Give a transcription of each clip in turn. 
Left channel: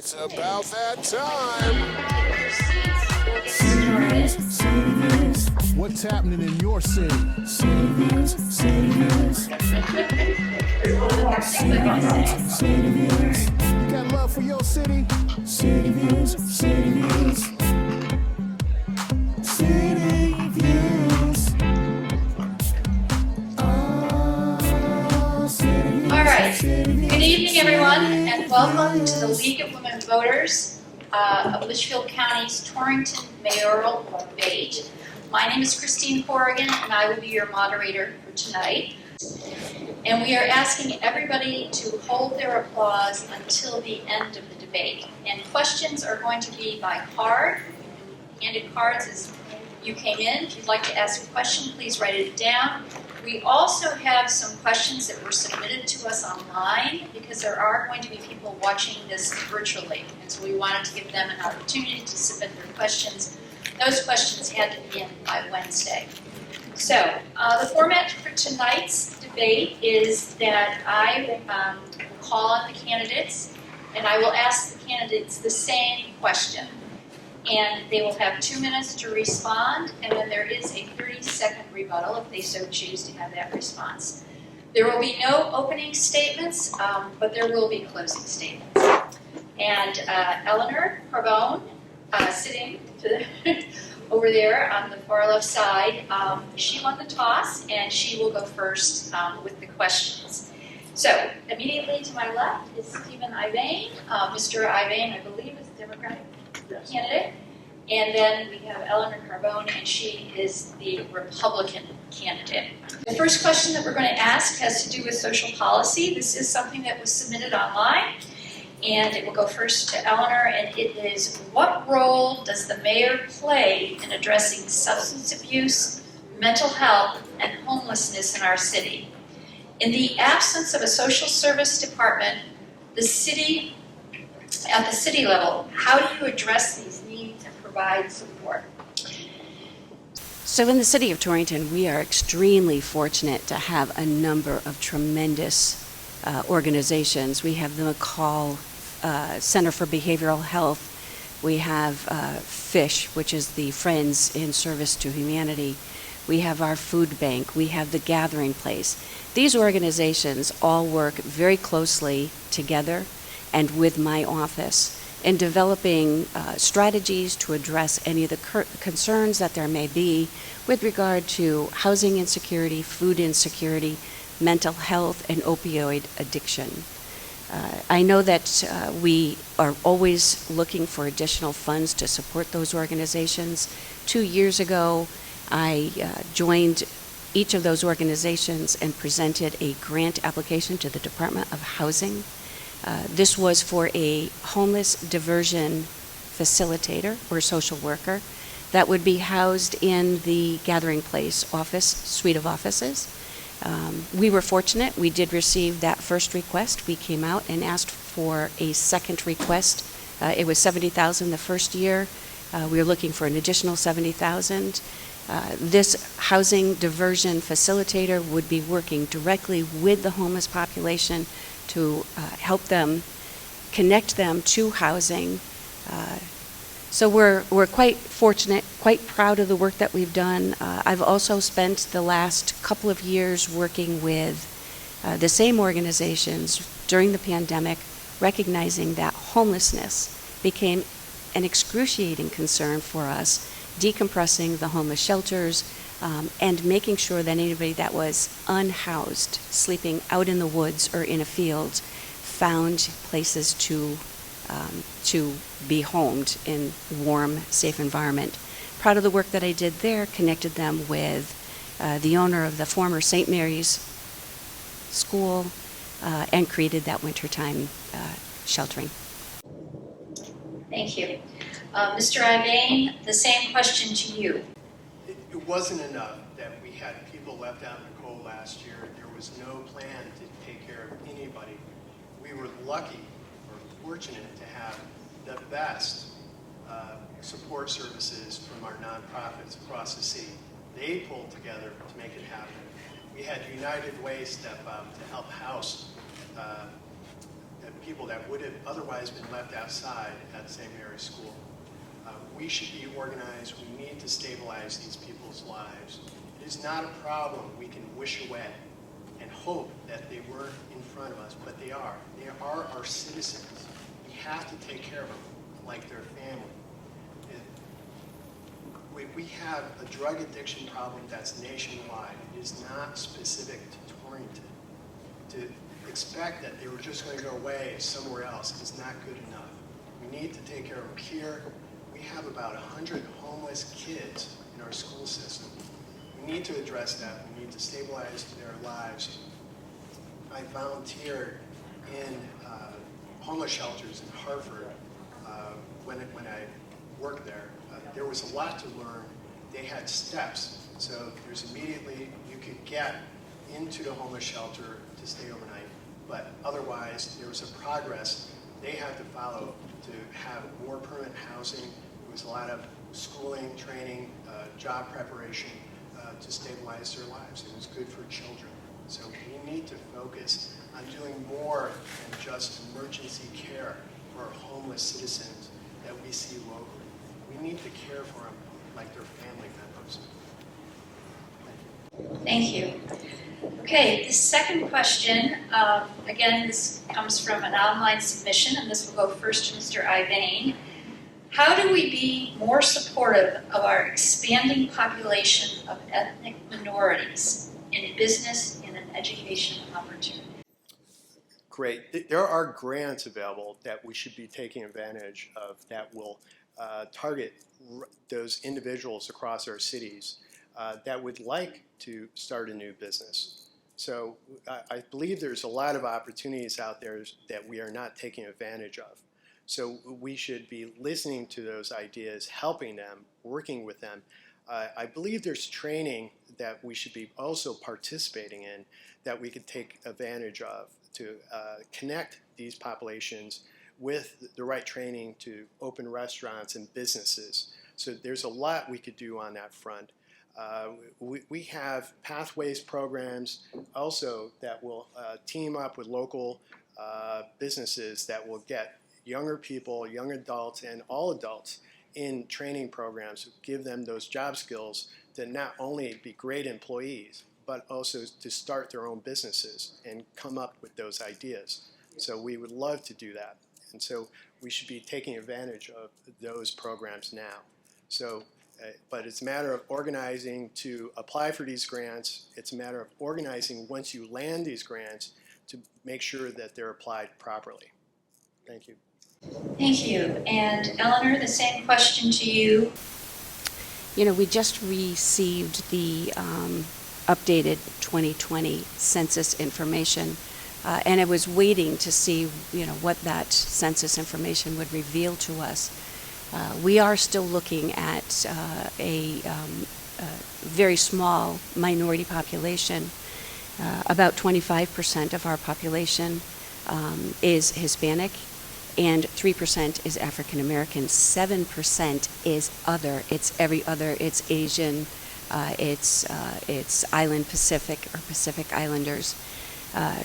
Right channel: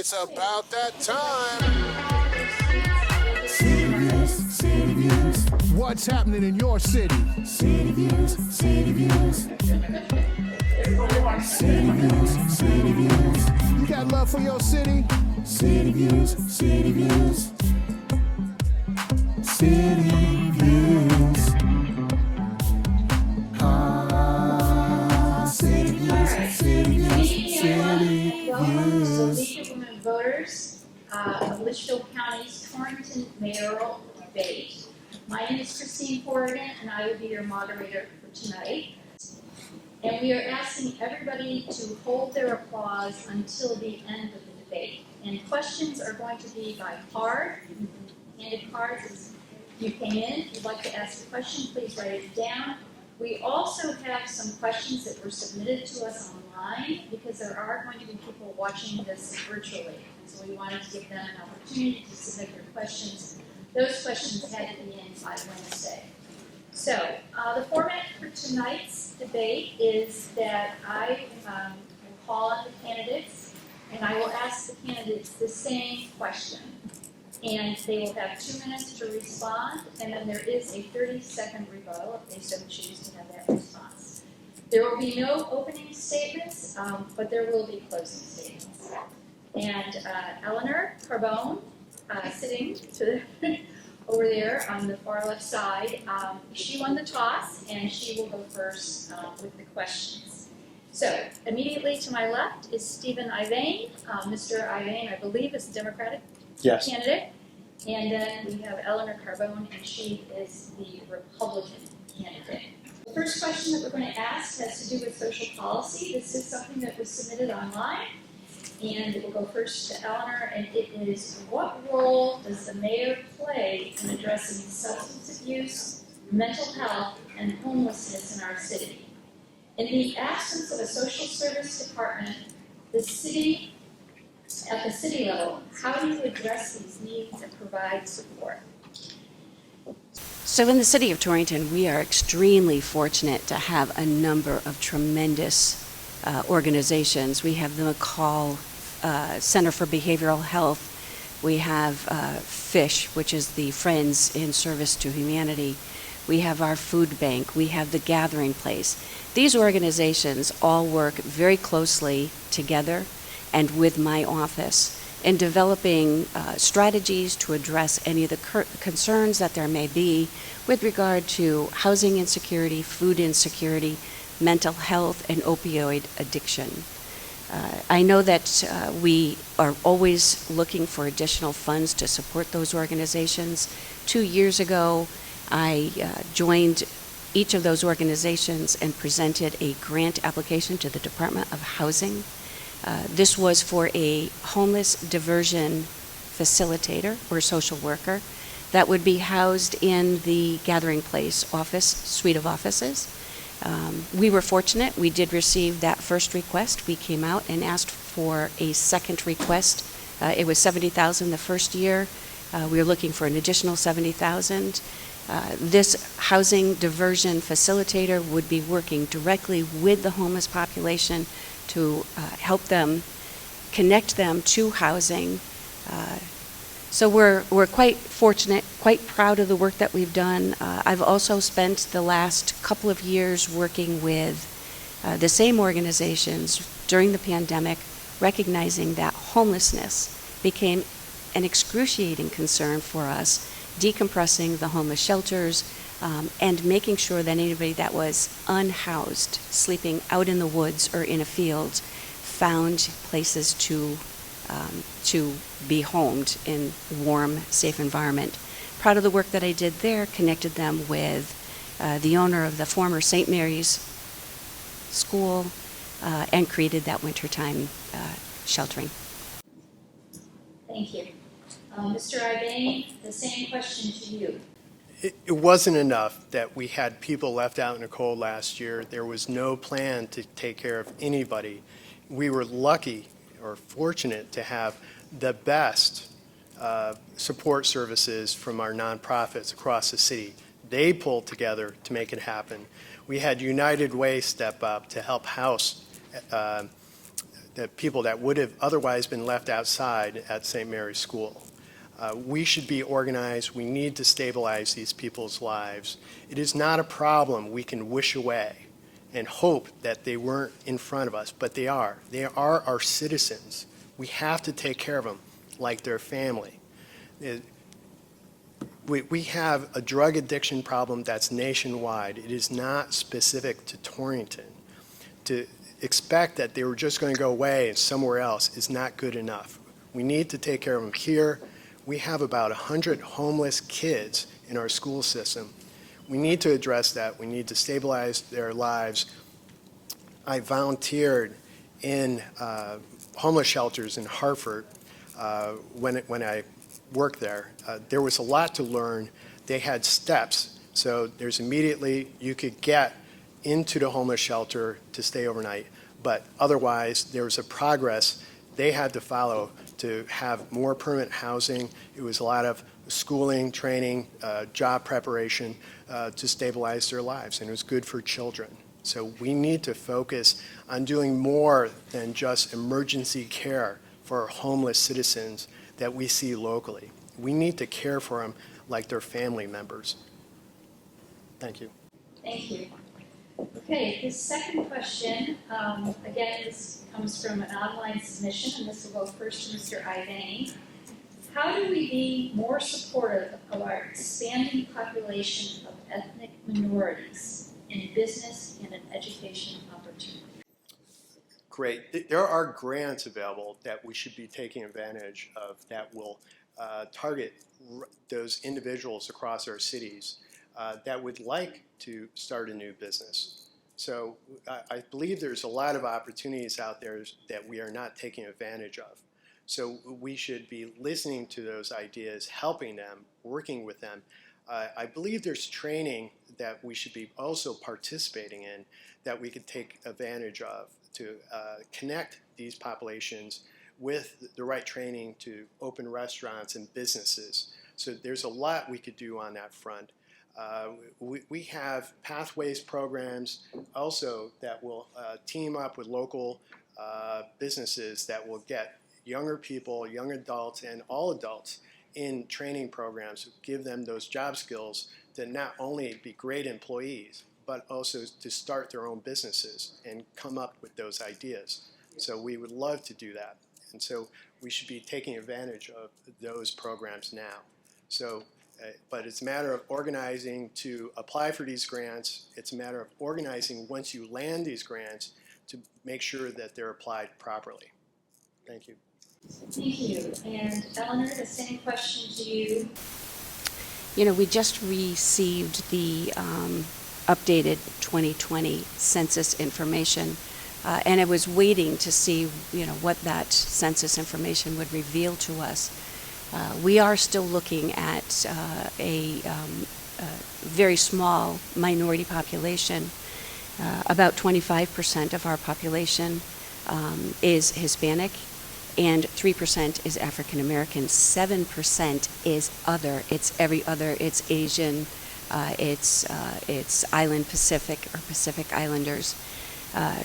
It's about that time. What's happening in your city? City Views. You got love for your city? City Views. City Views. All right. Good evening, everyone, and welcome to the League of Women Voters of Litchfield County's Torrington Mayoral debate. My name is Christine Corrigan, and I will be your moderator for tonight. And we are asking everybody to hold their applause until the end of the debate. And questions are going to be by card. You can be handed cards as you came in. If you'd like to ask a question, please write it down. We also have some questions that were submitted to us online because there are going to be people watching this virtually. And so we wanted to give them an opportunity to submit their questions. Those questions had to be in by Wednesday. So the format for tonight's debate is that I will call on the candidates and I will ask the candidates the same question. And they will have 2 minutes to respond, and then there is a 30-second rebuttal if they so choose to have that response. There will be no opening statements, but there will be closing statements. And Elinor Carbone, sitting over there on the far left side, she won the toss, and she will go first with the questions. So immediately to my left is Stephen Ivain. Mr. Ivain, I believe, is the Democratic candidate. And then we have Elinor Carbone, and she is the Republican candidate. The first question that we're going to ask has to do with social policy. This is something that was submitted online, and it will go first to Elinor, and it is, what role does the mayor play in addressing substance abuse, mental health, and homelessness in our city? In the absence of a social service department, at the city level, how do you address these needs and provide support? So in the city of Torrington, we are extremely fortunate to have a number of tremendous organizations. We have the McCall Center for Behavioral Health. We have FISH, which is the Friends in Service to Humanity. We have our food bank. We have the Gathering Place. These organizations all work very closely together and with my office in developing strategies to address any of the concerns that there may be with regard to housing insecurity, food insecurity, mental health, and opioid addiction. I know that we are always looking for additional funds to support those organizations. 2 years ago, I joined each of those organizations and presented a grant application to the Department of Housing. This was for a homeless diversion facilitator or social worker that would be housed in the Gathering Place office, suite of offices. We were fortunate. We did receive that first request. We came out and asked for a second request. It was $70,000 the first year. We were looking for an additional $70,000. This housing diversion facilitator would be working directly with the homeless population to help them, connect them to housing. So we're quite fortunate, quite proud of the work that we've done. I've also spent the last couple of years working with the same organizations during the pandemic, recognizing that homelessness became an excruciating concern for us, decompressing the homeless shelters, and making sure that anybody that was unhoused, sleeping out in the woods or in a field, found places to be homed in warm, safe environment. Proud of the work that I did there, connected them with the owner of the former St. Mary's School, and created that wintertime sheltering. Thank you. Mr. Ivain, the same question to you. It wasn't enough that we had people left out in the cold last year. There was no plan to take care of anybody. We were lucky or fortunate to have the best support services from our nonprofits across the city. They pulled together to make it happen. We had United Way step up to help house people that would have otherwise been left outside at St. Mary's School. We should be organized. We need to stabilize these people's lives. It is not a problem we can wish away and hope that they weren't in front of us, but they are. They are our citizens. We have to take care of them like their family. We have a drug addiction problem that's nationwide. It is not specific to Torrington. To expect that they were just going to go away somewhere else is not good enough. We need to take care of them here. We have about 100 homeless kids in our school system. We need to address that. We need to stabilize their lives. I volunteered in homeless shelters in Hartford when I worked there. There was a lot to learn. They had steps. So there's immediately, you could get into the homeless shelter to stay overnight. But otherwise, there was a progress they had to follow to have more permanent housing. It was a lot of schooling, training, job preparation to stabilize their lives, and it was good for children. So we need to focus on doing more than just emergency care for our homeless citizens that we see locally. We need to care for them like their family members. Thank you. Thank you. Okay, the second question, again, this comes from an online submission, and this will go first to Mr. Ivain. How do we be more supportive of our expanding population of ethnic minorities in business and in education opportunity? Great. There are grants available that we should be taking advantage of that will target those individuals across our cities that would like to start a new business. So I believe there's a lot of opportunities out there that we are not taking advantage of. So we should be listening to those ideas, helping them, working with them. I believe there's training that we should be also participating in that we could take advantage of to connect these populations with the right training to open restaurants and businesses. So there's a lot we could do on that front. We have pathways programs also that will team up with local businesses that will get younger people, young adults, and all adults in training programs, give them those job skills to not only be great employees, but also to start their own businesses and come up with those ideas. So we would love to do that. And so we should be taking advantage of those programs now. So, but it's a matter of organizing to apply for these grants. It's a matter of organizing once you land these grants to make sure that they're applied properly. Thank you. Thank you. And Eleanor, the same question to you. You know, we just received the updated 2020 census information, and I was waiting to see, you know, what that census information would reveal to us. We are still looking at a very small minority population. About 25% of our population is Hispanic, and 3% is African American. 7% is other. It's every other. It's Asian. It's Island Pacific or Pacific Islanders.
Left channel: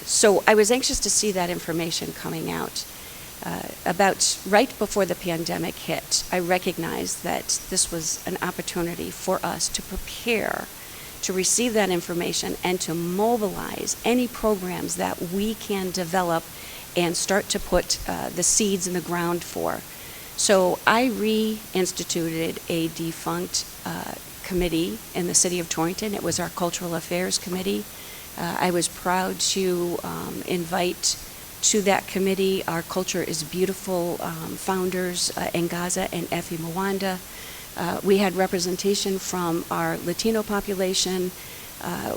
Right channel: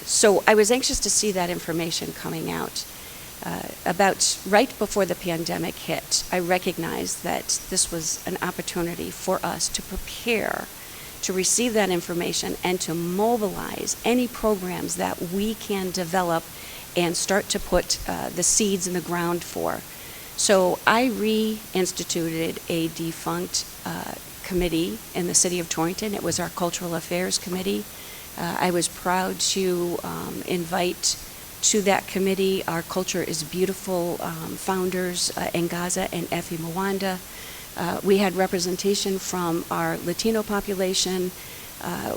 So I was anxious to see that information coming out. About right before the pandemic hit, I recognized that this was an opportunity for us to prepare to receive that information and to mobilize any programs that we can develop and start to put the seeds in the ground for. So I reinstituted a defunct committee in the city of Torrington. It was our Cultural Affairs Committee. I was proud to invite to that committee our Culture is Beautiful founders, Ngaza and Effie Mwanda. We had representation from our Latino population.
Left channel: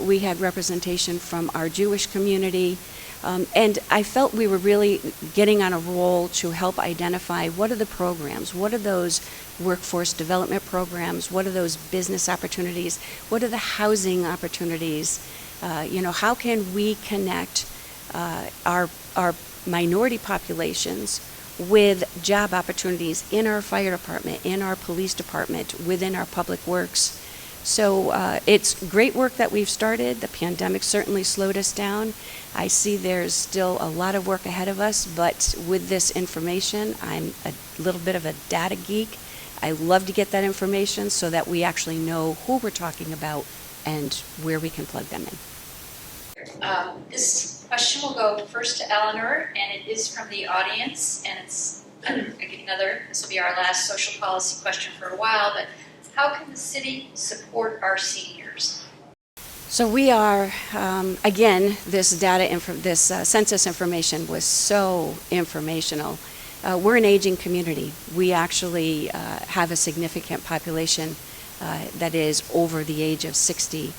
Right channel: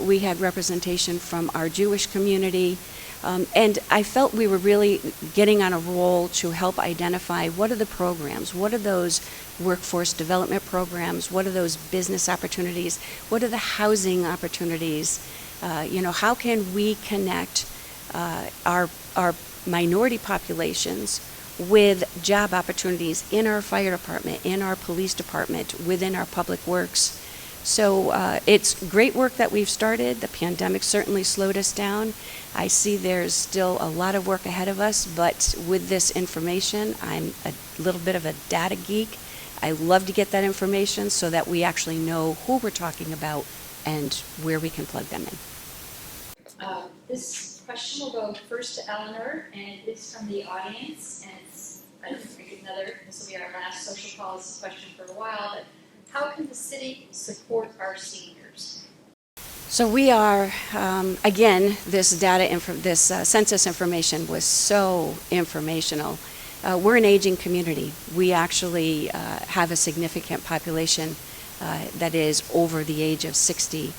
We had representation from our Jewish community. And I felt we were really getting on a roll to help identify what are the programs, what are those workforce development programs, what are those business opportunities, what are the housing opportunities, how can we connect our minority populations with job opportunities in our fire department, in our police department, within our public works. So it's great work that we've started. The pandemic certainly slowed us down. I see there's still a lot of work ahead of us, but with this information, I'm a little bit of a data geek. I love to get that information so that we actually know who we're talking about and where we can plug them in. This question will go first to Eleanor, and it is from the audience, and it's, this will be our last social policy question for a while, but how can the city support our seniors? So we are, again, this census information was so informational. We're an aging community. We actually have a significant population that is over the age of 60.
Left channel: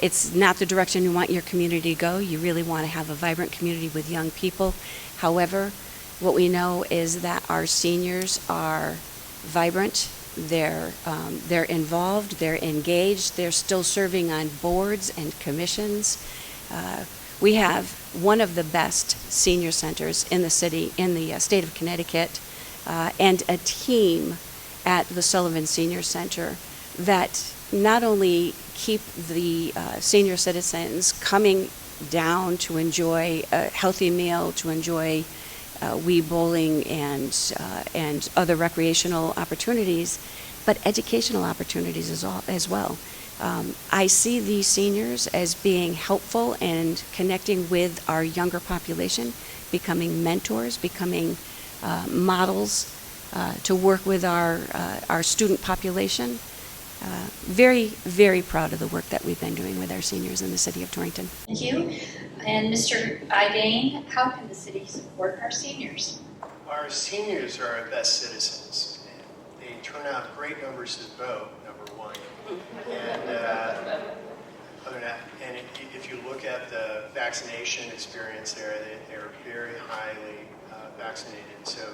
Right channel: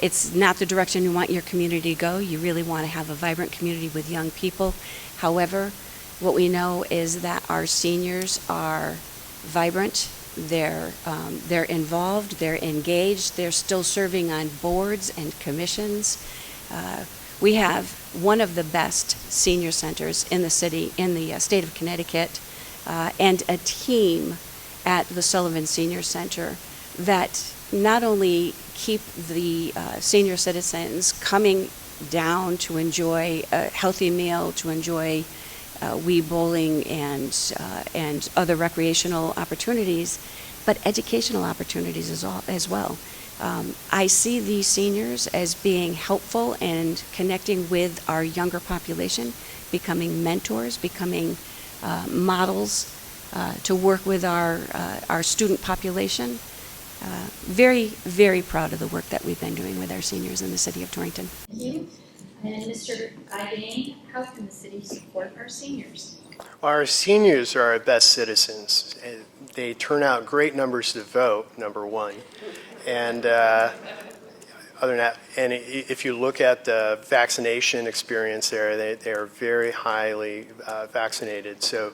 It's not the direction you want your community to go. You really want to have a vibrant community with young people. However, what we know is that our seniors are vibrant. They're involved, they're engaged, they're still serving on boards and commissions. We have one of the best senior centers in the city, in the state of Connecticut, and a team at the Sullivan Senior Center that not only keep the senior citizens coming down to enjoy a healthy meal, to enjoy Wii bowling and other recreational opportunities, but educational opportunities as well. I see these seniors as being helpful and connecting with our younger population, becoming mentors, becoming models to work with our student population. Very, very proud of the work that we've been doing with our seniors in the city of Torrington. Thank you. And Mr. Ivain, how can the city support our seniors? Our seniors are our best citizens. They turn out great numbers to vote, number one. And other than that, and if you look at the vaccination experience there, they are very highly vaccinated. So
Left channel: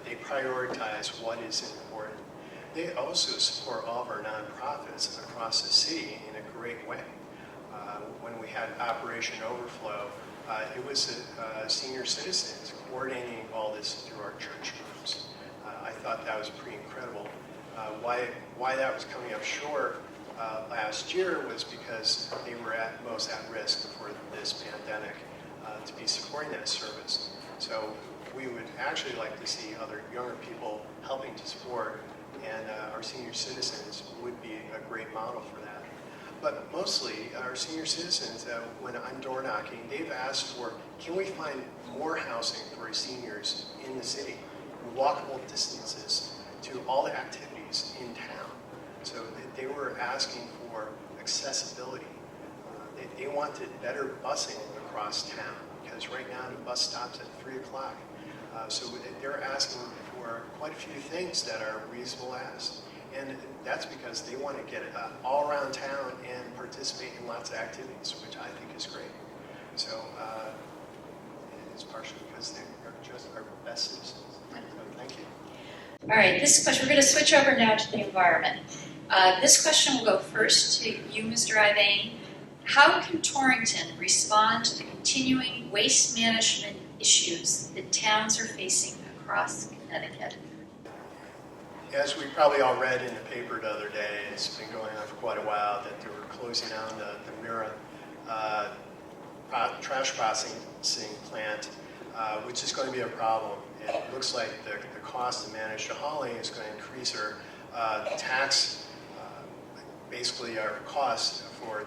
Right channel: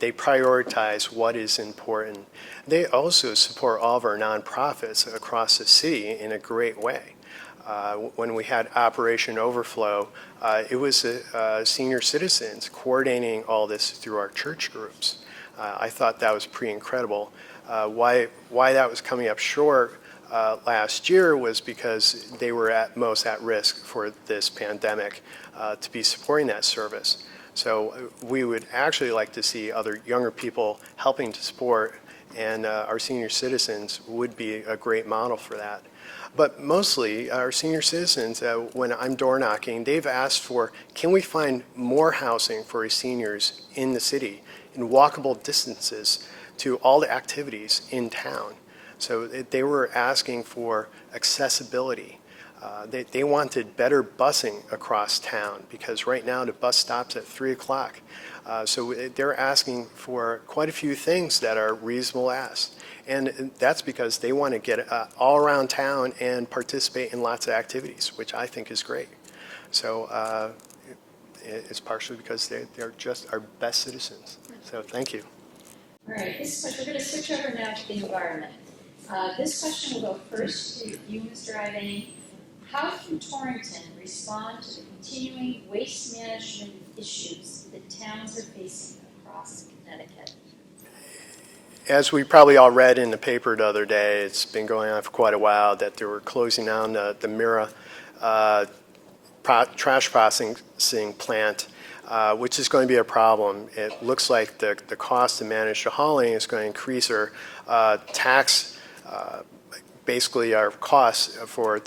they prioritize what is important. They also support all of our nonprofits across the city in a great way. When we had Operation Overflow, it was senior citizens coordinating all this through our church groups. I thought that was pretty incredible. Why that was coming up short last year was because they were most at risk for this pandemic to be supporting that service. So we would actually like to see other younger people helping to support, and our senior citizens would be a great model for that. But mostly, our senior citizens, when I'm door knocking, they've asked for, can we find more housing for our seniors in the city, in walkable distances to all the activities in town? So they were asking for accessibility. They wanted better busing across town, because right now the bus stops at 3 o'clock. So they're asking for quite a few things that are reasonable asks. And that's because they want to get all around town and participate in lots of activities, which I think is great. So it's partially because they're just our best citizens. So thank you. All right, this question, we're going to switch over now to the environment. This question will go first to you, Mr. Ivain. How can Torrington respond to the continuing waste management issues that towns are facing across Connecticut? As we probably all read in the paper the other day, it's been going on for quite a while that they were closing down the Mayoral trash processing plant, which is going to be a problem. It looks like the cost to manage the hauling is going to increase our basically our costs for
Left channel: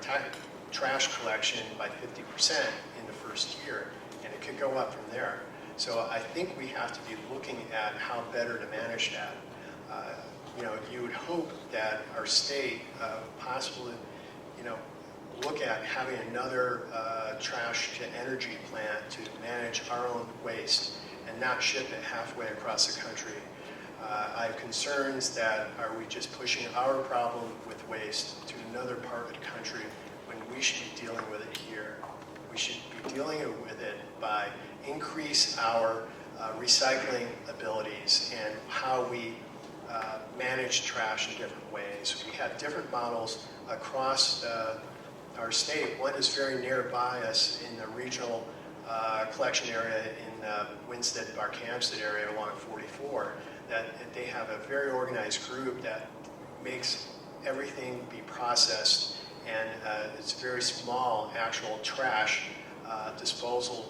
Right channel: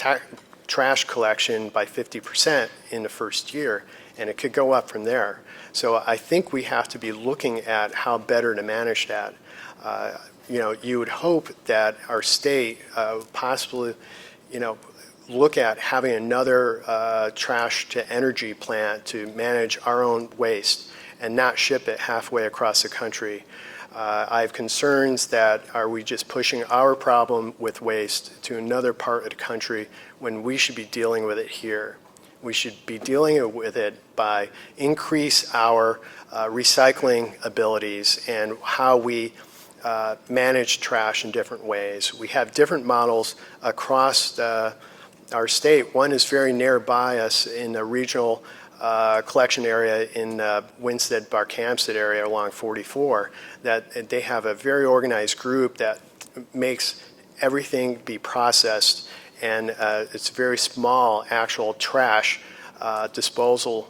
trash collection by 50% in the first year, and it could go up from there. So I think we have to be looking at how better to manage that. You would hope that our state possibly, look at having another trash to energy plant to manage our own waste and not ship it halfway across the country. I have concerns that are we just pushing our problem with waste to another part of the country when we should be dealing with it here. We should be dealing with it by increase our recycling abilities and how we manage trash in different ways. We have different models across our state. One is very nearby us in the regional collection area in Winstead, Barkhamsted area along 44, that they have a very organized group that makes everything be processed, and it's very small actual trash disposal,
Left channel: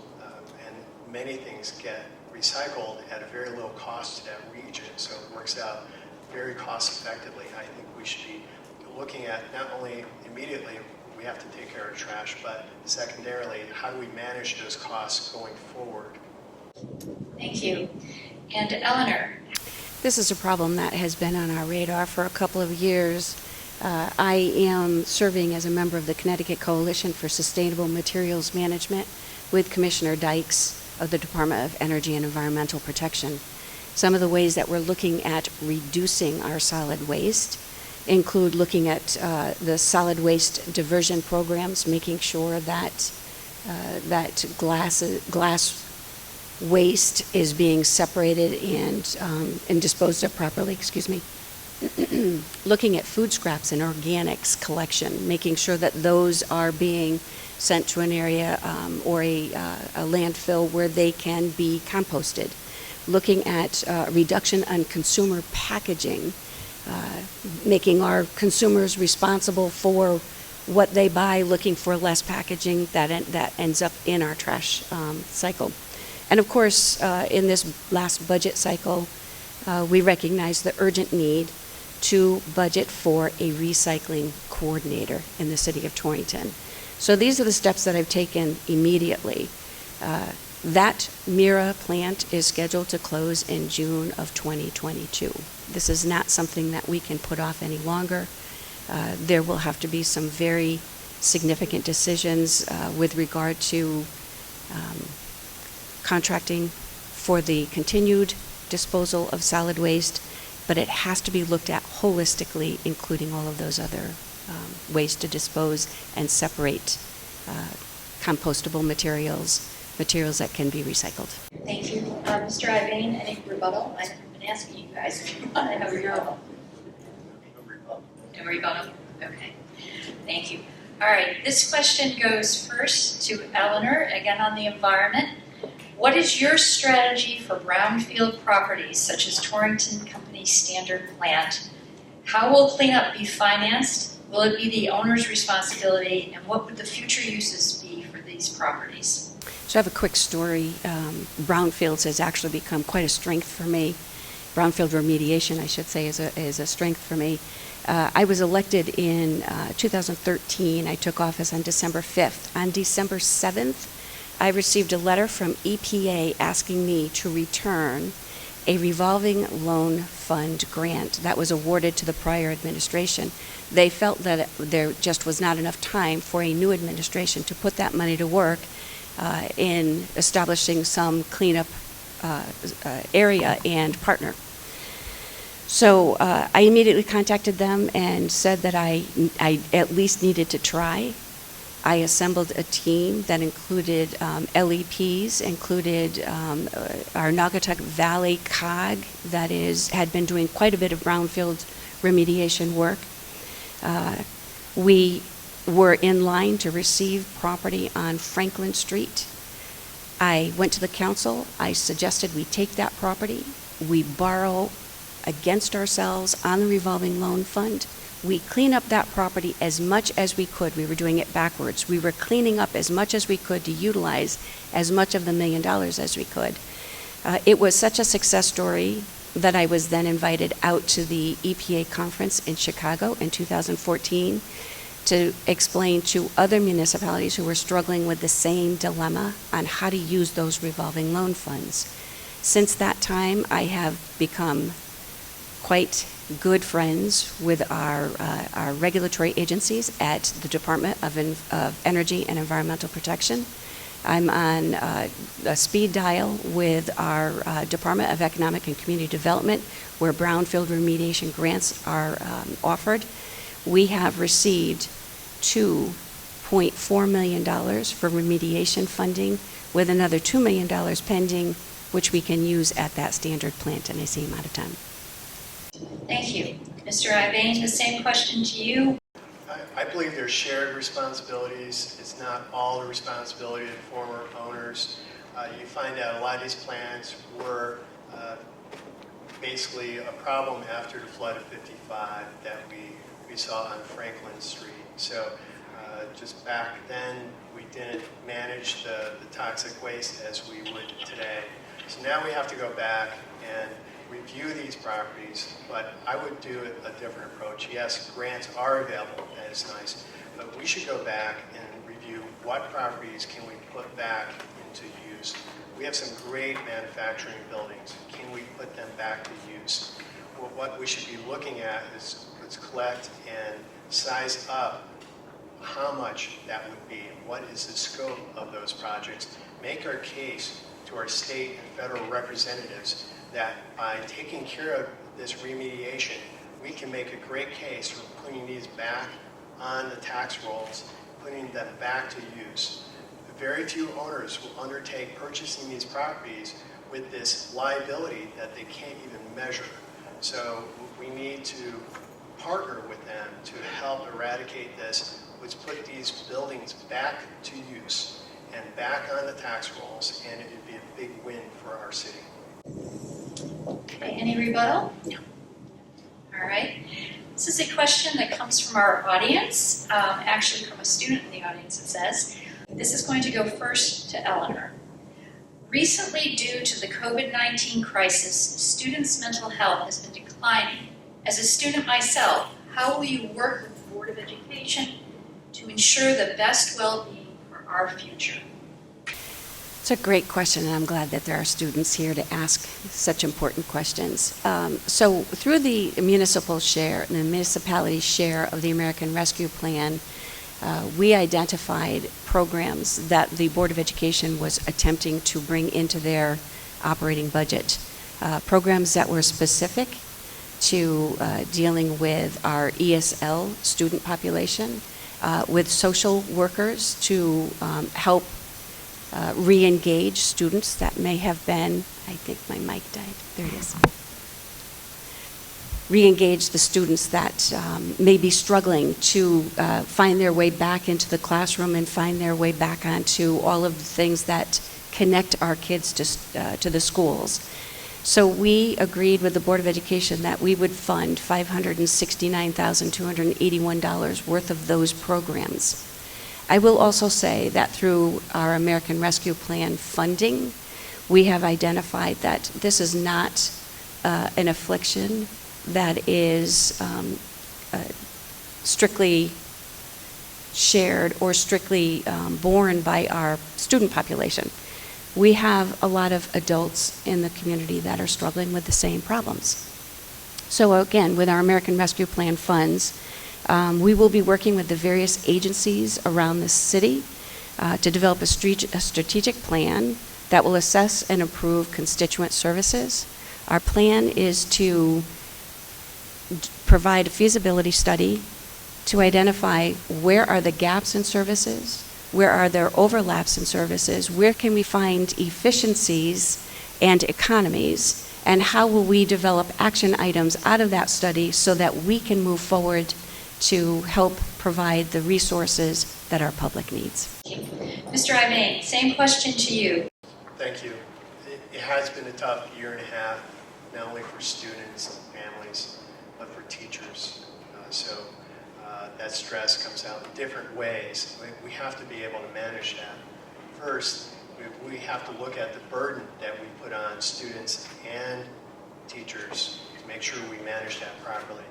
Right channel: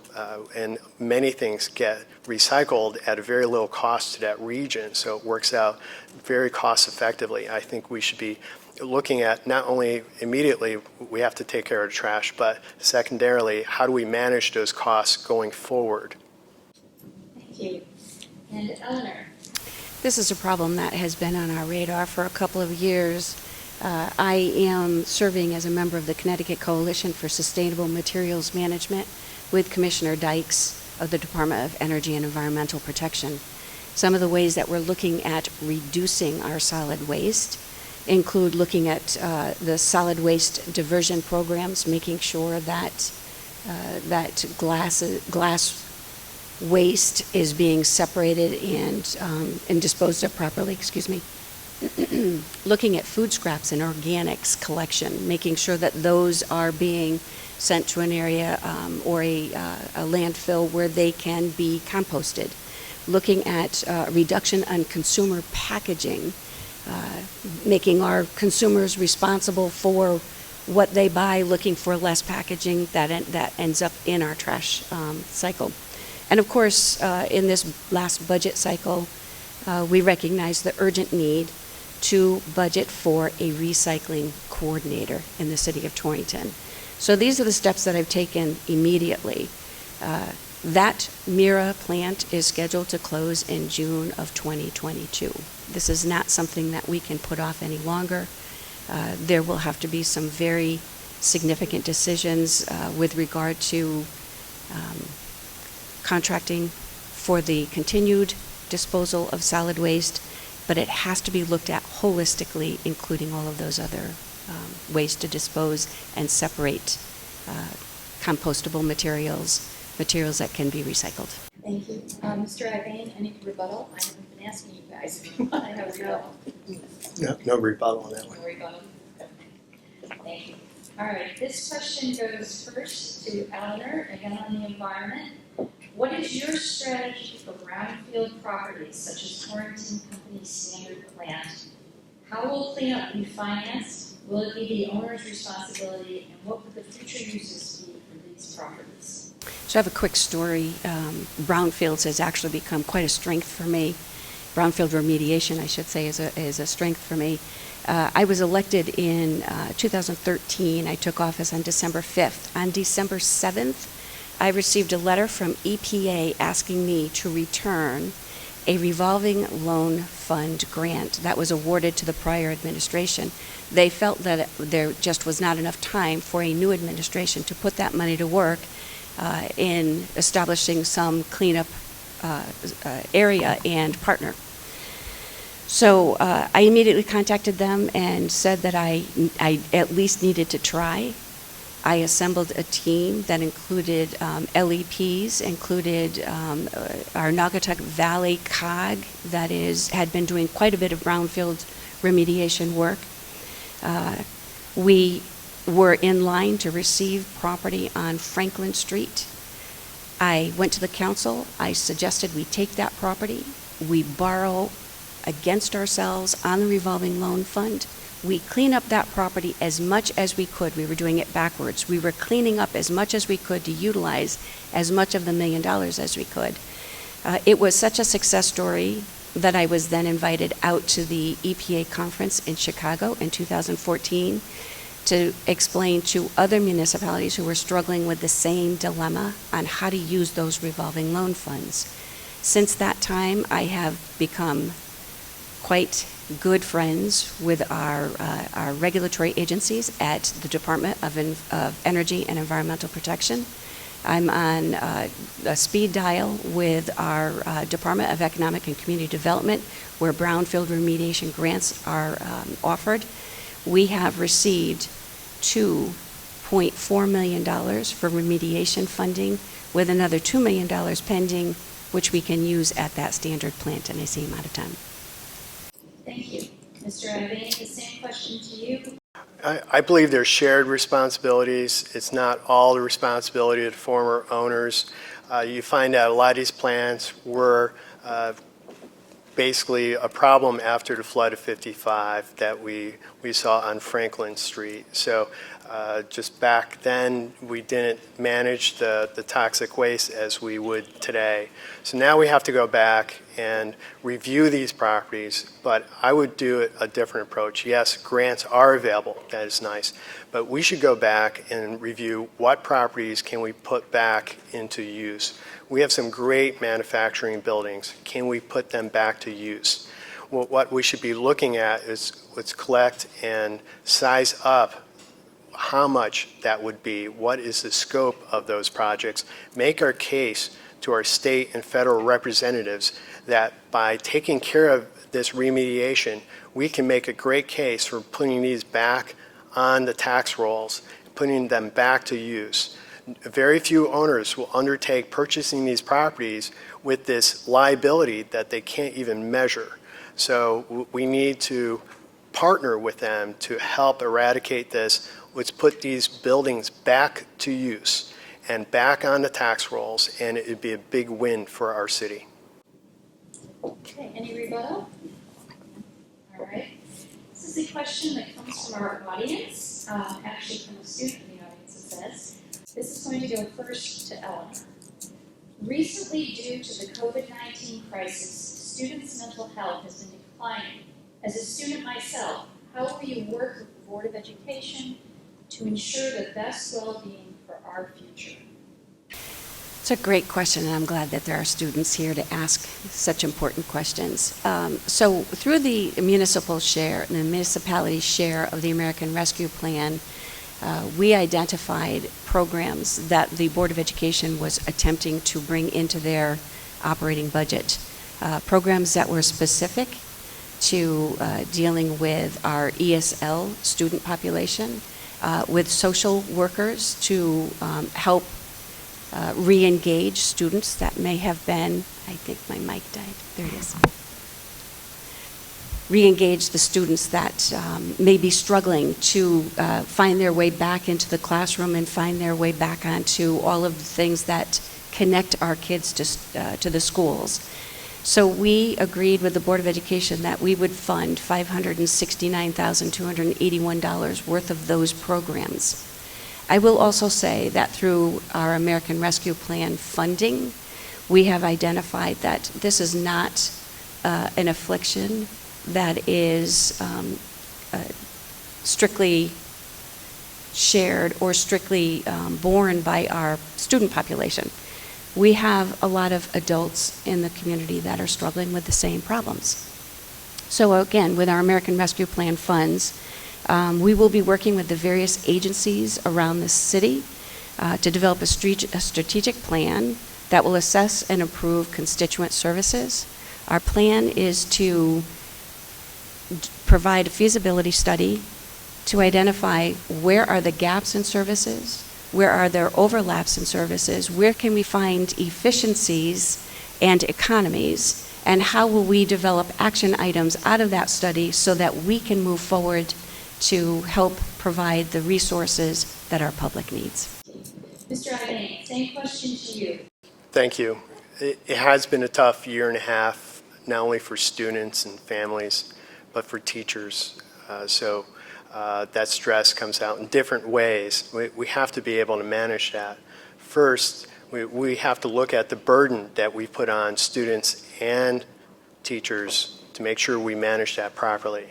and many things get recycled at a very low cost to that region, so it works out very cost effectively. I think we should be looking at not only immediately we have to take care of trash, but secondarily, how do we manage those costs going forward? Thank you. And Eleanor? This is a problem that has been on our radar for a couple of years. I am serving as a member of the Connecticut Coalition for Sustainable Materials Management with Commissioner Dykes of the Department of Energy and Environmental Protection. Some of the ways that we're looking at reducing our solid waste include looking at the solid waste diversion programs, making sure that glass waste is being separated and disposed of properly. Excuse me. Looking at food scraps and organics collection, making sure that those are being sent to an area or a landfill where they can be composted. Looking at reduction on consumer packaging, making our consumers responsible for what they buy, looking for less packaging that ends up in our trash cycle. And of course, in this last budget cycle, we recognize the urgent need to budget for a recycling coordinator in the city of Torrington. So these are the steps that I've taken immediately. That Mira plant is scheduled to close in June of 2022. This is not something that we can put off any longer. There will have to be some very significant decisions with regard to contracting for the continued disposal of solid waste, but it has to be looked at holistically, including all of those other ways to dispose and separate compostable materials that can be recycled. Thank you. Mr. Ivain, any rebuttal? I've been asking you guys if you want to have a rebuttal. No rebuttal on that one. No rebuttal? Okay. Thank you. All right, this question goes first to Eleanor, again on the environment. What is your strategy for brownfield properties such as Torrington Company Standard Plant? How will cleanup be financed? Will it be the owner's responsibility? And what would the future uses be for these properties? So I have a quick story. Brownfields has actually become quite a strength for me. Brownfield remediation, I should say, is a strength for me. I was elected in 2013. I took office on December 5th. On December 7th, I received a letter from EPA asking me to return a revolving loan fund grant that was awarded to the prior administration. They felt that there just was not enough time for a new administration to put that money to work in establishing some cleanup area and partner. So I immediately contacted them and said that I at least needed to try. I assembled a team that included LEPs, included our Naugatuck Valley COG that had been doing quite a bit of brownfield remediation work. We were in line to receive property on Franklin Street. I went to the council. I suggested we take that property. We borrow against ourselves on the revolving loan fund. We clean up that property as much as we could. We were doing it backwards. We were cleaning up as much as we could to utilize as much of the $1 million as we could. It was such a success story that I was then invited out to the EPA conference in Chicago in 2014 to explain to other municipalities who were struggling with the same dilemma on how to use those revolving loan funds. Since that time, I have become quite good friends with our regulatory agencies at the Department of Energy and Environmental Protection. I'm on a speed dial with our Department of Economic and Community Development, where brownfield remediation grants are offered. We have received $2.4 million for remediation funding, with another $2 million pending, which we can use at that standard plant, and I see him out of time. Thank you. Mr. Ivain, the same question to you. I believe there's shared responsibilities. It's not all the responsibility of the former owners. You find out a lot of these plants were basically a problem after the flood of 55 that we saw on Franklin Street. So just back then, we didn't manage the toxic waste as we would today. So now we have to go back and review these properties, but I would do a different approach. Yes, grants are available, that is nice, but we should go back and review what properties can we put back into use. We have some great manufacturing buildings. Can we put them back to use? Well, what we should be looking at is let's collect and size up how much that would be, what is the scope of those projects, make our case to our state and federal representatives that by taking care of this remediation, we can make a great case for putting these back on the tax rolls, putting them back to use. Very few owners will undertake purchasing these properties with this liability that they can't even measure. So we need to partner with them to help eradicate this. Let's put these buildings back to use and back on the tax rolls, and it would be a big win for our city. Okay, any rebuttal? No. All right. This is a question that comes from our audience, actually from a student in the audience, it says. This is going to go first to Elinor. Recently, due to the COVID-19 crisis, students' mental health has been declining. As a student myself, how will you work with the Board of Education to ensure the best well-being for our future? It's a great question, and I'm glad that there are students here to ask such important questions. So through the municipal share, the municipality share of the American Rescue Plan, we identified programs that the Board of Education was attempting to bring into their operating budget. Programs that were specific to dealing with our ESL student population, with social workers to help re-engage students that may have been, I think my mic died, there it is. Re-engage the students that may be struggling to find their way back into the classroom and find their way back onto all of the things that connect our kids to the schools. So we agreed with the Board of Education that we would fund $569,281 worth of those programs. I will also say that through our American Rescue Plan funding, we have identified that this is not an affliction that is strictly shared or strictly borne by our student population. We have a lot of adults in the community that are struggling with the same problems. So again, with our American Rescue Plan funds, we will be working with the various agencies around the city to develop a strategic plan that will assess and improve constituent services. Our plan is to provide a feasibility study to identify where are the gaps in services, where are there overlaps in services, where can we find efficiencies and economies, and how will we develop action items out of that study so that we can move forward to help provide the resources that our public needs. Mr. Ivain, same question to you. Thank you. It has been a tough year and a half, not only for students and families, but for teachers. So that stress comes out in different ways. We have to be able to manage that. First, we have to look at the burden that we put on students and teachers to make sure we manage that properly.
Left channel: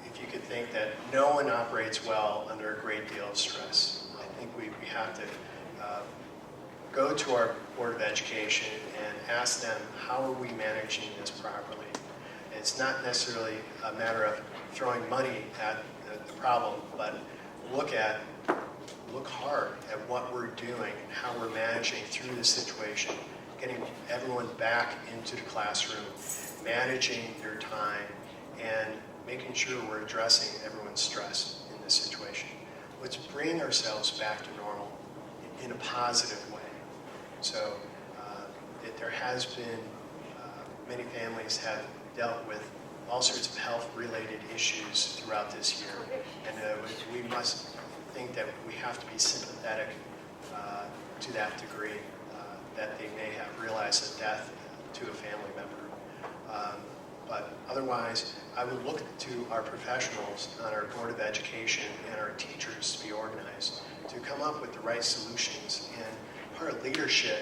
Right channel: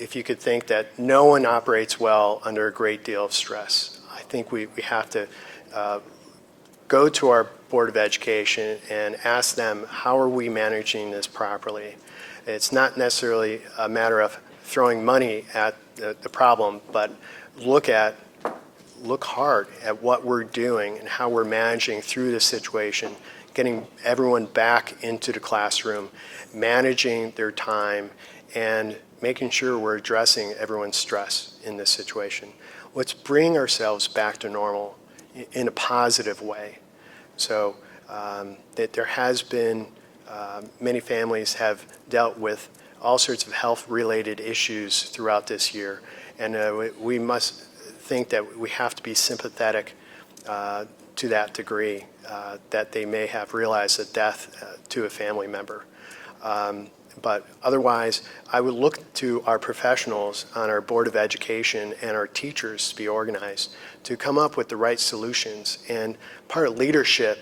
If you could think that no one operates well under a great deal of stress, I think we have to go to our Board of Education and ask them, how are we managing this properly? It's not necessarily a matter of throwing money at the problem, but look hard at what we're doing and how we're managing through this situation, getting everyone back into the classroom, managing their time, and making sure we're addressing everyone's stress in this situation. Let's bring ourselves back to normal in a positive way. So that there has been, many families have dealt with all sorts of health-related issues throughout this year. And we must think that we have to be sympathetic to that degree, that they may have realized a death to a family member. But otherwise, I would look to our professionals on our Board of Education and our teachers to be organized to come up with the right solutions. And part of leadership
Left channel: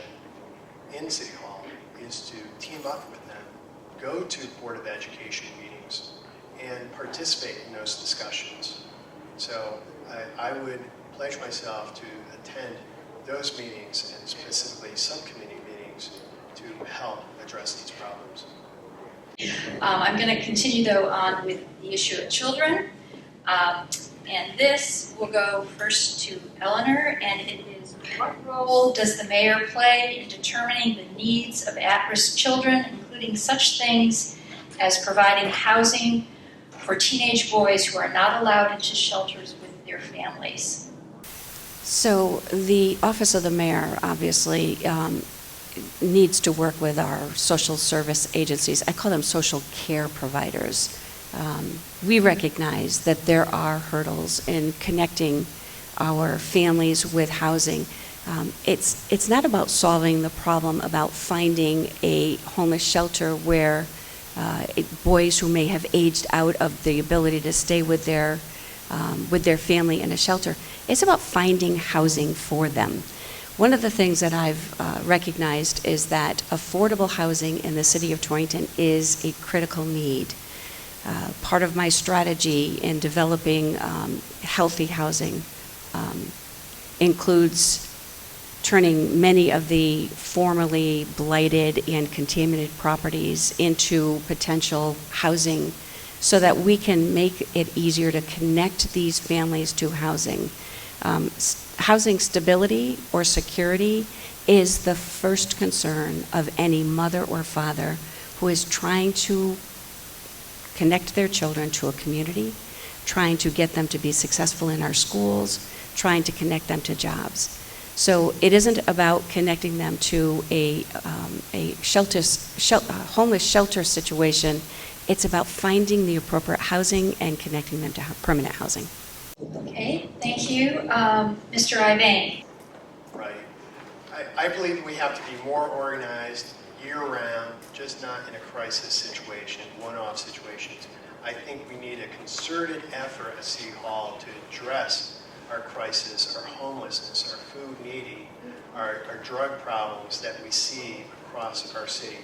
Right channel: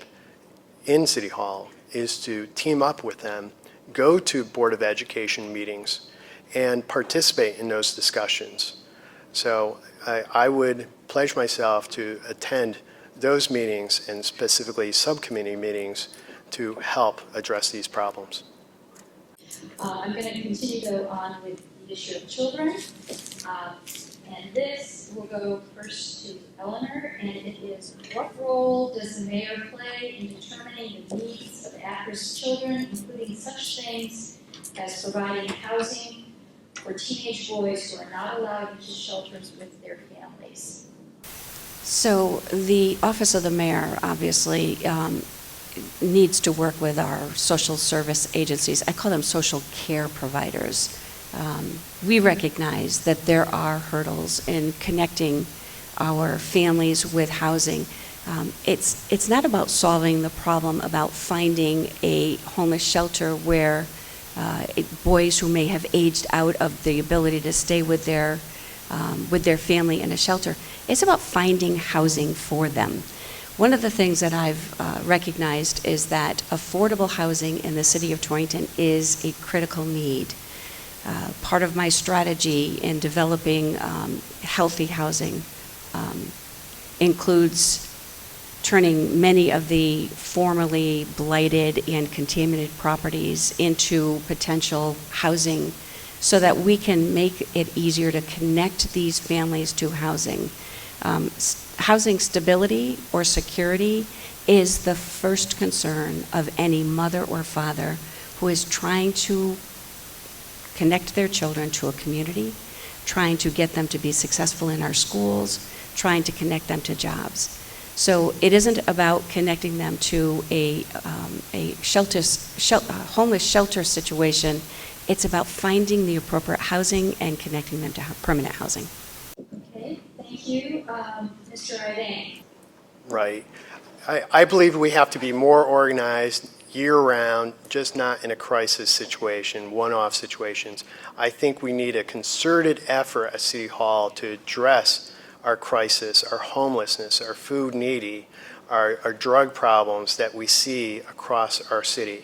in City Hall is to team up with them, go to Board of Education meetings, and participate in those discussions. So I would pledge myself to attend those meetings, and specifically subcommittee meetings, to help address these problems. I'm going to continue, though, on with the issue of children. And this will go first to Elinor, and it is, what role does the mayor play in determining the needs of at-risk children, including such things as providing housing for teenage boys who are not allowed into shelters with their families? So the Office of the Mayor obviously needs to work with our social service agencies. I call them social care providers. We recognize that there are hurdles in connecting our families with housing. It's not about solving the problem, about finding a homeless shelter where boys who may have aged out of the ability to stay with their family in a shelter. It's about finding housing for them. One of the things that I've recognized is that affordable housing in the city of Torrington is a critical need. Part of my strategy in developing healthy housing includes turning many of the formerly blighted and contaminated properties into potential housing so that we can make it easier to connect these families to housing. Housing stability or security is the first concern of any mother or father who is trying to connect their children to a community, trying to get them to be successful in our schools, trying to connect them to jobs. So it isn't about connecting them to a homeless shelter situation. It's about finding the appropriate housing and connecting them to permanent housing. Okay, thank you. Mr. Ivain. Right. I believe we have to be more organized year-round, just not in a crisis situation, one-off situations. I think we need a concerted effort at City Hall to address our crisis, our homelessness, our food needy, our drug problems that we see across our city.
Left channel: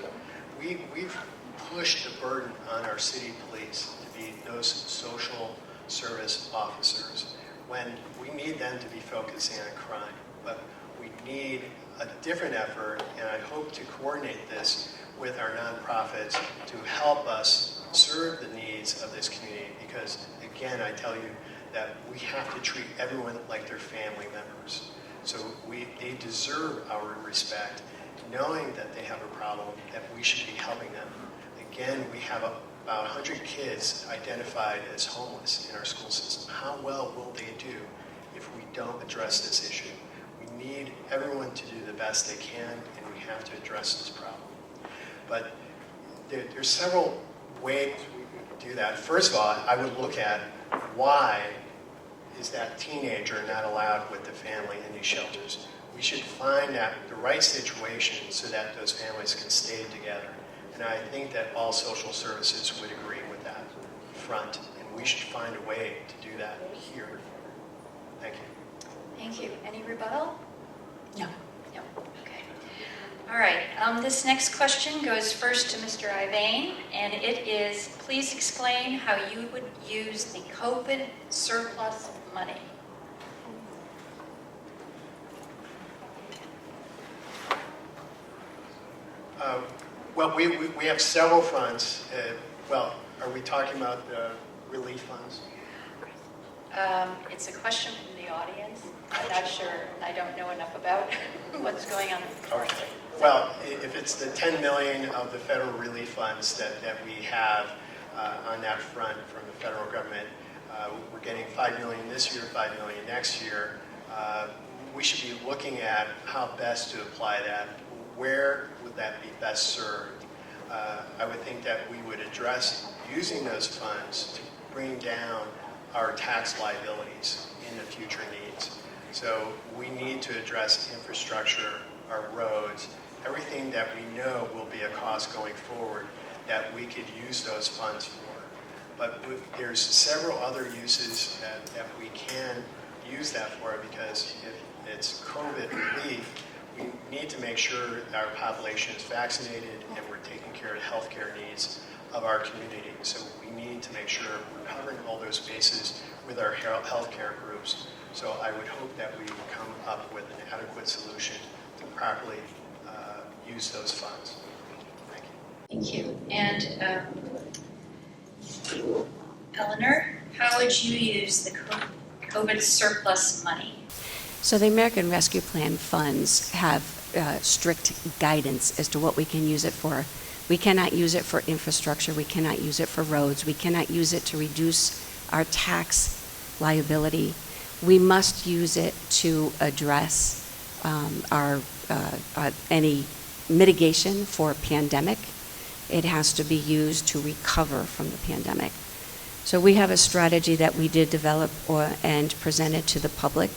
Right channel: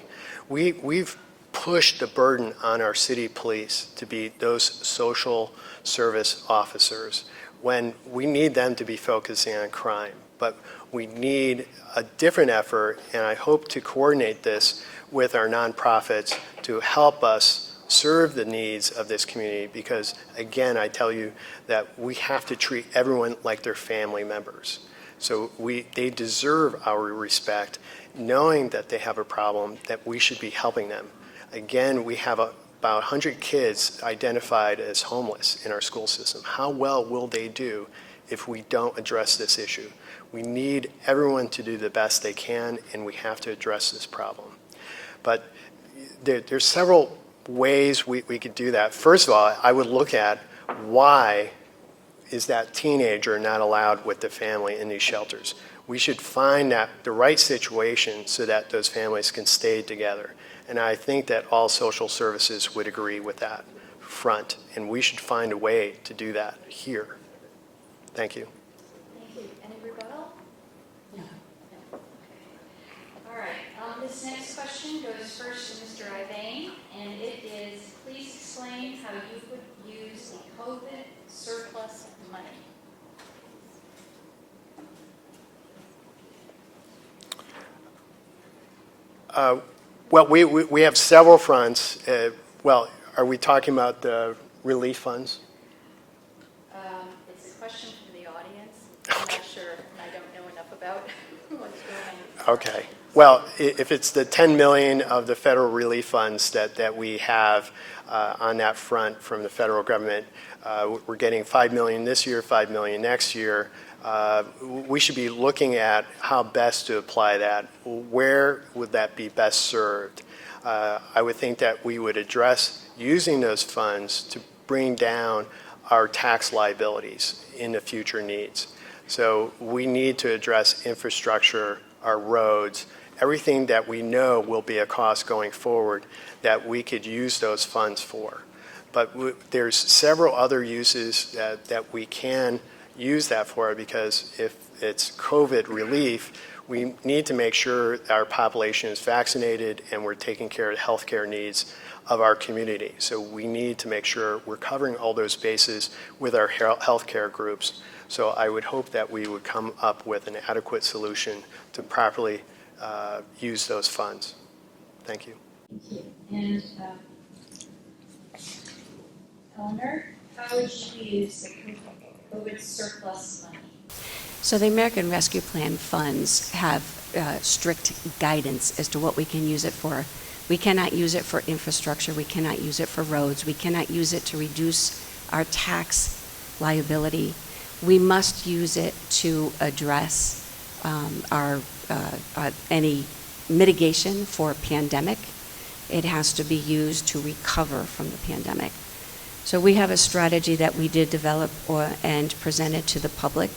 We've pushed the burden on our city police to be those social service officers when we need them to be focusing on crime. But we need a different effort, and I hope to coordinate this with our nonprofits to help us serve the needs of this community, because again, I tell you that we have to treat everyone like their family members. So they deserve our respect, knowing that they have a problem, that we should be helping them. Again, we have about 100 kids identified as homeless in our school system. How well will they do if we don't address this issue? We need everyone to do the best they can, and we have to address this problem. But there's several ways we could do that. First of all, I would look at why is that teenager not allowed with the family in these shelters. We should find the right situation so that those families can stay together. And I think that all social services would agree with that front, and we should find a way to do that here. Thank you. Thank you. Any rebuttal? No. No. Okay. All right. This next question goes first to Mr. Ivain, and it is, please explain how you would use the COVID surplus money. Well, we have several fronts. Well, are we talking about the relief funds? It's a question from the audience. I'm not sure. I don't know enough about what's going on. Okay. Well, if it's the 10 million of the federal relief funds that we have on that front from the federal government, we're getting 5 million this year, 5 million next year. We should be looking at how best to apply that. Where would that be best served? I would think that we would address using those funds to bring down our tax liabilities in the future needs. So we need to address infrastructure, our roads, everything that we know will be a cost going forward that we could use those funds for. But there's several other uses that we can use that for, because if it's COVID relief, we need to make sure our population is vaccinated and we're taking care of the healthcare needs of our community. So we need to make sure we're covering all those bases with our healthcare groups. So I would hope that we would come up with an adequate solution to properly use those funds. Thank you. Thank you. And Elinor, how would you use the COVID surplus money? So the American Rescue Plan funds have strict guidance as to what we can use it for. We cannot use it for infrastructure. We cannot use it for roads. We cannot use it to reduce our tax liability. We must use it to address any mitigation for a pandemic. It has to be used to recover from the pandemic. So we have a strategy that we did develop and presented to the public,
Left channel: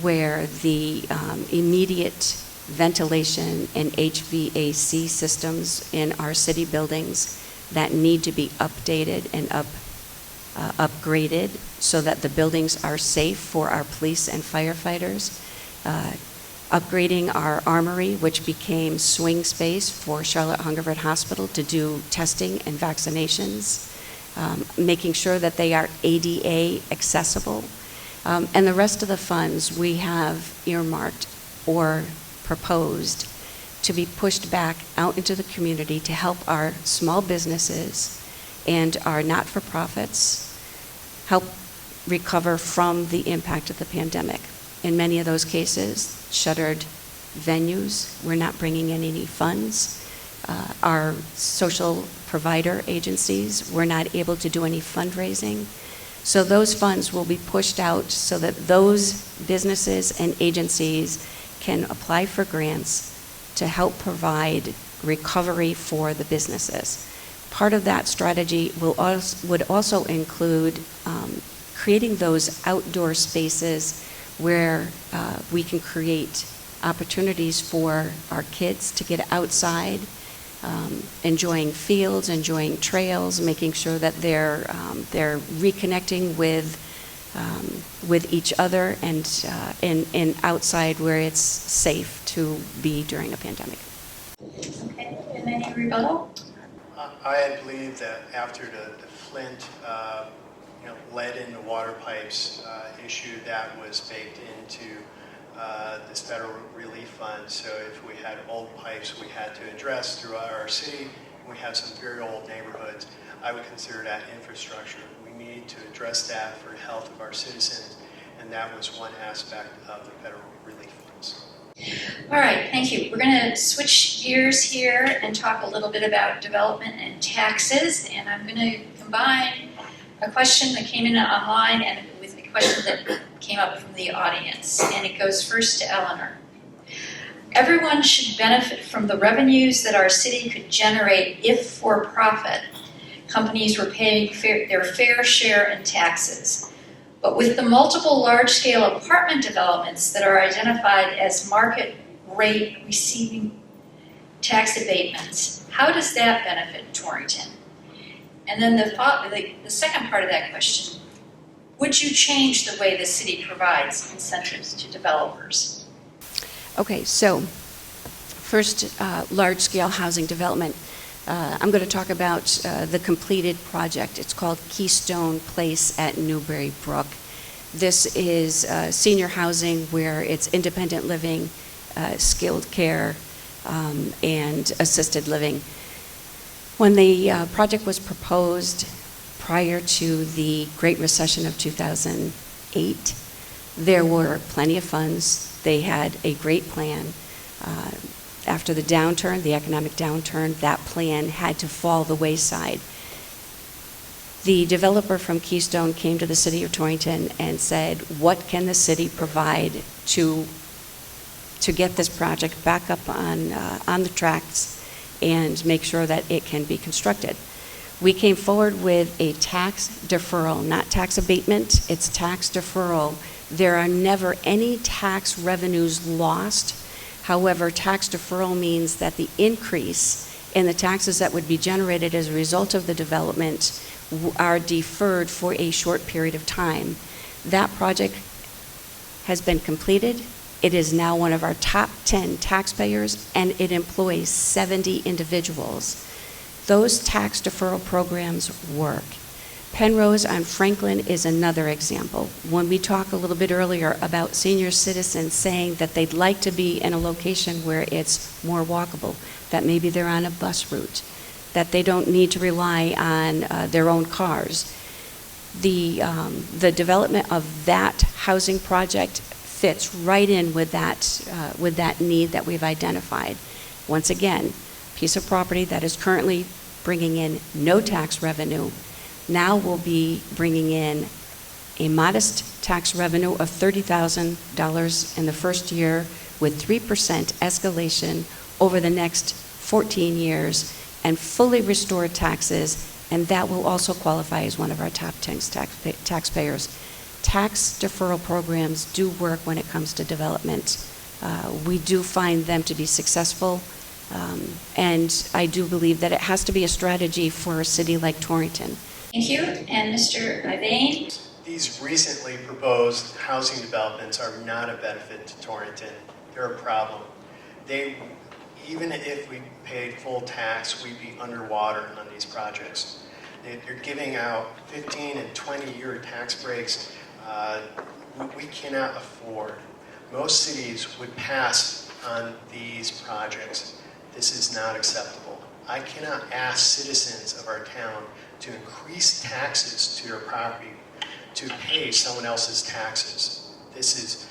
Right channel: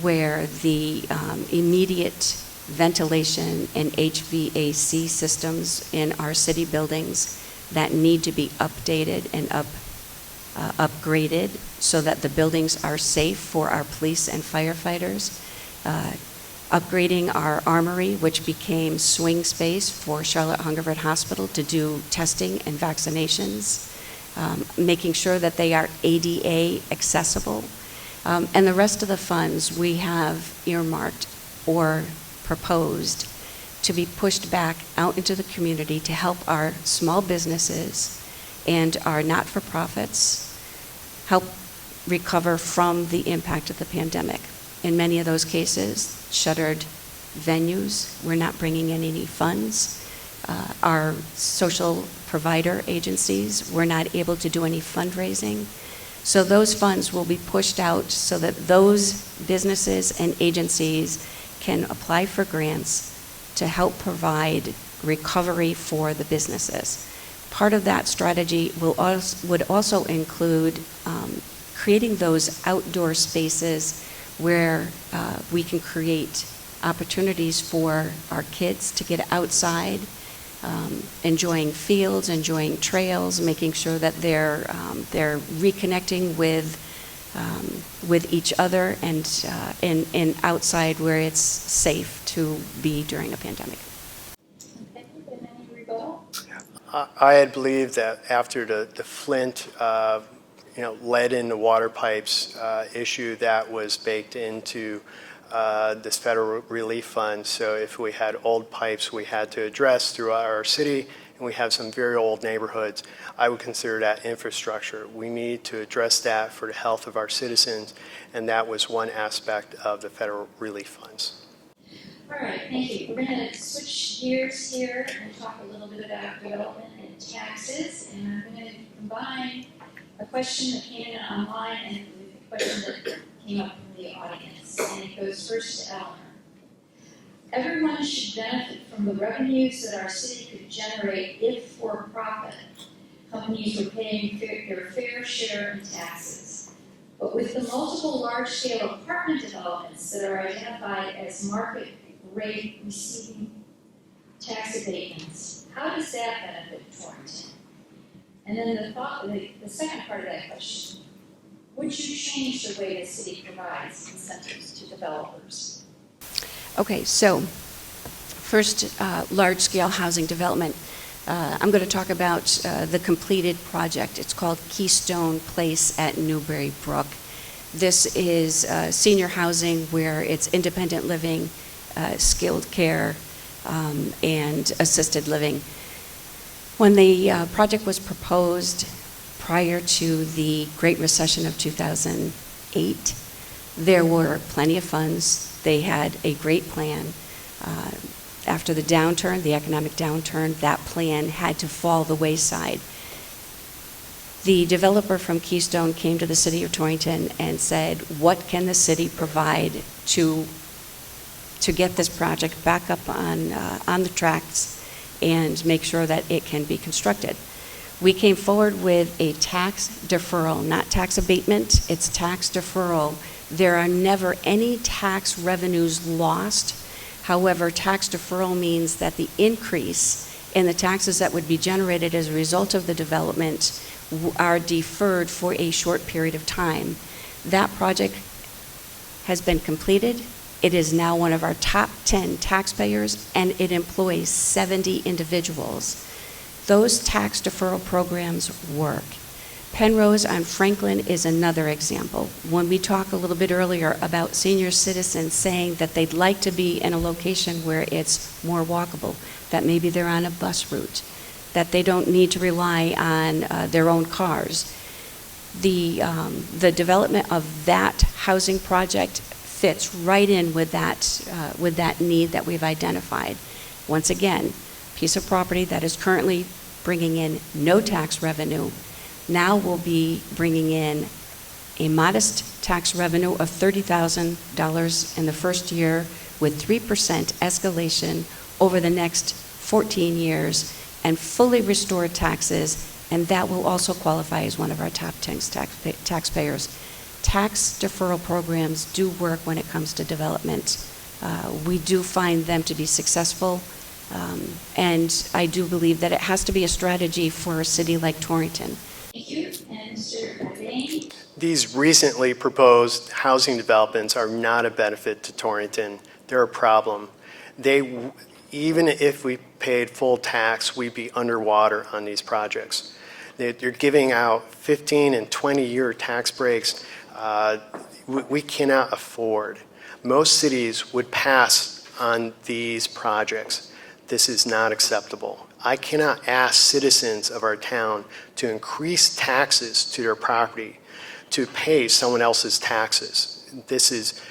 where the immediate ventilation and HVAC systems in our city buildings that need to be updated and upgraded so that the buildings are safe for our police and firefighters. Upgrading our armory, which became swing space for Charlotte Hungerford Hospital to do testing and vaccinations, making sure that they are ADA accessible. And the rest of the funds we have earmarked or proposed to be pushed back out into the community to help our small businesses and our not-for-profits help recover from the impact of the pandemic. In many of those cases, shuttered venues, we're not bringing in any funds. Our social provider agencies, we're not able to do any fundraising. So those funds will be pushed out so that those businesses and agencies can apply for grants to help provide recovery for the businesses. Part of that strategy would also include creating those outdoor spaces where we can create opportunities for our kids to get outside, enjoying fields, enjoying trails, making sure that they're reconnecting with each other and outside where it's safe to be during a pandemic. Okay, and any rebuttal? I had believed that after the Flint, lead in the water pipes issue, that was baked into this federal relief fund. So if we had old pipes we had to address throughout our city, and we have some very old neighborhoods, I would consider that infrastructure. We need to address that for the health of our citizens, and that was one aspect of the federal relief funds. All right, thank you. We're going to switch gears here and talk a little bit about development and taxes, and I'm going to combine a question that came in online and with a question that came up from the audience, and it goes first to Elinor. Everyone should benefit from the revenues that our city could generate if for-profit companies were paying their fair share in taxes. But with the multiple large-scale apartment developments that are identified as market rate receiving tax abatements, how does that benefit Torrington? And then the second part of that question, would you change the way the city provides incentives to developers? Okay, so first, large-scale housing development. I'm going to talk about the completed project. It's called Keystone Place at Newbury Brook. This is senior housing where it's independent living, skilled care, and assisted living. When the project was proposed prior to the Great Recession of 2008, there were plenty of funds. They had a great plan. After the downturn, the economic downturn, that plan had to fall the wayside. The developer from Keystone came to the city of Torrington and said, what can the city provide to get this project back up on the tracks and make sure that it can be constructed? We came forward with a tax deferral, not tax abatement, it's tax deferral. There are never any tax revenues lost. However, tax deferral means that the increase and the taxes that would be generated as a result of the development are deferred for a short period of time. That project has been completed. It is now one of our top 10 taxpayers, and it employs 70 individuals. Those tax deferral programs work. Penrose on Franklin is another example. When we talked a little bit earlier about senior citizens saying that they'd like to be in a location where it's more walkable, that maybe they're on a bus route, that they don't need to rely on their own cars. The development of that housing project fits right in with that need that we've identified. Once again, piece of property that is currently bringing in no tax revenue now will be bringing in a modest tax revenue of $30,000 in the first year with 3% escalation over the next 14 years and fully restored taxes, and that will also qualify as one of our top 10 taxpayers. Tax deferral programs do work when it comes to development. We do find them to be successful, and I do believe that it has to be a strategy for a city like Torrington. Thank you. And Mr. Ivain? These recently proposed housing developments are not a benefit to Torrington. They're a problem. Even if we paid full tax, we'd be underwater on these projects. They're giving out 15 and 20-year tax breaks. We cannot afford. Most cities would pass on these projects. This is not acceptable. I cannot ask citizens of our town to increase taxes to their property to pay someone else's taxes. This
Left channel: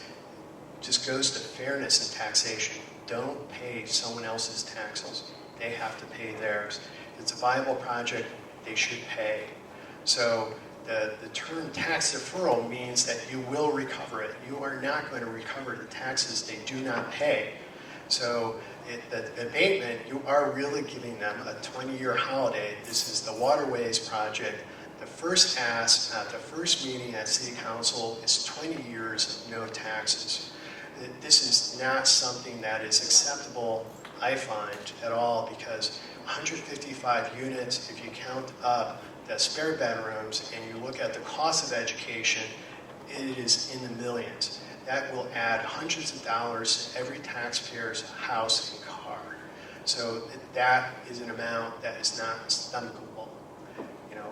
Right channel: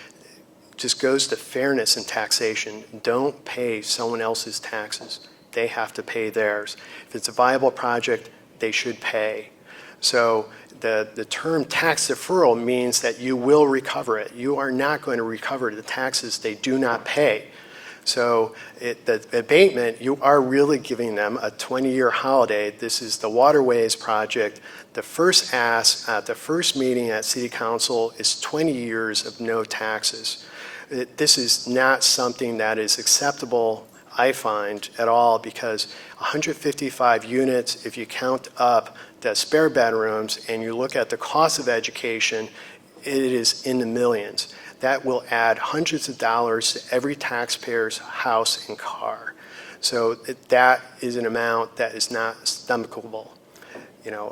just goes to fairness in taxation. Don't pay someone else's taxes. They have to pay theirs. If it's a viable project, they should pay. So the term tax deferral means that you will recover it. You are not going to recover the taxes they do not pay. So the abatement, you are really giving them a 20-year holiday. This is the Waterways project. The first ask at the first meeting at City Council is 20 years of no taxes. This is not something that is acceptable, I find, at all, because 155 units, if you count up the spare bedrooms and you look at the cost of education, it is in the millions. That will add hundreds of dollars to every taxpayer's house and car. So that is an amount that is not stomachable. You know,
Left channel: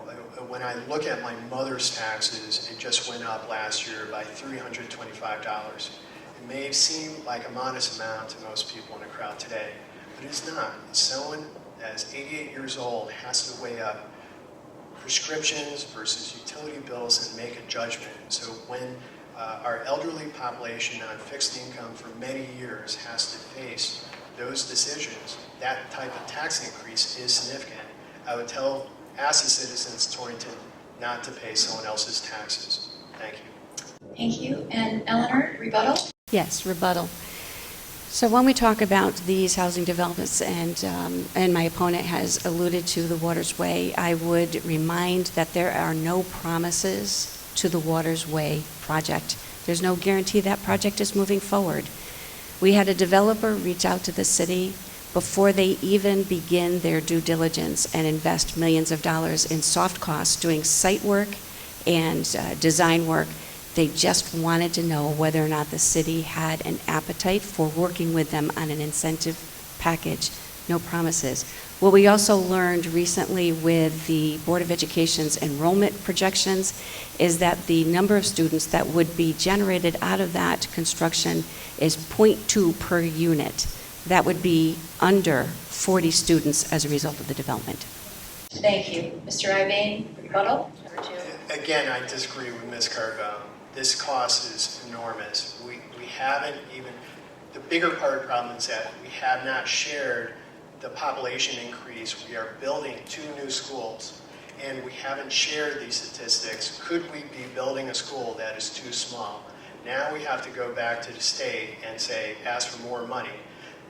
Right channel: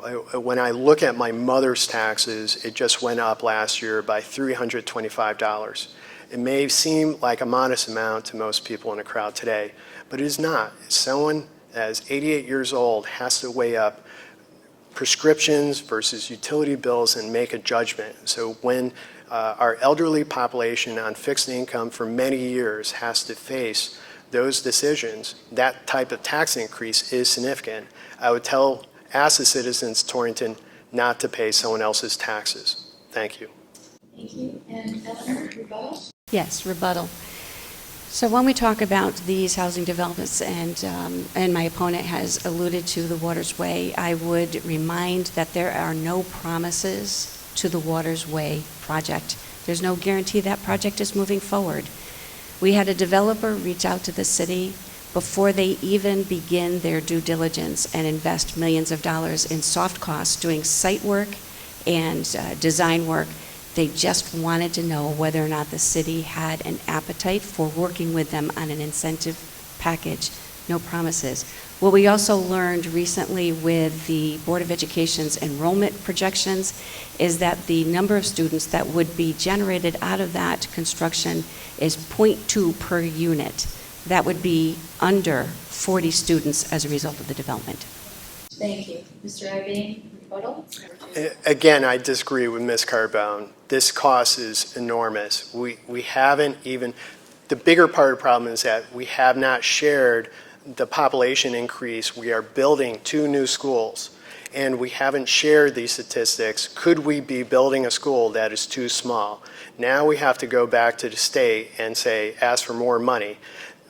when I look at my mother's taxes, it just went up last year by $325. It may seem like a modest amount to most people in the crowd today, but it is not. Someone that is 88 years old has to weigh up prescriptions versus utility bills and make a judgment. So when our elderly population on fixed income for many years has to face those decisions, that type of tax increase is significant. I would ask the citizens of Torrington not to pay someone else's taxes. Thank you. Thank you. And Eleanor, rebuttal? Yes, rebuttal. So when we talk about these housing developments, and my opponent has alluded to the Waters Way, I would remind that there are no promises to the Waters Way project. There's no guarantee that project is moving forward. We had a developer reach out to the city before they even begin their due diligence and invest millions of dollars in soft costs doing site work and design work. They just wanted to know whether or not the city had an appetite for working with them on an incentive package. No promises. What we also learned recently with the Board of Education's enrollment projections is that the number of students that would be generated out of that construction is 0.2 per unit. That would be under 40 students as a result of the development. Thank you. Mr. Ivain, rebuttal? Again, I disagree with Ms. Carbone. This cost is enormous. We haven't even, the bigger part of the problem is that we have not shared the population increase. We are building 2 new schools, and we haven't shared these statistics. Could we be building a school that is too small? Now we have to go back to the state and ask for more money,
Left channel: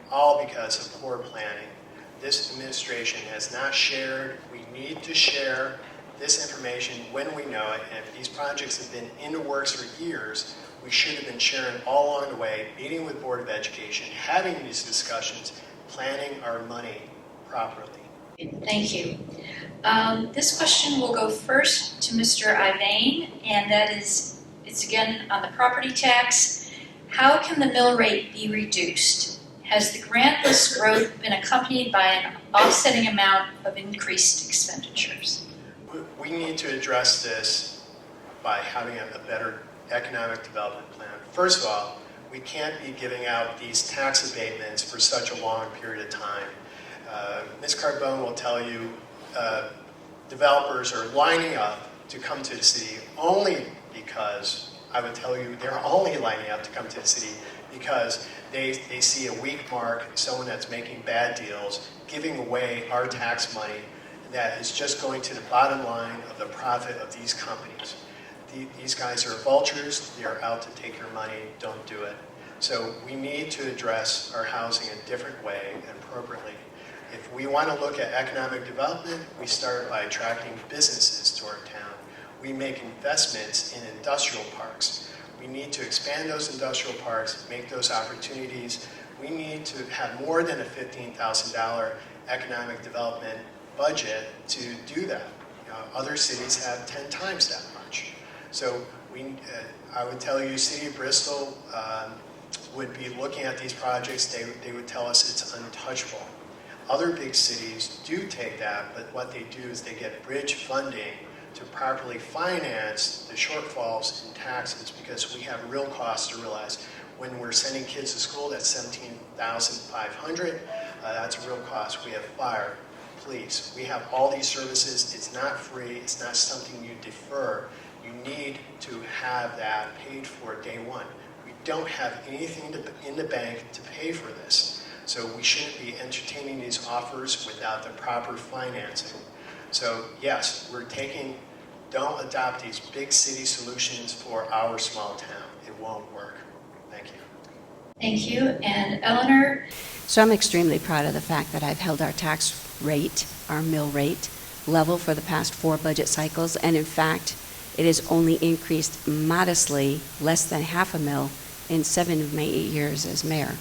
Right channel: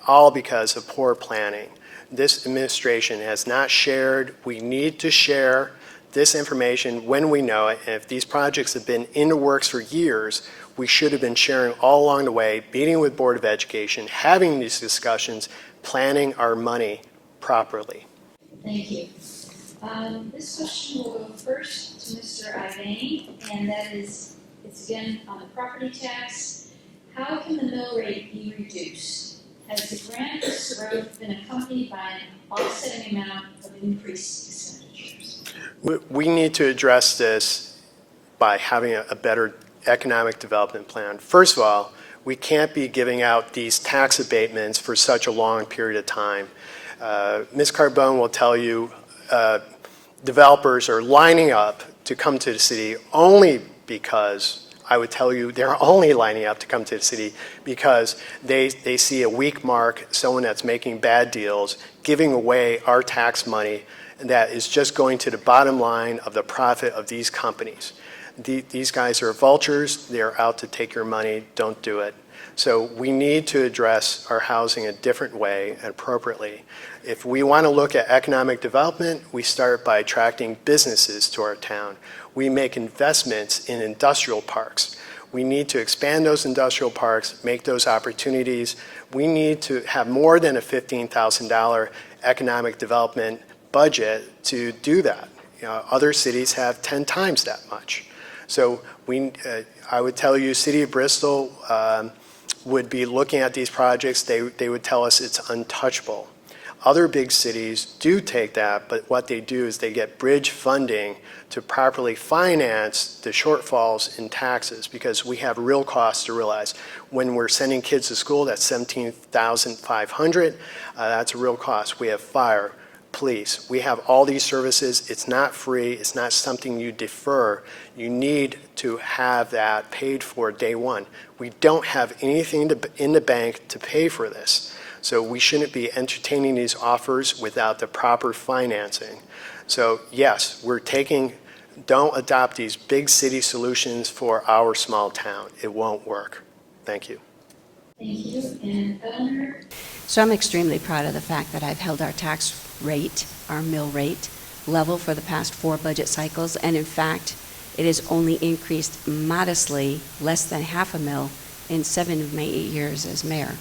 all because of poor planning. This administration has not shared. We need to share this information when we know it, and if these projects have been in the works for years, we should have been sharing all along the way, meeting with Board of Education, having these discussions, planning our money properly. Thank you. This question will go first to Mr. Ivain, and that is, it's again on the property tax. How can the mill rate be reduced? Has the grantless growth been accompanied by an offsetting amount of increased expenditures? We need to address this by having a better economic development plan. First of all, we can't be giving out these tax abatements for such a long period of time. Ms. Carbone will tell you developers are lining up to come to the city only because, I would tell you they're only lining up to come to the city because they see a weak mark, someone that's making bad deals, giving away our tax money that is just going to the bottom line of the profit of these companies. These guys are vultures. They're out to take your money. Don't do it. So we need to address our housing a different way and appropriately. If we want to look at economic development, we start by attracting businesses to our town. We make investments in industrial parks. We need to expand those industrial parks, make those opportunities. We need to have more than a $15,000 economic development budget to do that. You know, other cities have 10 times that much. So I would tell you, City of Bristol would be looking at these projects. They would tell us it's untouchable. Other big cities do take that, but what they do is they get bridge funding to properly finance the shortfalls in taxes, because we have real costs to realize. When we're sending kids to school, that's $17,500. That's a real cost. We have fire, police. We have all these services. It's not free. It's not something you defer. You need to have that paid for day one. We don't have anything in the bank to pay for this. So we shouldn't be entertaining these offers without the proper financing. So yes, don't adopt these big city solutions for our small town. It won't work. Thank you. Thank you. And Eleanor? So I'm extremely proud of the fact that I've held our tax rate, our mill rate, level for the past 4 budget cycles, and in fact, it has only increased modestly, less than half a mil, in 7 of my 8 years as mayor.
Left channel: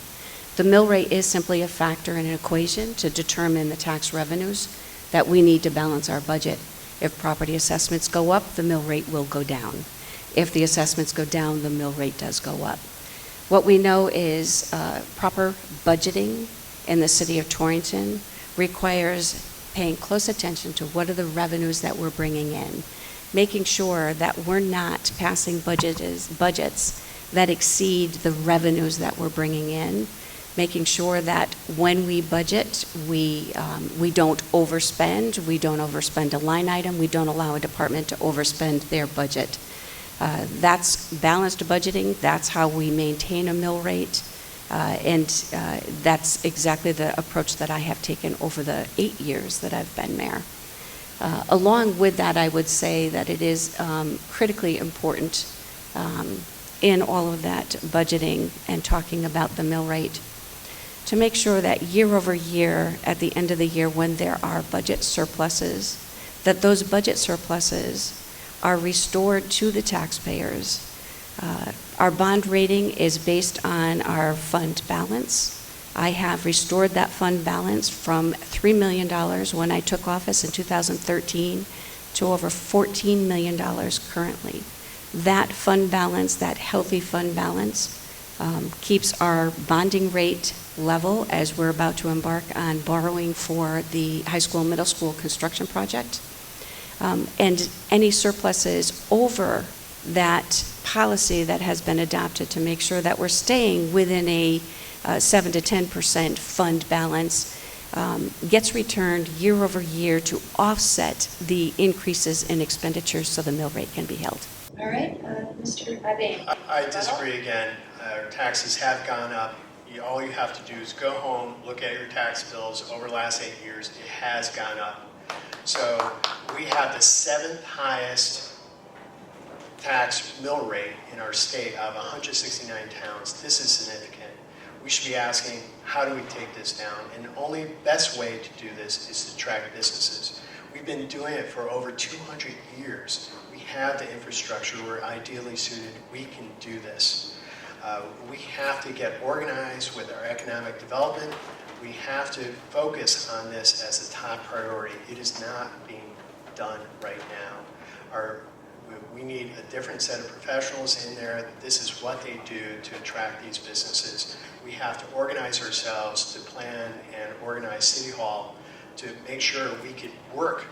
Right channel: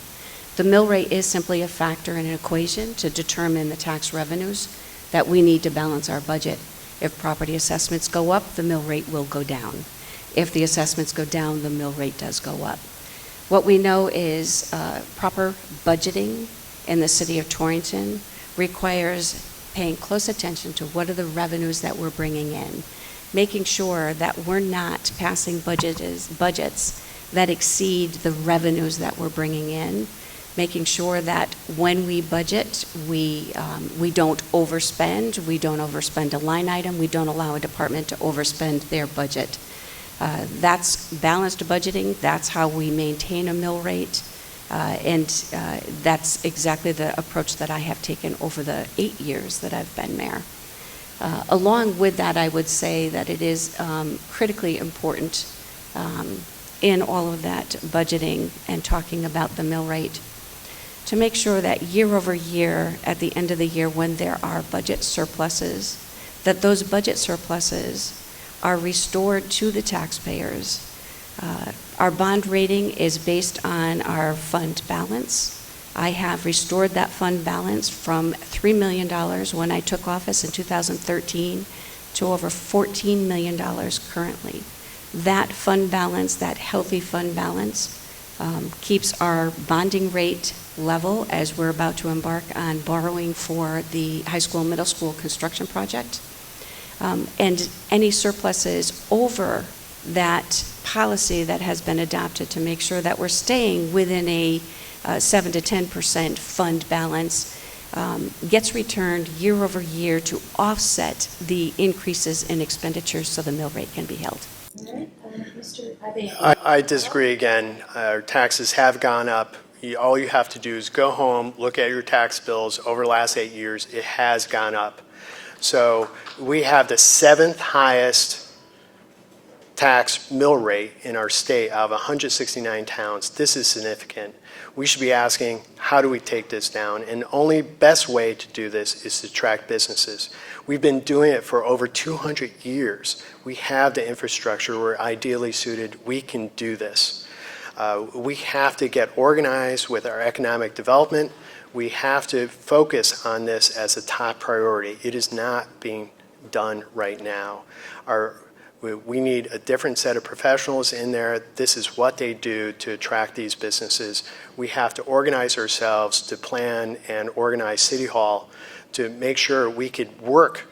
The mill rate is simply a factor in an equation to determine the tax revenues that we need to balance our budget. If property assessments go up, the mill rate will go down. If the assessments go down, the mill rate does go up. What we know is proper budgeting in the city of Torrington requires paying close attention to what are the revenues that we're bringing in, making sure that we're not passing budgets that exceed the revenues that we're bringing in, making sure that when we budget, we don't overspend, we don't overspend a line item, we don't allow a department to overspend their budget. That's balanced budgeting. That's how we maintain a mill rate. And that's exactly the approach that I have taken over the 8 years that I've been mayor. Along with that, I would say that it is critically important in all of that budgeting and talking about the mill rate to make sure that year over year, at the end of the year when there are budget surpluses, that those budget surpluses are restored to the taxpayers. Our bond rating is based on our fund balance. I have restored that fund balance from $3 million when I took office in 2013 to over $14 million currently. That fund balance, that healthy fund balance, keeps our bonding rate level as we're about to embark on borrowing for the high school, middle school construction project. And any surpluses over that policy that has been adopted to make sure that we're staying within a 7 to 10% fund balance gets returned year over year to offset the increases in expenditures so the mill rate can be held. All right, Mr. Ivain. I disagree again. Our taxes have gone up. All you have to do is go home, look at your tax bills over the last 8 years. It has gone up. So we have the 7th highest tax mill rate in our state out of 169 towns. This is significant. We should be asking, how do we take this down? And the only best way to do this is to attract businesses. We've been doing it for over 200 years. We have the infrastructure. We're ideally suited. We can do this. We have to get organized with our economic development. We have to focus on this as a top priority. It is not being done right now. We need a different set of professionals in there. This is what they do to attract these businesses. We have to organize ourselves to plan and organize City Hall to make sure we could work.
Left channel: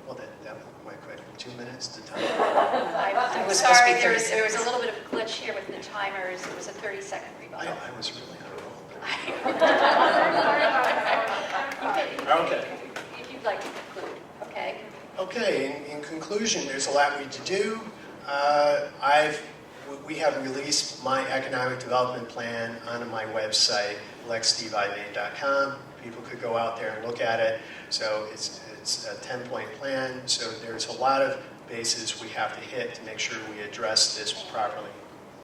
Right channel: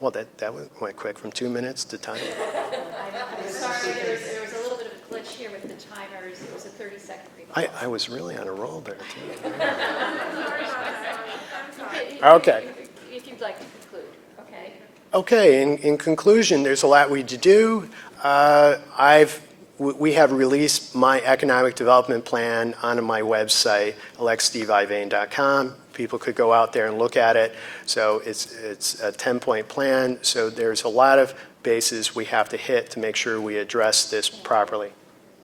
Well, that went quick from 2 minutes to time. I'm sorry, there was a little bit of a glitch here with the timers. It was a 30-second record. I was really on a roll there. Okay. If you'd like to conclude, okay? Okay, in conclusion, there's a lot we need to do. We have released my economic development plan onto my website, electsteveivain.com. People could go out there and look at it. So it's a 10-point plan. So there's a lot of bases we have to hit to make sure we address this properly.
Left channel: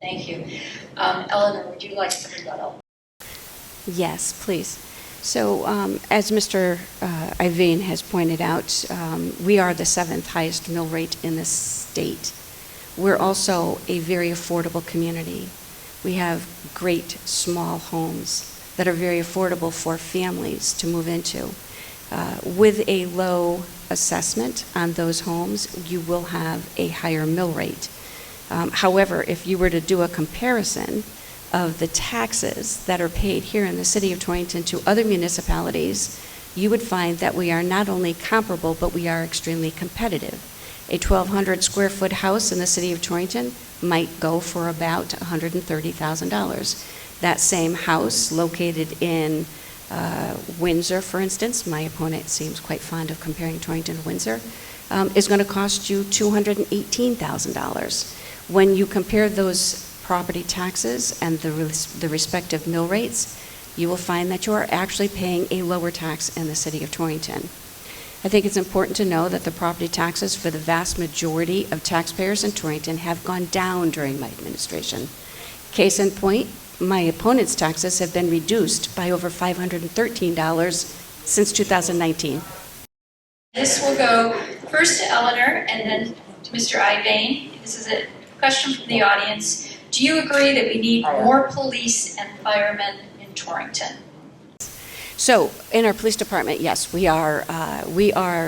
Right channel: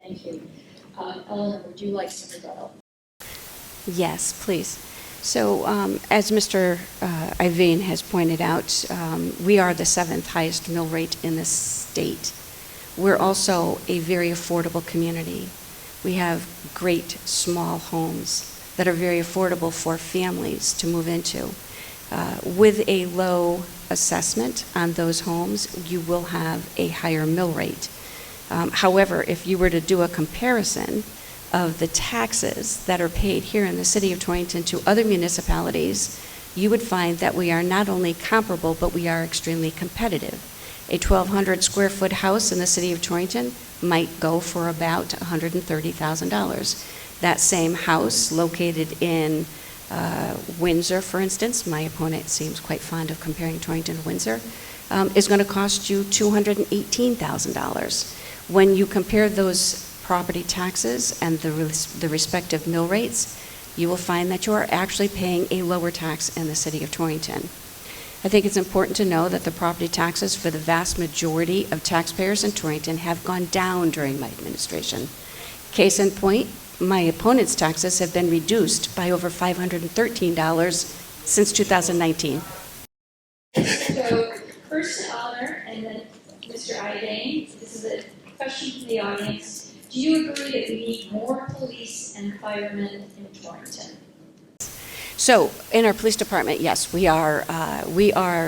Thank you. Elinor, would you like to rebuttal? Yes, please. So as Mr. Ivain has pointed out, we are the 7th highest mill rate in the state. We're also a very affordable community. We have great small homes that are very affordable for families to move into. With a low assessment on those homes, you will have a higher mill rate. However, if you were to do a comparison of the taxes that are paid here in the city of Torrington to other municipalities, you would find that we are not only comparable, but we are extremely competitive. A 1,200 square foot house in the city of Torrington might go for about $130,000. That same house located in Windsor, for instance, my opponent seems quite fond of comparing Torrington to Windsor, is going to cost you $218,000. When you compare those property taxes and the respective mill rates, you will find that you are actually paying a lower tax in the city of Torrington. I think it's important to know that the property taxes for the vast majority of taxpayers in Torrington have gone down during my administration. Case in point, my opponent's taxes have been reduced by over $513 since 2019. This will go first to Elinor and then to Mr. Ivain. This is a question from the audience. Do you agree that we need more police and firemen in Torrington? So, in our police department, yes, we are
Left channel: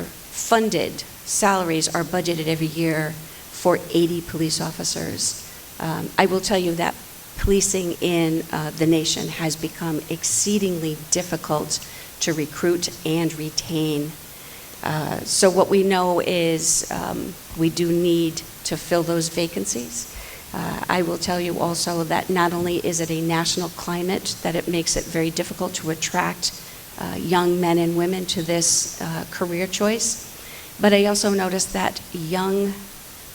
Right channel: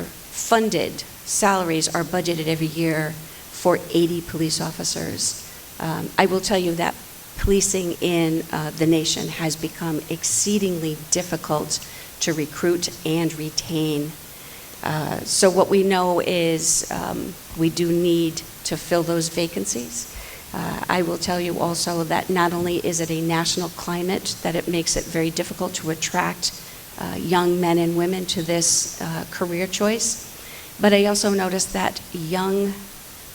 funded. Salaries are budgeted every year for 80 police officers. I will tell you that policing in the nation has become exceedingly difficult to recruit and retain. So what we know is we do need to fill those vacancies. I will tell you also that not only is it a national climate that it makes it very difficult to attract young men and women to this career choice, but I also noticed that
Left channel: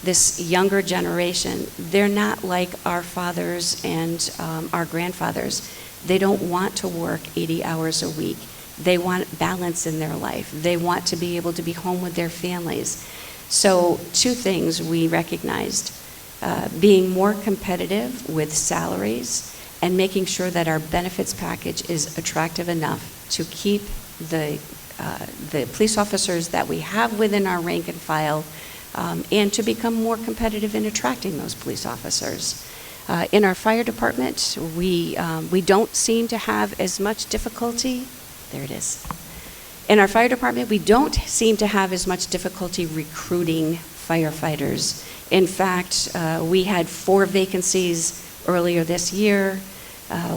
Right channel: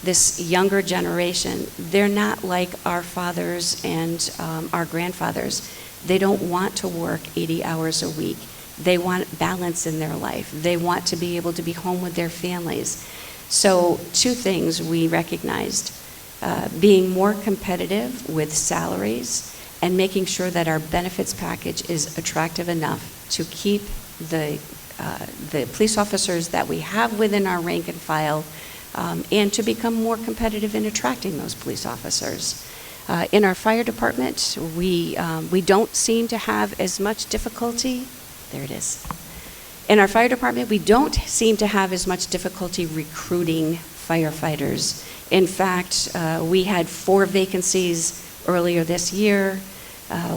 this younger generation, they're not like our fathers and our grandfathers. They don't want to work 80 hours a week. They want balance in their life. They want to be able to be home with their families. So 2 things we recognized. Being more competitive with salaries and making sure that our benefits package is attractive enough to keep the police officers that we have within our rank and file and to become more competitive in attracting those police officers. In our fire department, we don't seem to have as much difficulty. There it is. In our fire department, we don't seem to have as much difficulty recruiting firefighters. In fact, we had 4 vacancies earlier this year.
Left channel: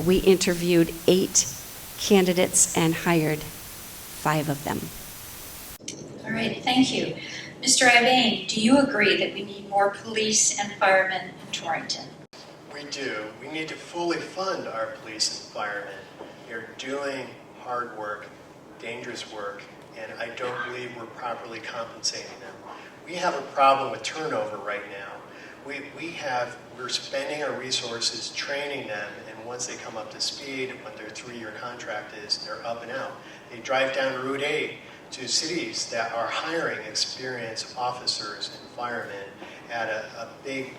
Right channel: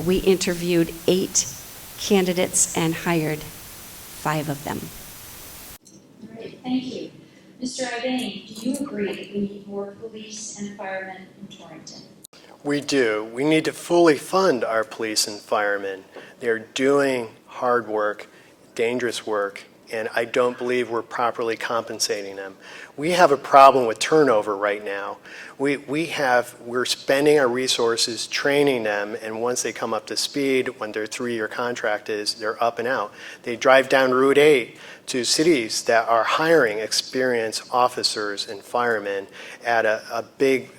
We interviewed 8 candidates and hired 5 of them. All right, thank you. Mr. Ivain, do you agree that we need more police and firemen in Torrington? We do. We need to fully fund our police and firemen. They're doing hard work, dangerous work, and I don't believe we're properly compensating them. We have a problem with turnover right now. We're spending our resources training them, and once they come up to speed, when their 3-year contract is, they're up and out. They drive down Route 8 to cities that are hiring experienced officers and firemen at a big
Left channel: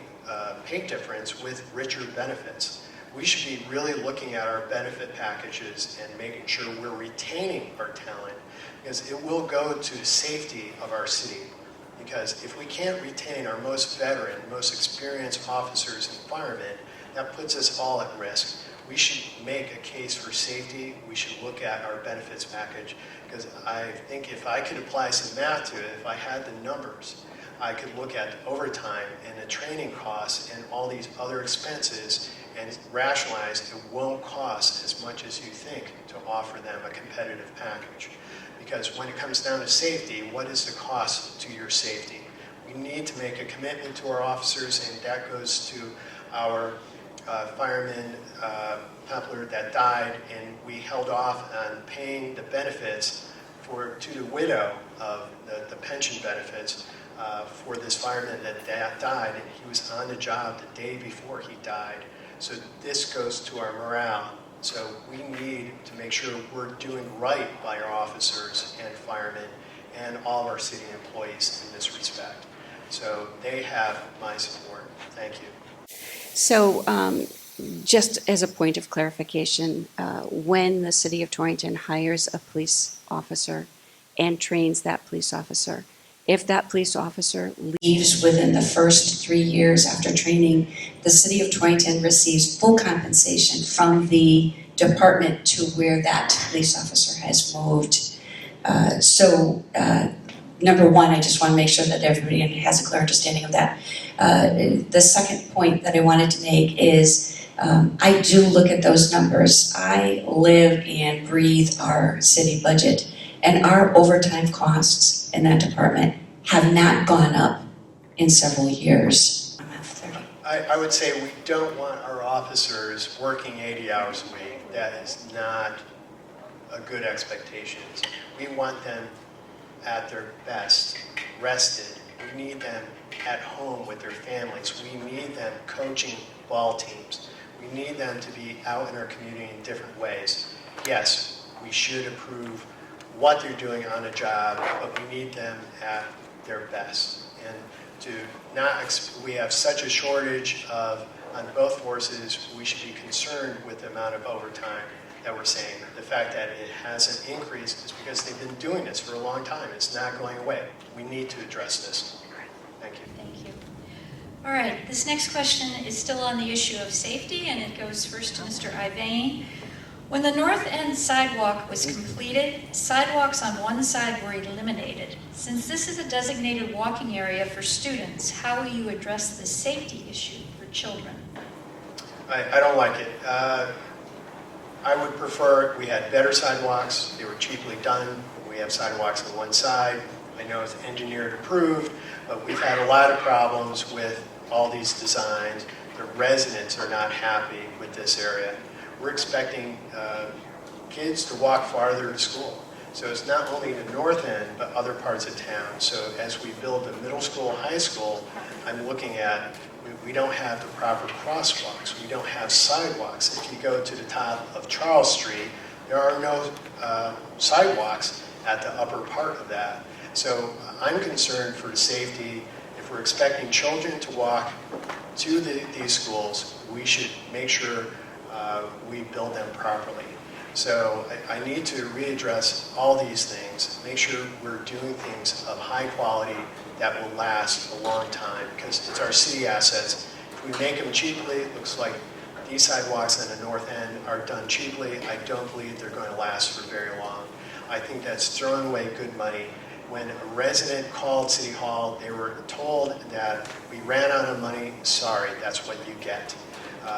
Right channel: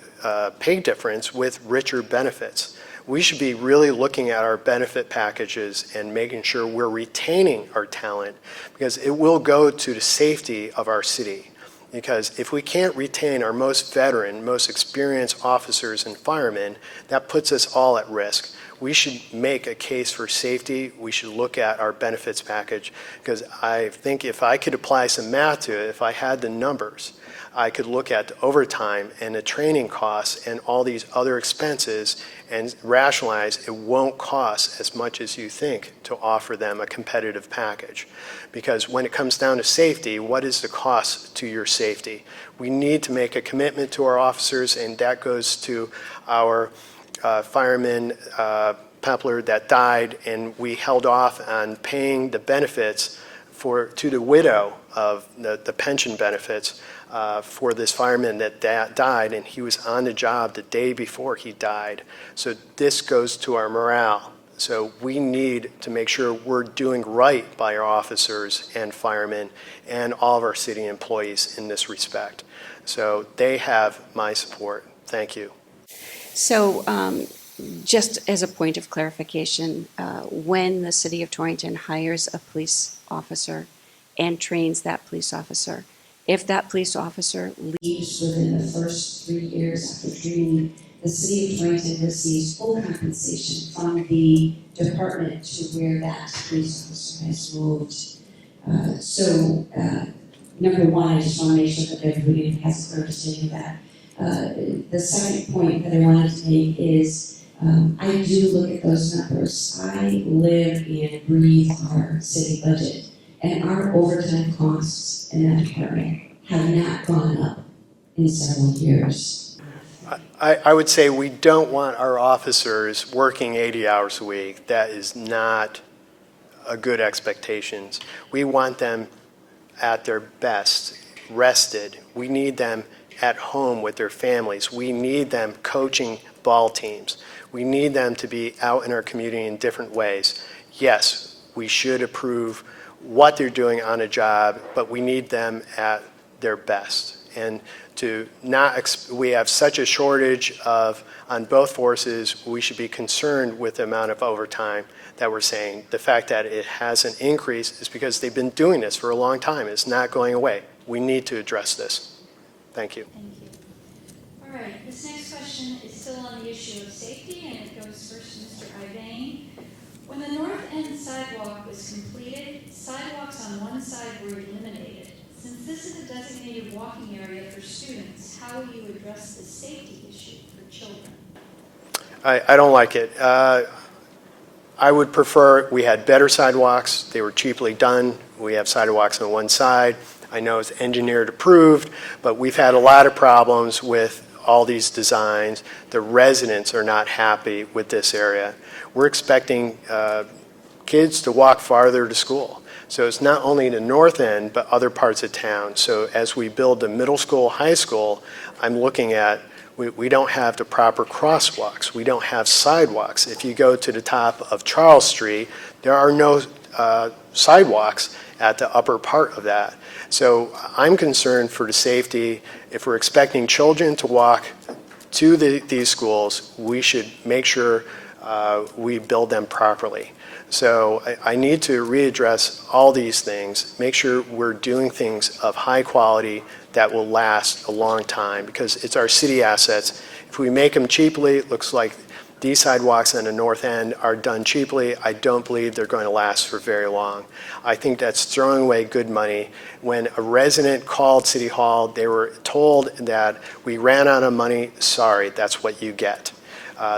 pay difference with richer benefits. We should be really looking at our benefit packages and making sure we're retaining our talent, because it will go to the safety of our city. Because if we can't retain our most veteran, most experienced officers and firemen, that puts us all at risk. we should make a case for safety. We should look at our benefits package, because I think if I could apply some math to it, if I had the numbers, I could look at the overtime and the training costs and all these other expenses and rationalize it won't cost as much as you think to offer them a competitive package. Because when it comes down to safety, what is the cost to your safety? We need to make a commitment to our officers, and that goes to our fireman Pepler that died, and we held off on paying the benefits to the widow of the pension benefits for this fireman that died, and he was on the job the day before he died. So this goes to our morale. So we need to make sure we're doing right by our officers and firemen and all of our city employees in this respect. So they have my support. Thank you. So just as a point of clarification, when the city of Torrington hires a police officer and trains that police officer, if that police officer leaves within the first 3 years after training, the city of Torrington receives full compensation from the department to where that police officer has moved. Number one, I just want to make sure that everybody has a clear understanding of that. The second point that I wanted to make is I do look at those numbers. I live and breathe our city budget, and our overtime costs in that department have not gone up in several years. I would say we don't want our officers working 80 hours a week. That is not a good expectation. We want them at their best, rested. We need them at home with their families. We need them coaching ball teams. We need them to be out in our community in different ways. Yes, we should approve what they're doing on a job, but we need them at their best. And we have such a shortage on both forces, we should be concerned with the amount of overtime that we're saying. The fact that it hasn't increased is because they've been doing this for a long time. It's not going away. We need to address this. Thank you. Thank you. All right, this next question is still on the issue of safety, and it goes first to Mr. Ivain. When the north end sidewalk was completed, sidewalks on one side were eliminated. Since this is a designated walking area for students, how will you address the safety issue for children? I don't like it. I would prefer we had better sidewalks. They were cheaply done. We have sidewalks on one side. I know it's engineered approved, but we've had a lot of problems with all these designs. The residents are not happy with this area. We're expecting kids to walk farther to school. So it's not only the north end, but other parts of town. So as we build the middle school, high school, I'm looking at, we don't have the proper crosswalks. We don't have sidewalks. If you go to the top of Charles Street, there are no sidewalks at the upper part of that. So I'm concerned for the safety. If we're expecting children to walk to these schools, we should make sure we build them properly. So I need to readdress all these things, make sure we're doing things of high quality that will last a long time, because it's our city assets. If we make them cheaply, it looks like these sidewalks on the north end are done cheaply. I don't believe they're going to last for very long. I think that's throwing away good money. When a resident called City Hall, they were told that we ran out of money. Sorry, that's what you get.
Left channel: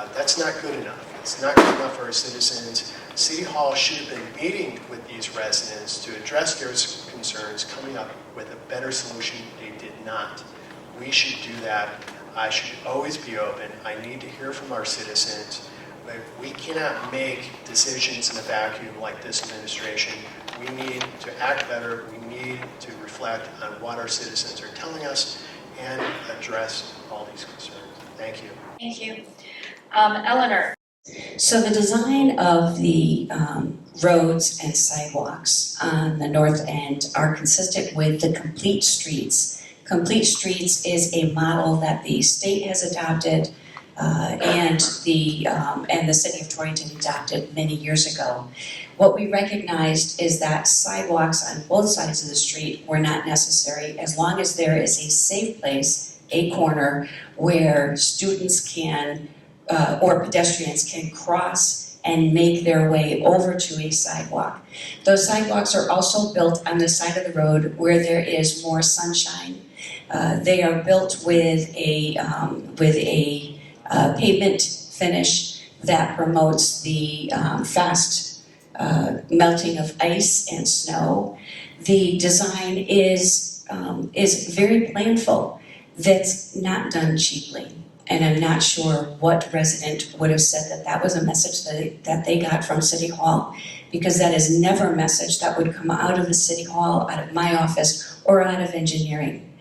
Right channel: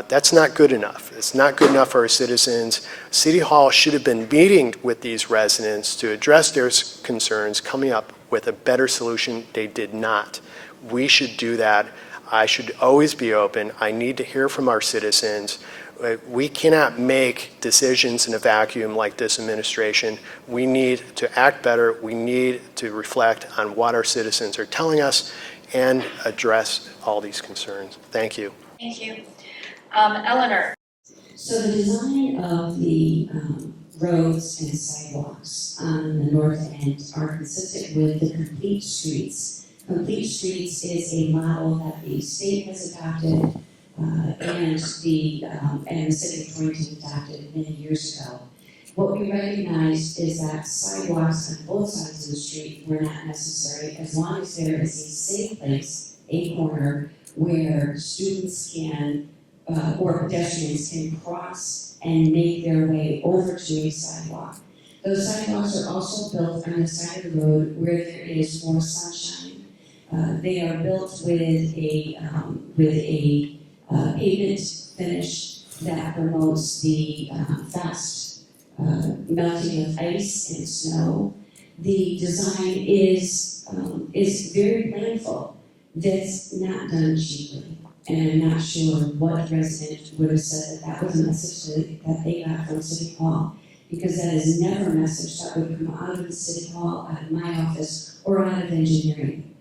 That's not good enough. It's not good enough for our citizens. City Hall should have been meeting with these residents to address their concerns, coming up with a better solution. They did not. We should do that. I should always be open. I need to hear from our citizens. We cannot make decisions in a vacuum like this administration. We need to act better. We need to reflect on what our citizens are telling us and address all these concerns. Thank you. Thank you. Eleanor. So the design of the roads and sidewalks on the north end are consistent with the complete streets. Complete streets is a model that the state has adopted and the city of Torrington adopted many years ago. What we recognized is that sidewalks on both sides of the street were not necessary as long as there is a safe place, a corner, where students can or pedestrians can cross and make their way over to a sidewalk. Those sidewalks are also built on the side of the road where there is more sunshine. They are built with a pavement finish that promotes the fast melting of ice and snow. The design is very planful. That's not done cheaply. And I'm not sure what resident would have said that that was a message that they got from City Hall, because that is never a message that would come out of the City Hall, out of my office, or out of engineering.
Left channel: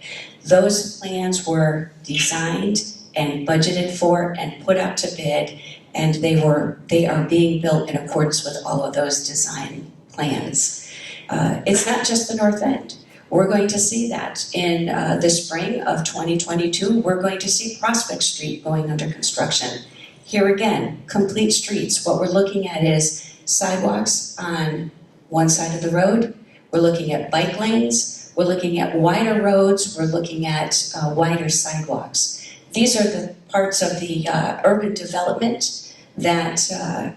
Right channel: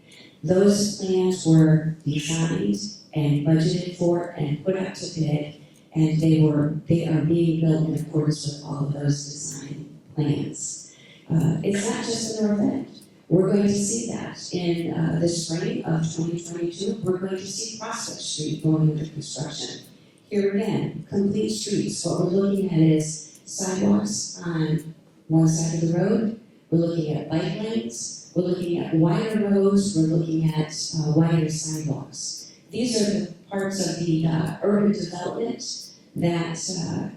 Those plans were designed and budgeted for and put out to bid, and they are being built in accordance with all of those design plans. It's not just the north end. We're going to see that in the spring of 2022. We're going to see Prospect Street going under construction. Here again, complete streets. What we're looking at is sidewalks on one side of the road. We're looking at bike lanes. We're looking at wider roads. We're looking at wider sidewalks. These are the parts of the urban development that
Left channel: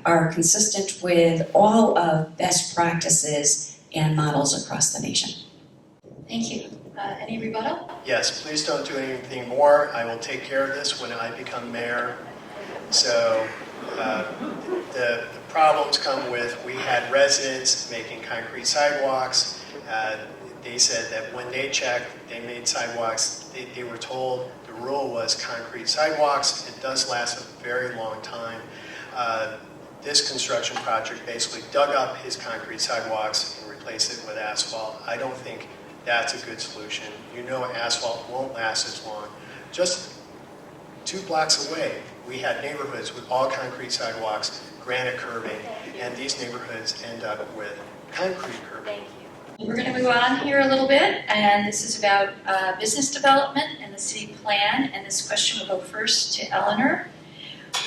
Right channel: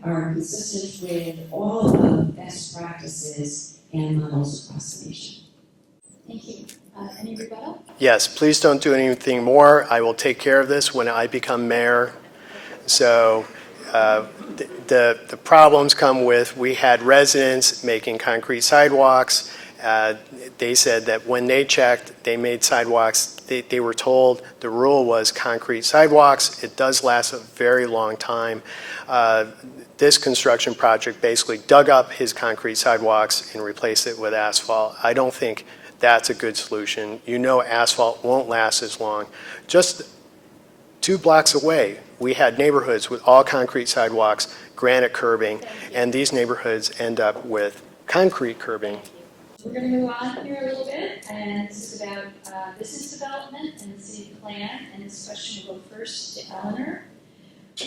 are consistent with all of best practices and models across the nation. Thank you. Any rebuttal? Yes, please don't do anything more. I will take care of this when I become mayor. So the problems come with, we had residents making concrete sidewalks. They said that when they checked, they made sidewalks. They were told the rule was concrete sidewalks. It does last a very long time. This construction project basically dug up his concrete sidewalks and replaced it with asphalt. I don't think that's a good solution. You know asphalt won't last as long. Just 2 blocks away, we had neighborhoods with all concrete sidewalks, granite curbing, and these neighborhoods end up with concrete curbing. We're going to move on here a little bit, and this is about business development and the city plan, and this question will go first to Elinor.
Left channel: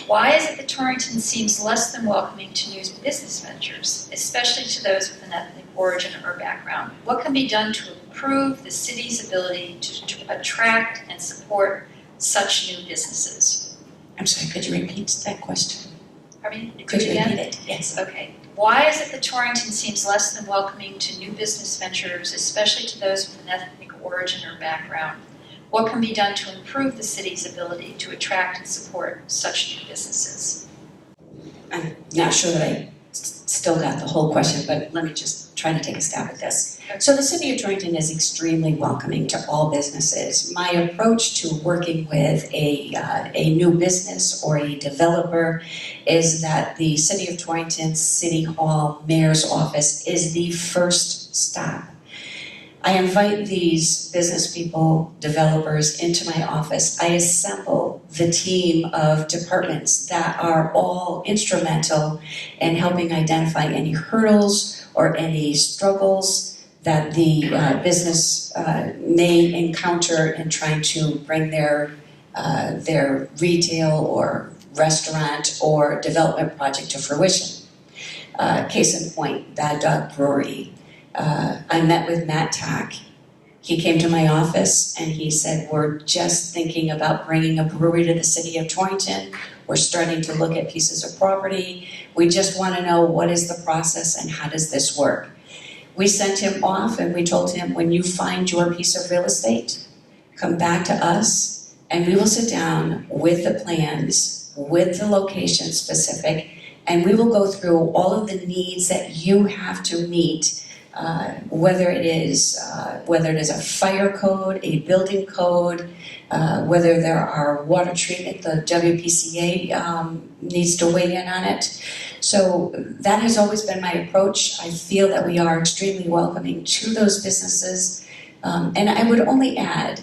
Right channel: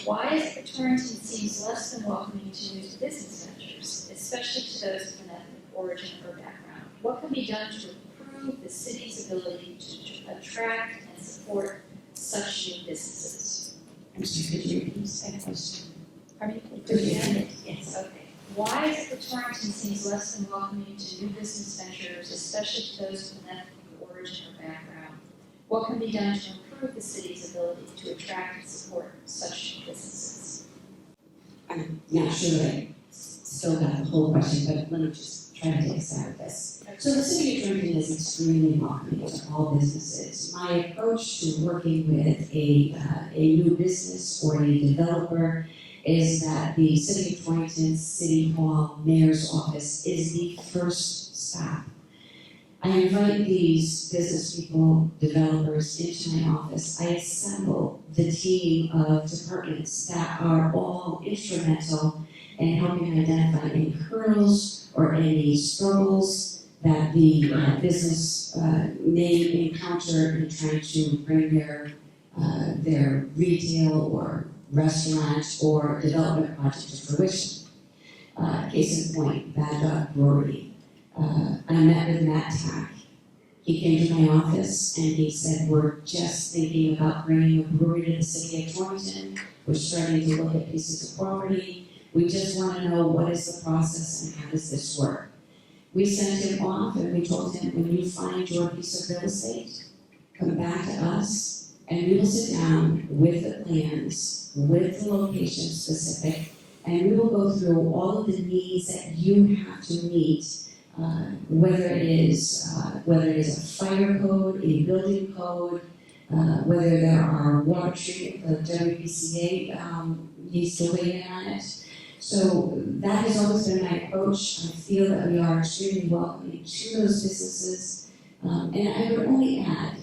Why is it that Torrington seems less than welcoming to new business ventures, especially to those with an ethnic origin or background? What can be done to improve the city's ability to attract and support such new businesses? I'm sorry, could you repeat that question? Pardon me? Could you Again? repeat it? Yes. Okay. Why is it that Torrington seems less than welcoming to new business ventures, especially to those with an ethnic origin or background? What can be done to improve the city's ability to attract and support such new businesses? I'm not sure that I still got the whole question, but let me just try to take a stab at this. So the city of Torrington is extremely welcoming to all businesses. My approach to working with a new business or a developer is that the city of Torrington City Hall Mayor's office is the first stop. I invite these business people, developers into my office. I assemble the team of departments that are all instrumental in helping identify any hurdles or any struggles that the business may encounter in trying to bring their retail or restaurant or development project to fruition. Case in point, Bad Dog Brewery. I met with Matt Tack. He came to my office and he said, we're just thinking about bringing a brewery to the city of Torrington. We're starting to look at pieces of property. We just want to know what is the process and how does this work. We sent him off and we told him, when you find your piece of real estate, come back to us and we will sit down with the plans, with the location specific, and we will go through all of the needs that you have to meet. Whether it is a fire code, a building code, whether there are water treatment, the WPCA needs to weigh in on it. So that has always been my approach. I feel that we are extremely welcoming to those businesses. And I would only add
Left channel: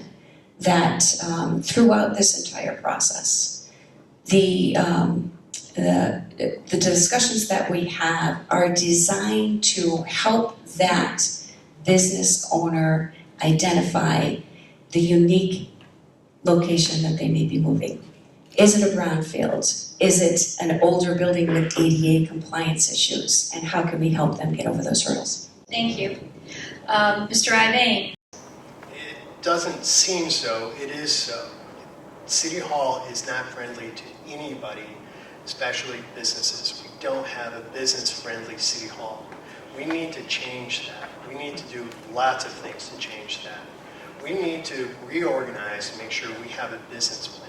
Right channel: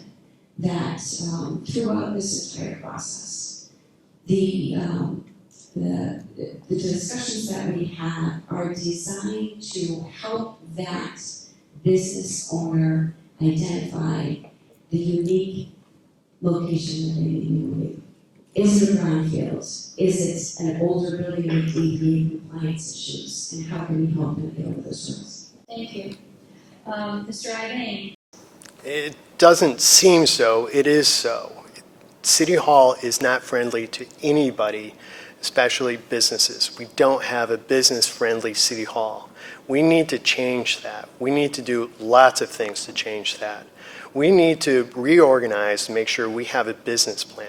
that throughout this entire process, the discussions that we have are designed to help that business owner identify the unique location that they may be moving. Is it a brownfield? Is it an older building with ADA compliance issues? And how can we help them get over those hurdles? Thank you. Mr. Ivain. It doesn't seem so, it is so. City Hall is not friendly to anybody, especially businesses. We don't have a business-friendly City Hall. We need to change that. We need to do lots of things to change that. We need to reorganize to make sure we have a business plan.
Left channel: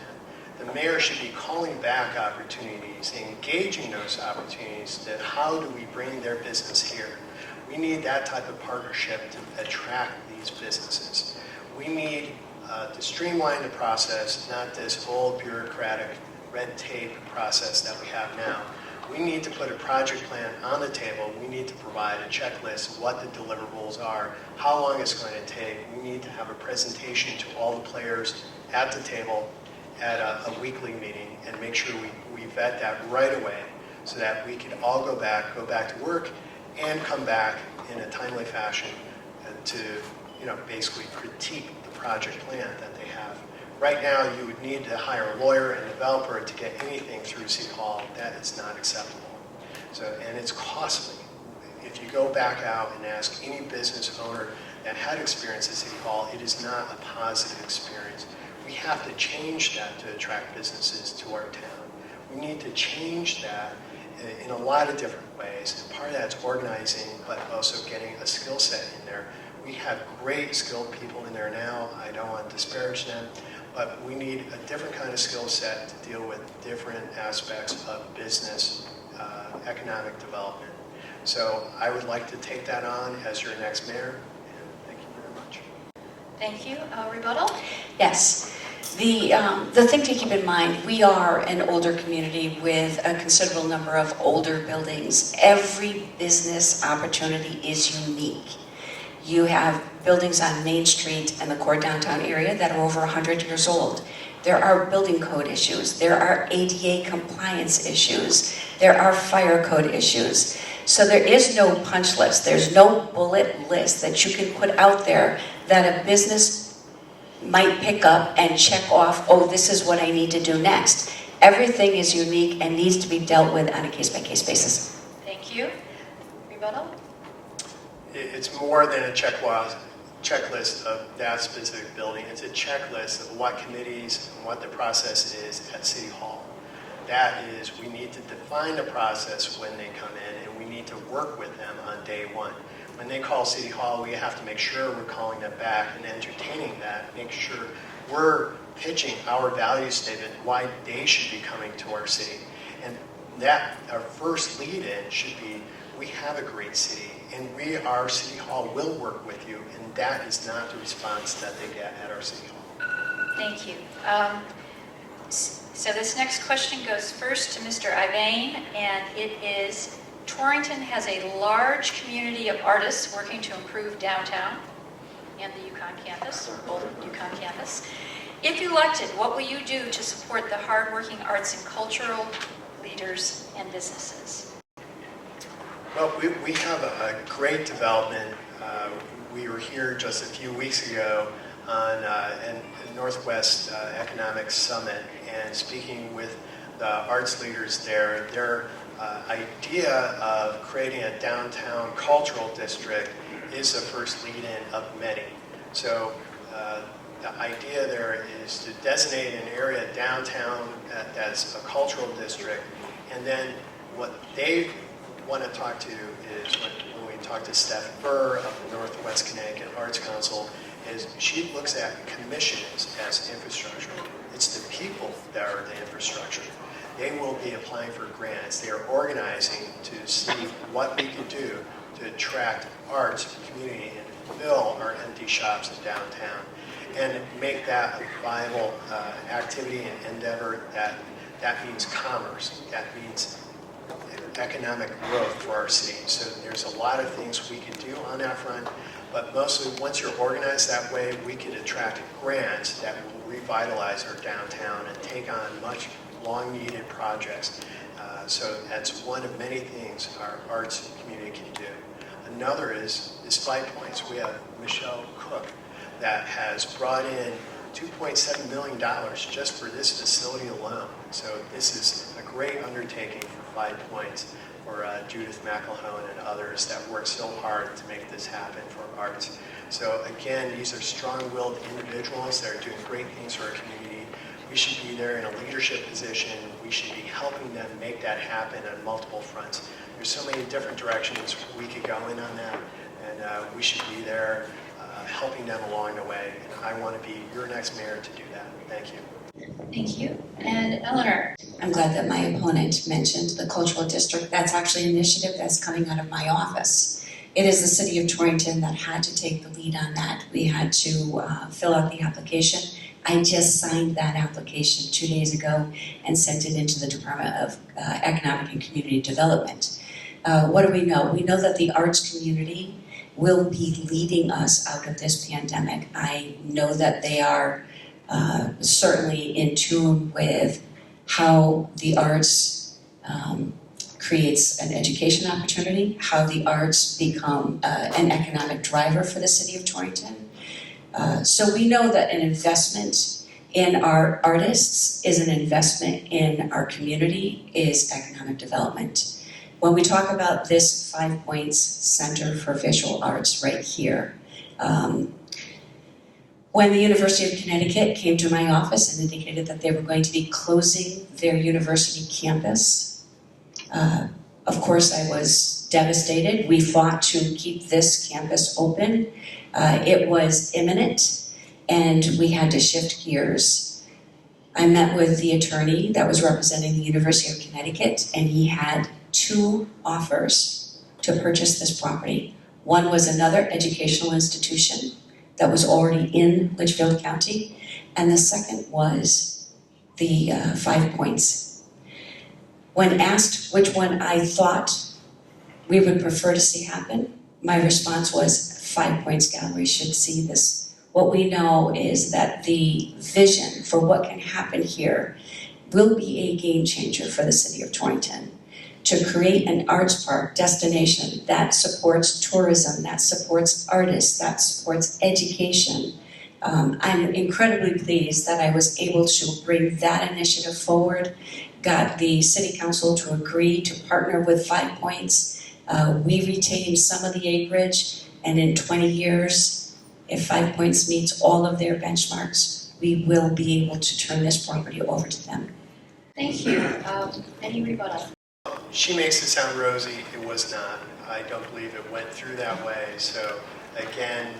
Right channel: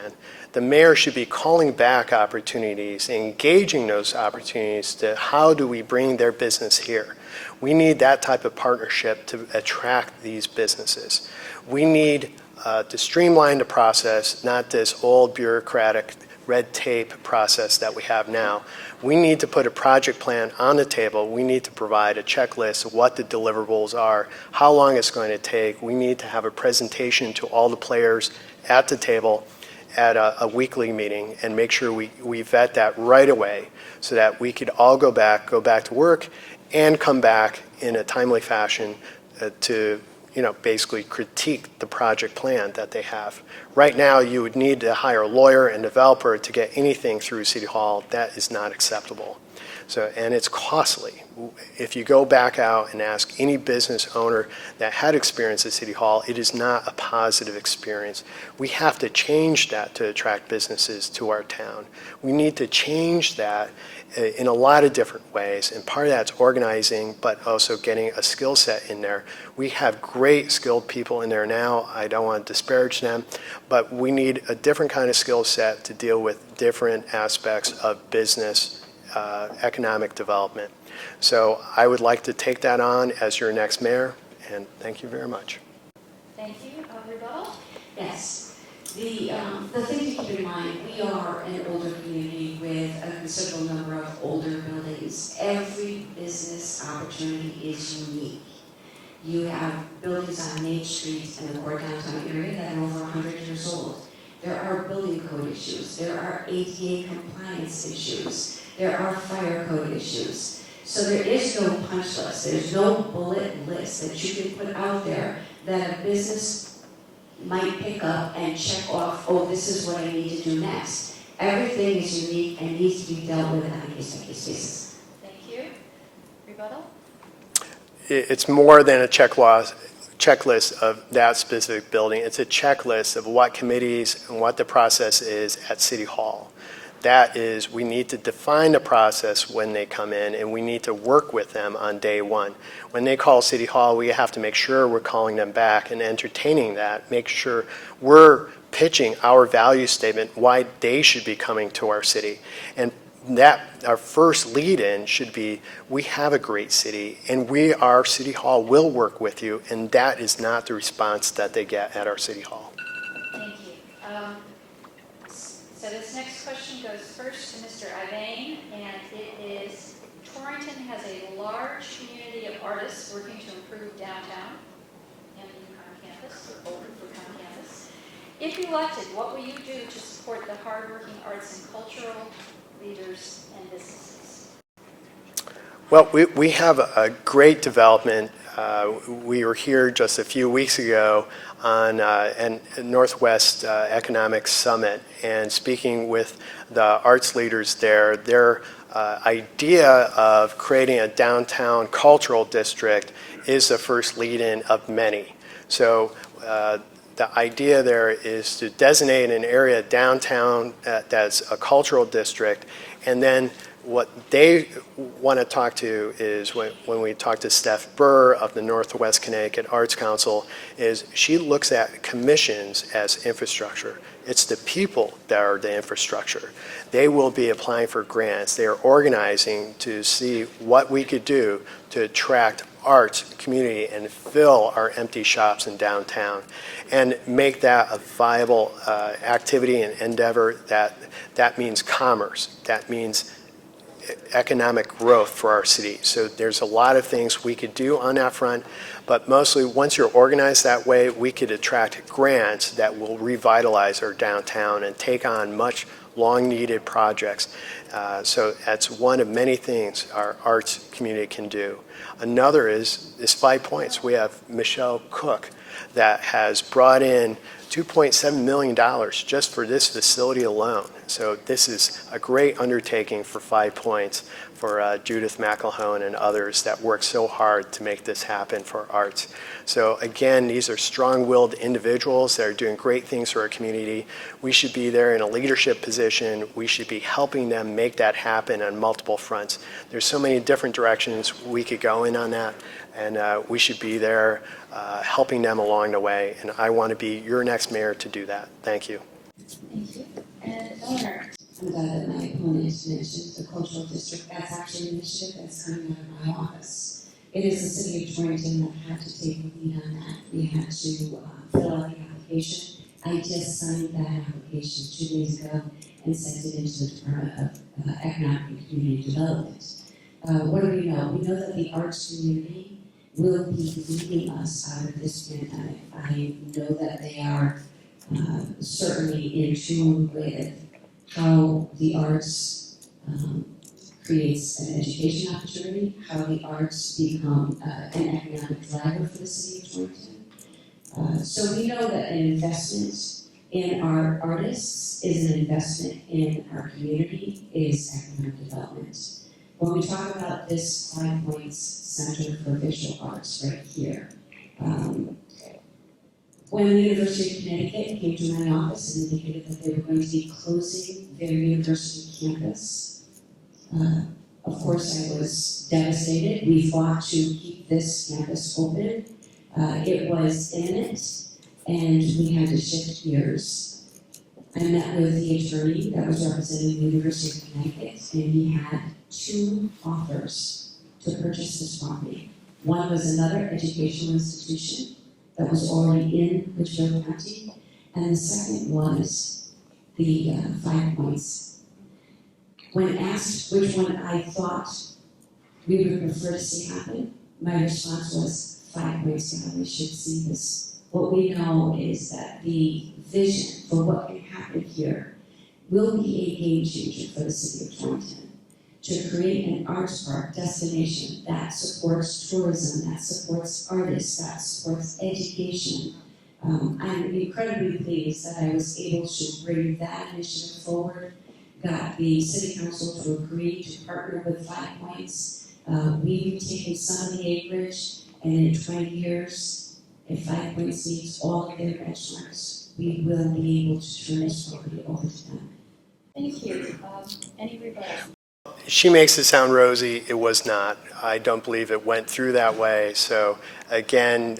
The mayor should be calling back opportunities, engaging those opportunities to how do we bring their business here. We need that type of partnership to attract these businesses. We need to streamline the process, not this old bureaucratic red tape process that we have now. We need to put a project plan on the table. We need to provide a checklist of what the deliverables are, how long it's going to take. We need to have a presentation to all the players at the table at a weekly meeting and make sure we vet that right away so that we could all go back to work and come back in a timely fashion to basically critique the project plan that they have. Right now, you would need to hire a lawyer and developer to get anything through City Hall. That is not acceptable. And it's costly. If you go back out and ask any business owner that had experience at City Hall, it is not a positive experience. We have to change that to attract businesses to our town. We need to change that in a lot of different ways, and part of that's organizing, but also getting a skill set in there. We have great skilled people in there now. I don't want to disparage them, but we need a different kind of skill set to deal with different aspects of business, economic development. So I would like to take that on as your next mayor, and thank you very much. Thank you. Rebuttal? Yes. The thing to keep in mind, we are an older community with a considerable number of older buildings. Every business opportunity is unique. You have buildings on Main Street and the core downtown area that are over 100 years old. There are building code issues. There are ADA compliance issues. There are fire code issues. So there is no punch list. There's no bullet list that you can put out there that a business might pick up and check off, oh, this is what I need to do next. Everything is unique and needs to be dealt with on a case-by-case basis. Thank you. Rebuttal? It's more than a checklist of that specific building. It's a checklist of what committees and what the process is at City Hall. That is, we need to define the process when they come in, and we need to work with them on day one. When they call City Hall, we have to make sure we're calling them back and entertaining that, make sure we're pitching our value statement, why they should be coming to our city. And that, our first lead-in should be, we have a great city, and our City Hall will work with you, and that is not the response that they get at our City Hall. Thank you. So this next question goes first to Mr. Ivain, and it is, Torrington has a large community of artists working to improve downtown and the Yukon campus, or Golden Yukon campus. If elected, what will you do to support the hardworking arts and cultural leaders and businesses? Well, we have a great development. We were here just a few weeks ago on a Northwest Economic Summit and speaking with the arts leaders there. Their idea of creating a downtown cultural district is the first lead-in of many. So the idea there is to designate an area downtown that's a cultural district, and then what they want to talk to is when we talk to Steph Burr of the Northwest Connecticut Arts Council, is she looks at commissions as infrastructure. It's the people that are the infrastructure. They will be applying for grants. They are organizing to see what we could do to attract arts community and fill our empty shops in downtown and make that a viable activity and endeavor. That means commerce. That means economic growth for our city. So there's a lot of things we could do on that front, but mostly once you're organized that way, we could attract grants that will revitalize our downtown and take on much long-needed projects. So that's one of many things our arts community can do. Another is 5 Points. We have Michelle Cook that has brought in $2.7 million just for this facility alone. So this is a great undertaking for 5 Points. for Judith McElhone and others that work so hard to make this happen for arts. So again, these are strong-willed individuals that are doing great things for our community. We should be there in a leadership position. We should be helping them make that happen on multiple fronts. There's so many different directions we could go in on that, and we should be there helping them along the way. And I want to be your next mayor to do that. Thank you. Thank you. And Eleanor? I'm glad that my opponent mentioned the cultural district. That's actually an initiative that's coming out of my office. It is the city of Torrington that had to take the lead on that. We had to fill out the application. I just signed that application 2 days ago and sent it into the Department of Economic and Community Development. What do we know? We know that the arts community will be leading us out of this pandemic. I know that they are certainly in tune with how the arts creates an education opportunity, how the arts become an economic driver for the city of Torrington. So we know that an investment in our artists is an investment in our community, is economic development. When we talk about this 5 Points Center for Visual Arts right here, when the University of Connecticut came to my office and indicated that they were going to be closing their university campus, of course I was devastated. We fought to keep this campus open. It was imminent and we had to shift gears. I met with the attorney that was representing the University of Connecticut, and he had 2 offers to purchase this property. One was another educational institution that was already in Litchfield County, and the second was the 5 Points. When asked which one I thought we would prefer to see happen, my response was 5 Points Gallery should see this. What we know is that the vision for what can happen here will be a game changer for the city of Torrington. To create an arts park destination that supports tourism, that supports artists, that supports education. I'm incredibly pleased that I was able to bring that initiative forward, got the city council to agree to partner with 5 Points. We retained some of the acreage, and in 20 years, if 5 Points meets all of their benchmarks, we will be able to turn this property over to them. Thank you. Any rebuttal? She makes it sound rosy. It was not. I don't believe it went through that way. So again,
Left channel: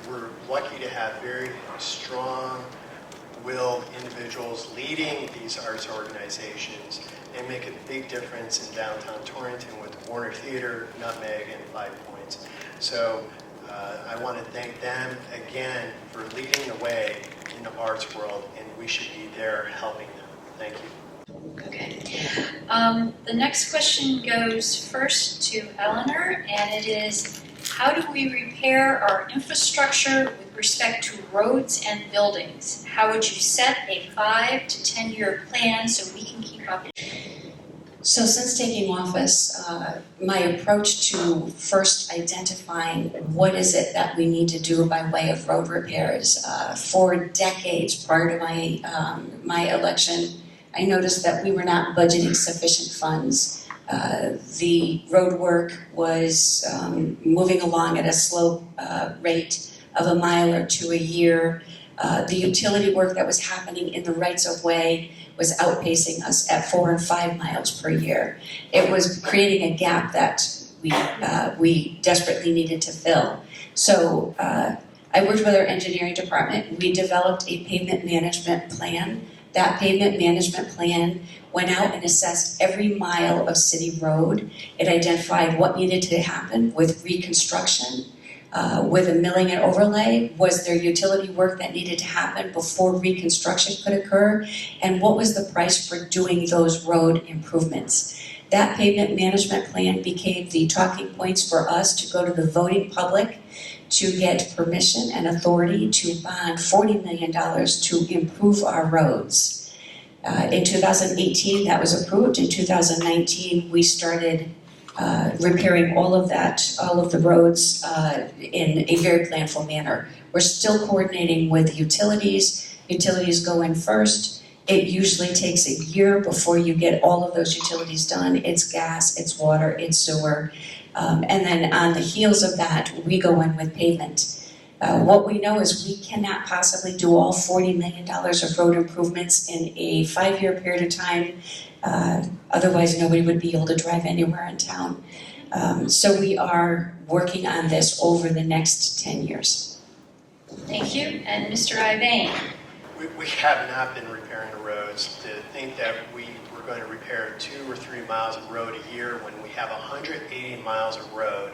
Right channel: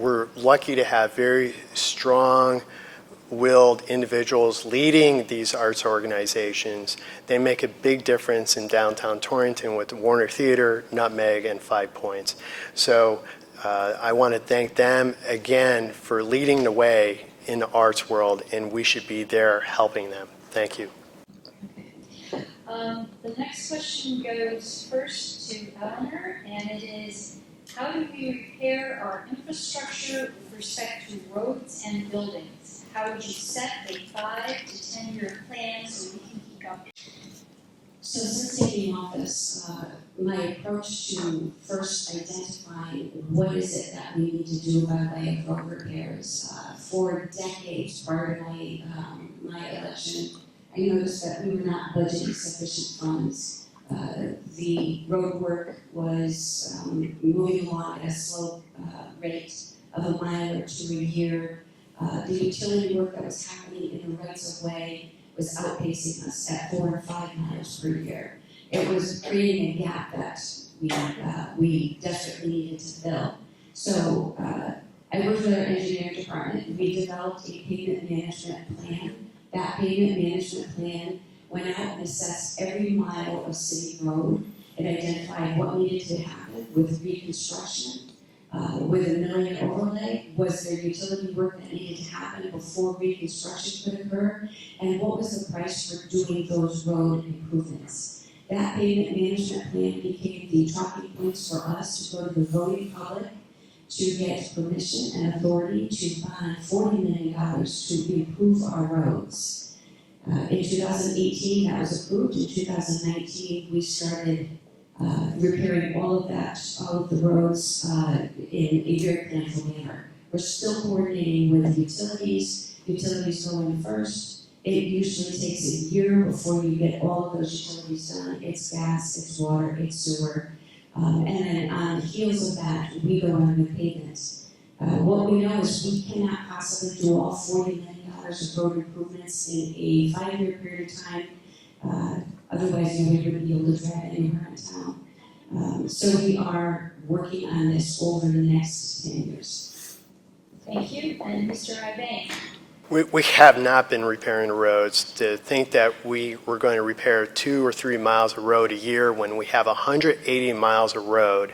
we're lucky to have very strong-willed individuals leading these arts organizations. They make a big difference in downtown Torrington with Warner Theater, Nutmeg, and 5 Points. So I want to thank them again for leading the way in the arts world, and we should be there helping them. Thank you. Okay. The next question goes first to Eleanor, and it is, how do we repair our infrastructure with respect to roads and buildings? How would you set a 5 to 10 year plan so we can keep up? So since taking office, my approach to first identifying what is it that we need to do by way of road repairs, for decades prior to my election, I noticed that we were not budgeting sufficient funds. The road work was moving along at a slow rate of 1 mile or 2 a year. The utility work that was happening in the rights of way was outpacing us at 4 and 5 miles per year. It was creating a gap that we desperately needed to fill. So I worked with our engineering department. We developed a pavement management plan. That pavement management plan went out and assessed every mile of city road. It identified what needed to happen with reconstruction, with a milling and overlay. Was there utility work that needed to happen before reconstruction could occur? And what was the price for doing those road improvements? That pavement management plan became the talking points for us to go to the voting public to get permission and authority to bond $40 million to improve our roads. In 2018, that was approved. In 2019, we started repairing all of the roads in a very planful manner. We're still coordinating with the utilities. Utilities go in first. It usually takes a year before you get all of those utilities done. It's gas, it's water, it's sewer. And then on the heels of that, we go in with pavement. What we know is we cannot possibly do all $40 million of road improvements in a 5-year period of time. Otherwise, nobody would be able to drive anywhere in town. So we are working on this over the next 10 years. Thank you. And Mr. Ivain? We have not been repairing the roads. To think that we were going to repair 2 or 3 miles of road a year when we have 180 miles of road.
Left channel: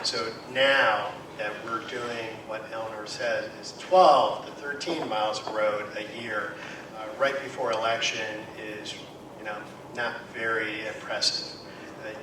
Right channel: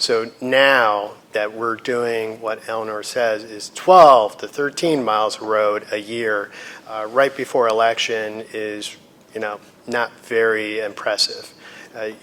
So now that we're doing what Elinor says is 12 to 13 miles of road a year, right before election is, not very impressive.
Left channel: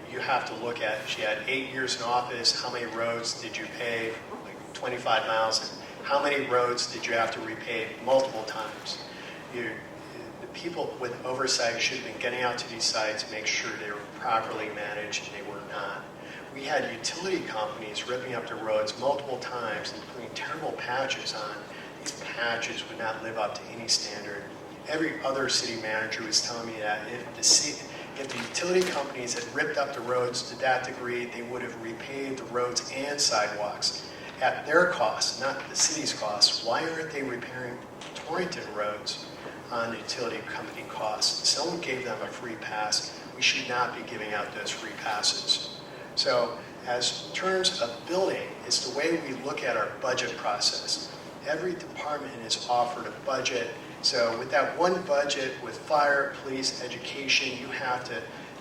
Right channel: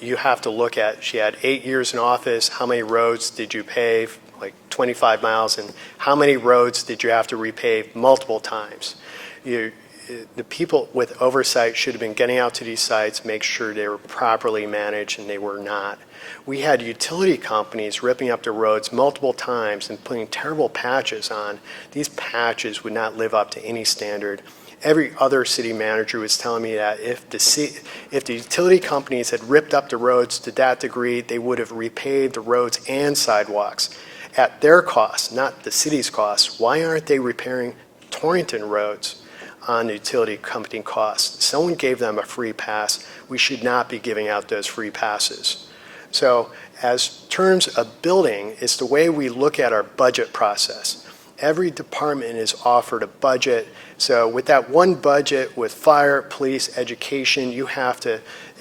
You have to look at, she had 8 years in office, how many roads did you pave? Like 25 miles, and how many roads did you have to repave multiple times? The people with oversight should have been getting out to these sites, make sure they were properly managed, and they were not. We had utility companies ripping up the roads multiple times and putting terrible patches on. These patches would not live up to any standard. Every other city manager was telling me that if the utility companies had ripped up the roads to that degree, they would have repaved the roads and sidewalks at their cost, not the city's cost. Why aren't they repairing Torrington roads on the utility company costs? Someone gave them a free pass. We should not be giving out those free passes. So as terms of building, it's the way we look at our budget process. Every department is offered a budget. So with that one budget with fire, police, education,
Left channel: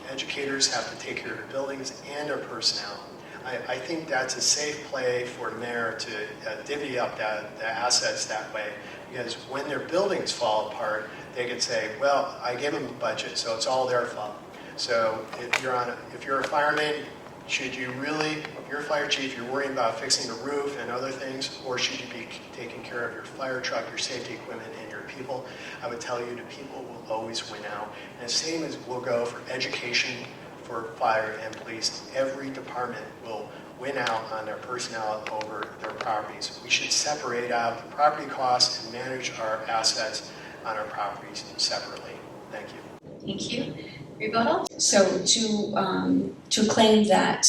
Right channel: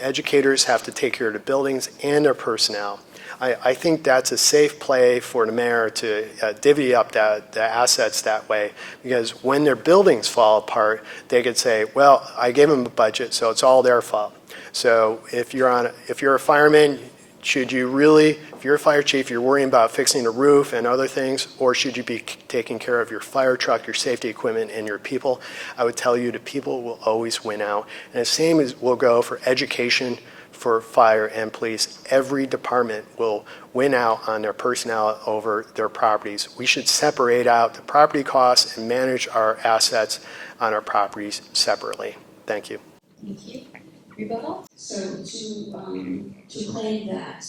educators have to take care of the buildings and their personnel. I think that's a safe play for the mayor to divvy up the assets that way, because when their buildings fall apart, they could say, well, I gave them a budget, so it's all their fault. So if you're a fireman, if you're a fire chief, you're worrying about fixing the roof and other things, or should you be taking care of your fire truck, your safety equipment, and your people? I would tell you the people will always win out. And the same will go for education, for fire and police. Every department will win out on their personnel over their properties. We should separate out the property costs and manage our assets on our properties separately. Thank you. Thank you. Rebuttal? So to claim that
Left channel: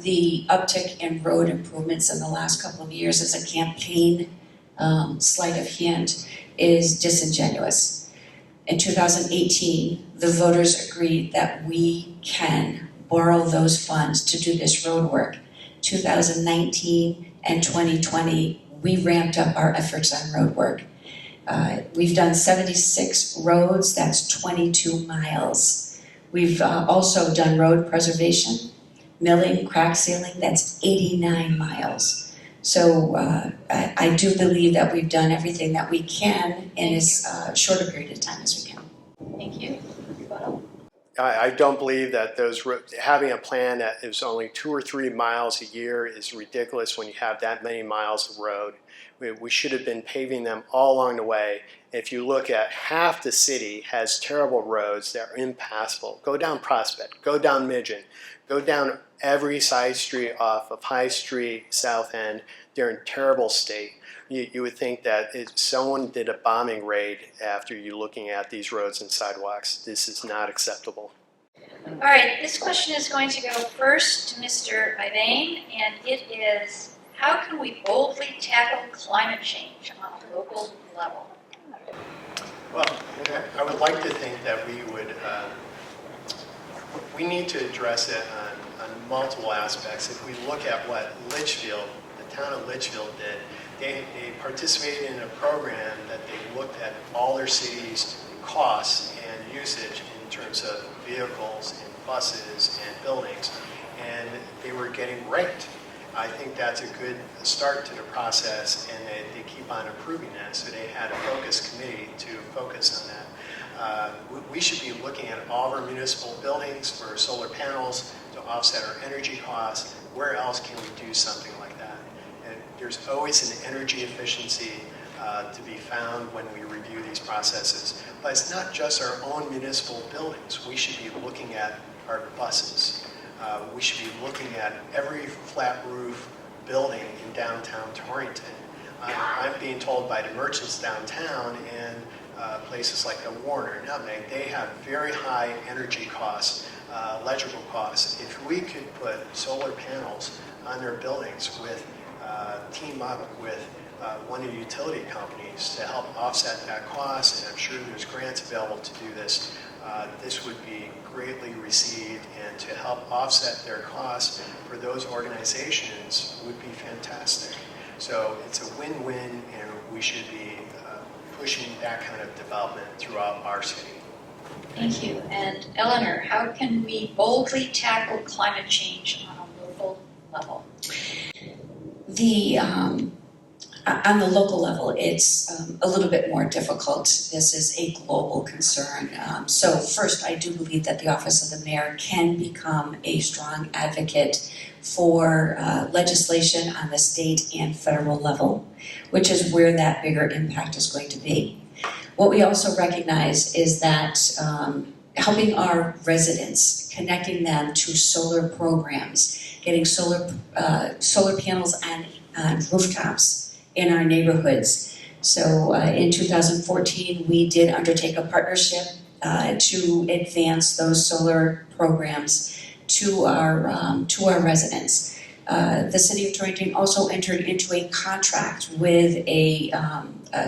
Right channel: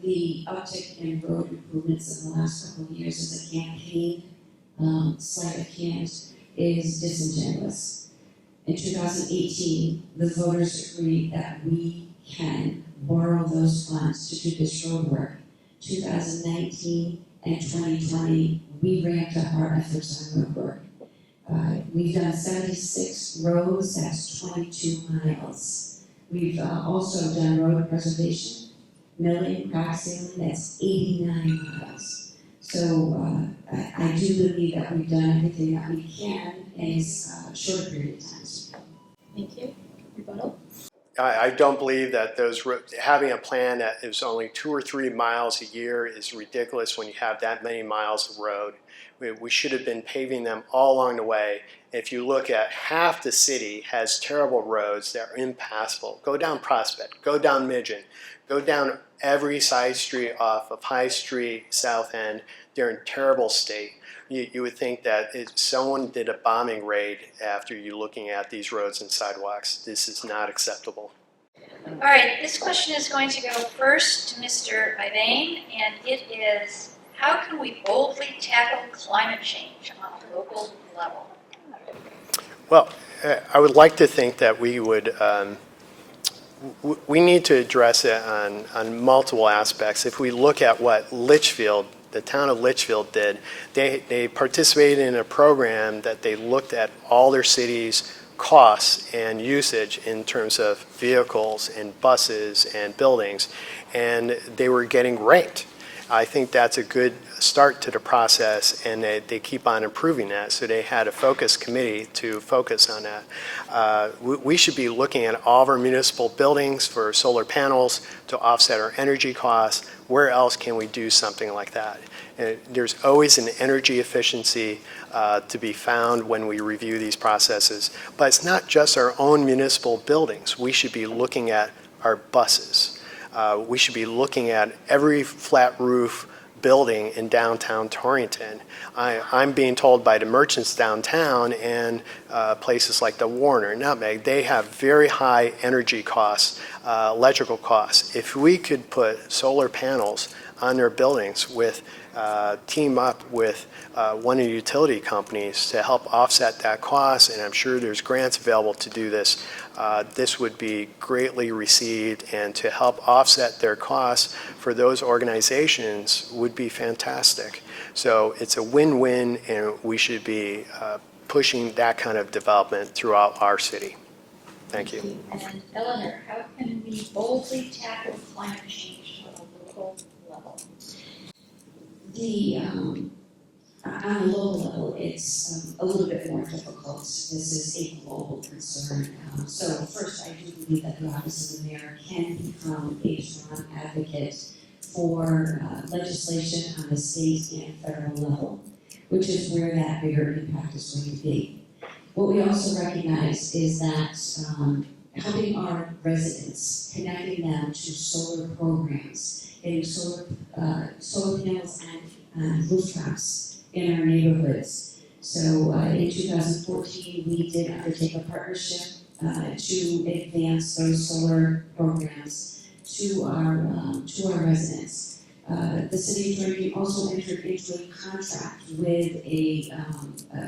the uptick in road improvements in the last couple of years is a campaign sleight of hand is disingenuous. In 2018, the voters agreed that we can borrow those funds to do this road work. 2019 and 2020, we ramped up our efforts on road work. We've done 76 roads, that's 22 miles. We've also done road preservation, milling, crack sealing, that's 89 miles. So I do believe that we've done everything that we can in as short a period of time as we can. Thank you. Rebuttal? I don't believe that having a plan that is only 2 or 3 miles a year is ridiculous when you have that many miles of road. We should have been paving them all along the way. If you look at half the city has terrible roads that are impassable. Go down Prospect, go down Midgeon, go down every side street off of High Street, South End. They're in terrible state. You would think that if someone did a bombing raid after you looking at these roads and sidewalks. This is not acceptable. All right, this question is going to go first to Mr. Ivain, and it is, how can we boldly tackle climate change on a local level? Well, I would like to think that we would, we need to address it on multiple aspects. If we look at what Litchfield, the town of Litchfield did, they participated in a program that they looked at all their cities' costs and usage in terms of vehicles and buses and buildings, and they were getting ranked. I think that's a good start to the process, and they keep on improving that. So they had a focus committee to focus on that. We should be looking at all of our municipal buildings for solar panels to offset our energy costs. Where else can we do something like that? There's always an energy efficiency to be found when we review these processes. But it's not just our own municipal buildings. We should be looking at our buses. We should be looking at every flat roof building in downtown Torrington. I'm being told by the merchants downtown and places like the Warner, Nutmeg, they have very high energy costs, electrical costs. If we could put solar panels on their buildings with, team up with one of the utility companies to help offset that cost, and I'm sure there's grants available to do this, this would be greatly received, and to help offset their costs for those organizations would be fantastic. So it's a win-win, and we should be pushing that kind of development throughout our city. Thank you. And Elinor, how can we boldly tackle climate change on a local level? On the local level, it's a little bit more difficult. This is a global concern. So first, I do believe that the Office of the Mayor can become a strong advocate for legislation on the state and federal level, which is where that bigger impact is going to be. What we also recognize is that helping our residents, connecting them to solar programs, getting solar panels on rooftops in our neighborhoods. So in 2014, we did undertake a partnership to advance those solar programs to our residents. The city of Torrington also entered into a contract with a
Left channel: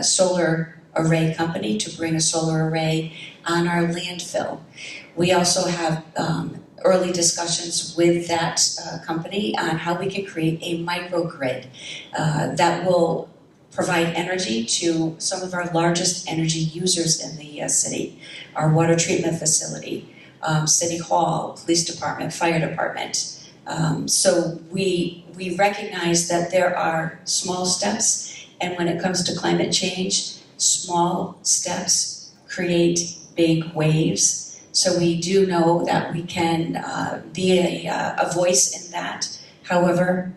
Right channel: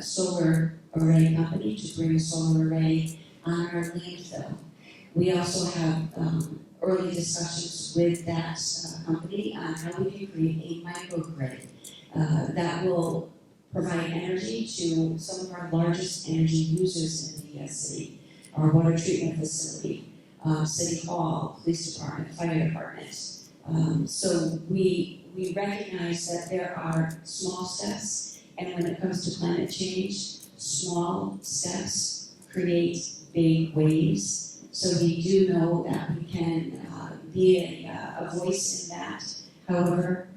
solar array company to bring a solar array on our landfill. We also have early discussions with that company on how we can create a microgrid that will provide energy to some of our largest energy users in the city, our water treatment facility, City Hall, Police Department, Fire Department. So we recognize that there are small steps, and when it comes to climate change, small steps create big waves. So we do know that we can be a voice in that. However,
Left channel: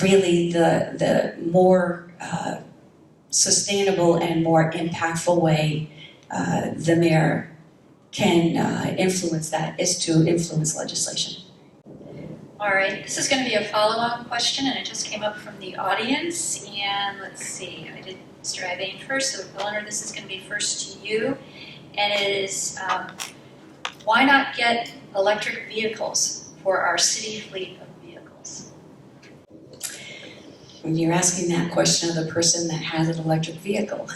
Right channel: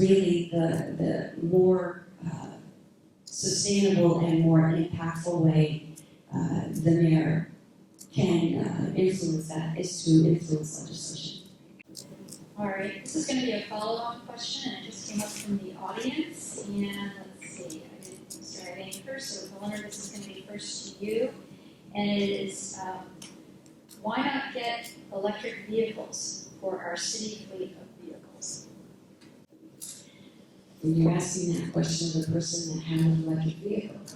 really the more sustainable and more impactful way the mayor can influence that is to influence legislation. All right, this is going to be a follow-on question, and it just came up from the audience. And let's see, I did Mr. Ivain first, so Elinor, this is going to be first to you. And it is, why not get electric vehicles for our city fleet of vehicles? When you're asking that question of the person that has an electric vehicle.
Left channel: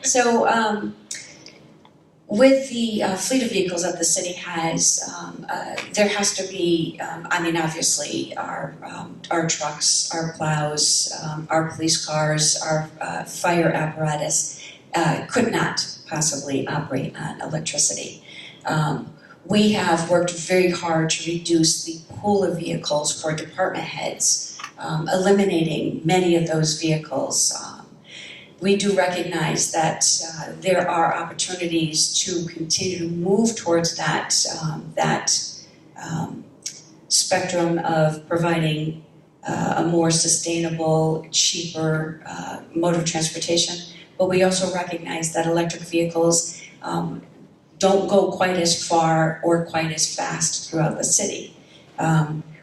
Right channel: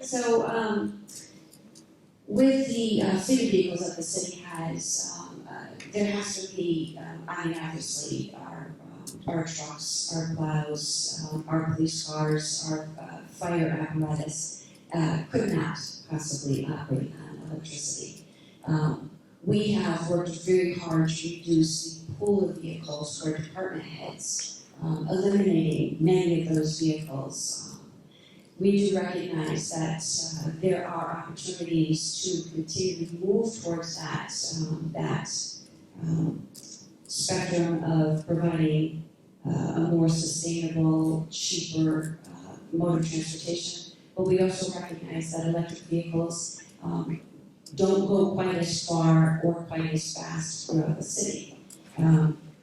So with the fleet of vehicles that the city has, there has to be, obviously our trucks, our plows, our police cars, our fire apparatus could not possibly operate on electricity. We have worked very hard to reduce the pool of vehicles for department heads, eliminating many of those vehicles. We do recognize that there are opportunities to continue to move towards that spectrum of providing a more sustainable, cheaper mode of transportation. But we also recognize that electric vehicles don't go quite as far or quite as fast throughout the city.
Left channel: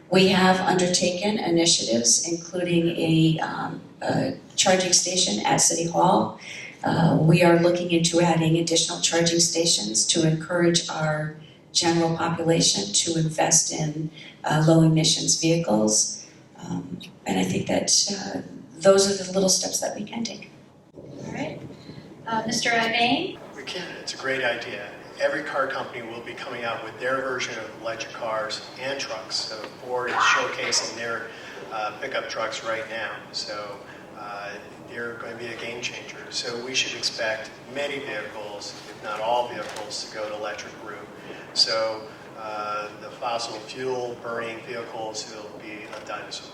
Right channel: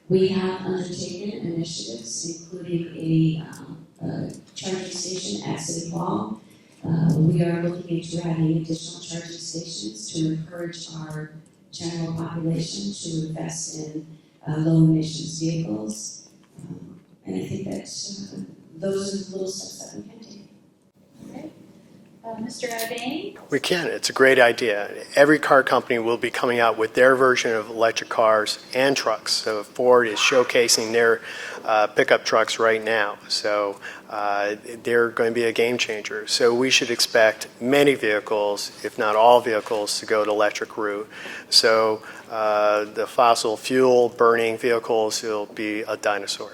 We have undertaken initiatives, including a charging station at City Hall. We are looking into adding additional charging stations to encourage our general population to invest in low emissions vehicles. And I think that those are the little steps that we can take. All right, Mr. Ivain? We can. It's a great idea. Every car company will be coming out with their version of electric cars and trucks. So Ford is showcasing their pickup trucks right now. So they're going to be a game changer. So we should expect many vehicles, if not all vehicles, to go to electric route. So the fossil fuel burning vehicles will be a dinosaur.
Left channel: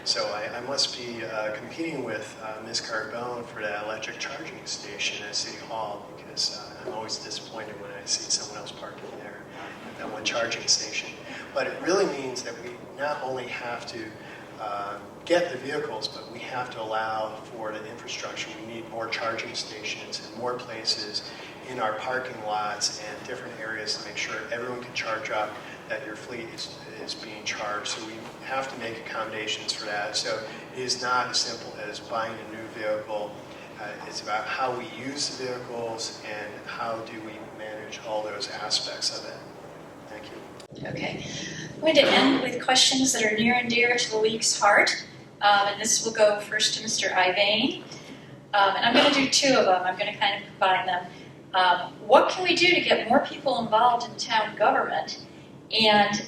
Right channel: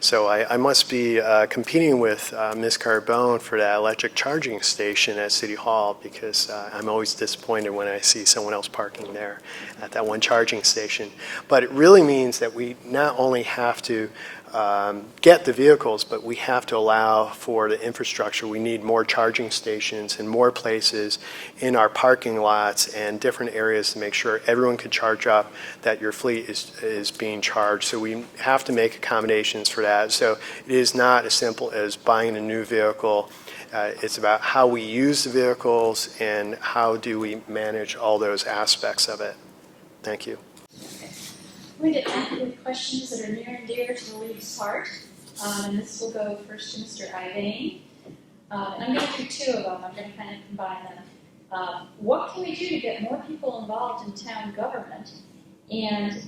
So I must be competing with Ms. Carbone for that electric charging station at City Hall, because I'm always disappointed when I see someone else parking there at that one charging station. But it really means that we not only have to get the vehicles, but we have to allow for the infrastructure. We need more charging stations and more places in our parking lots and different areas to make sure everyone can charge up, that your fleet is being charged. So we have to make accommodations for that. So it is not as simple as buying a new vehicle. It's about how we use the vehicles and how do we manage all those aspects of it. Thank you. Okay. I'm going to end with questions that are near and dear to the league's heart. And this will go first to Mr. Ivain. And I'm going to do two of them. I'm going to kind of combine them. What can we do to get more people involved in town government? And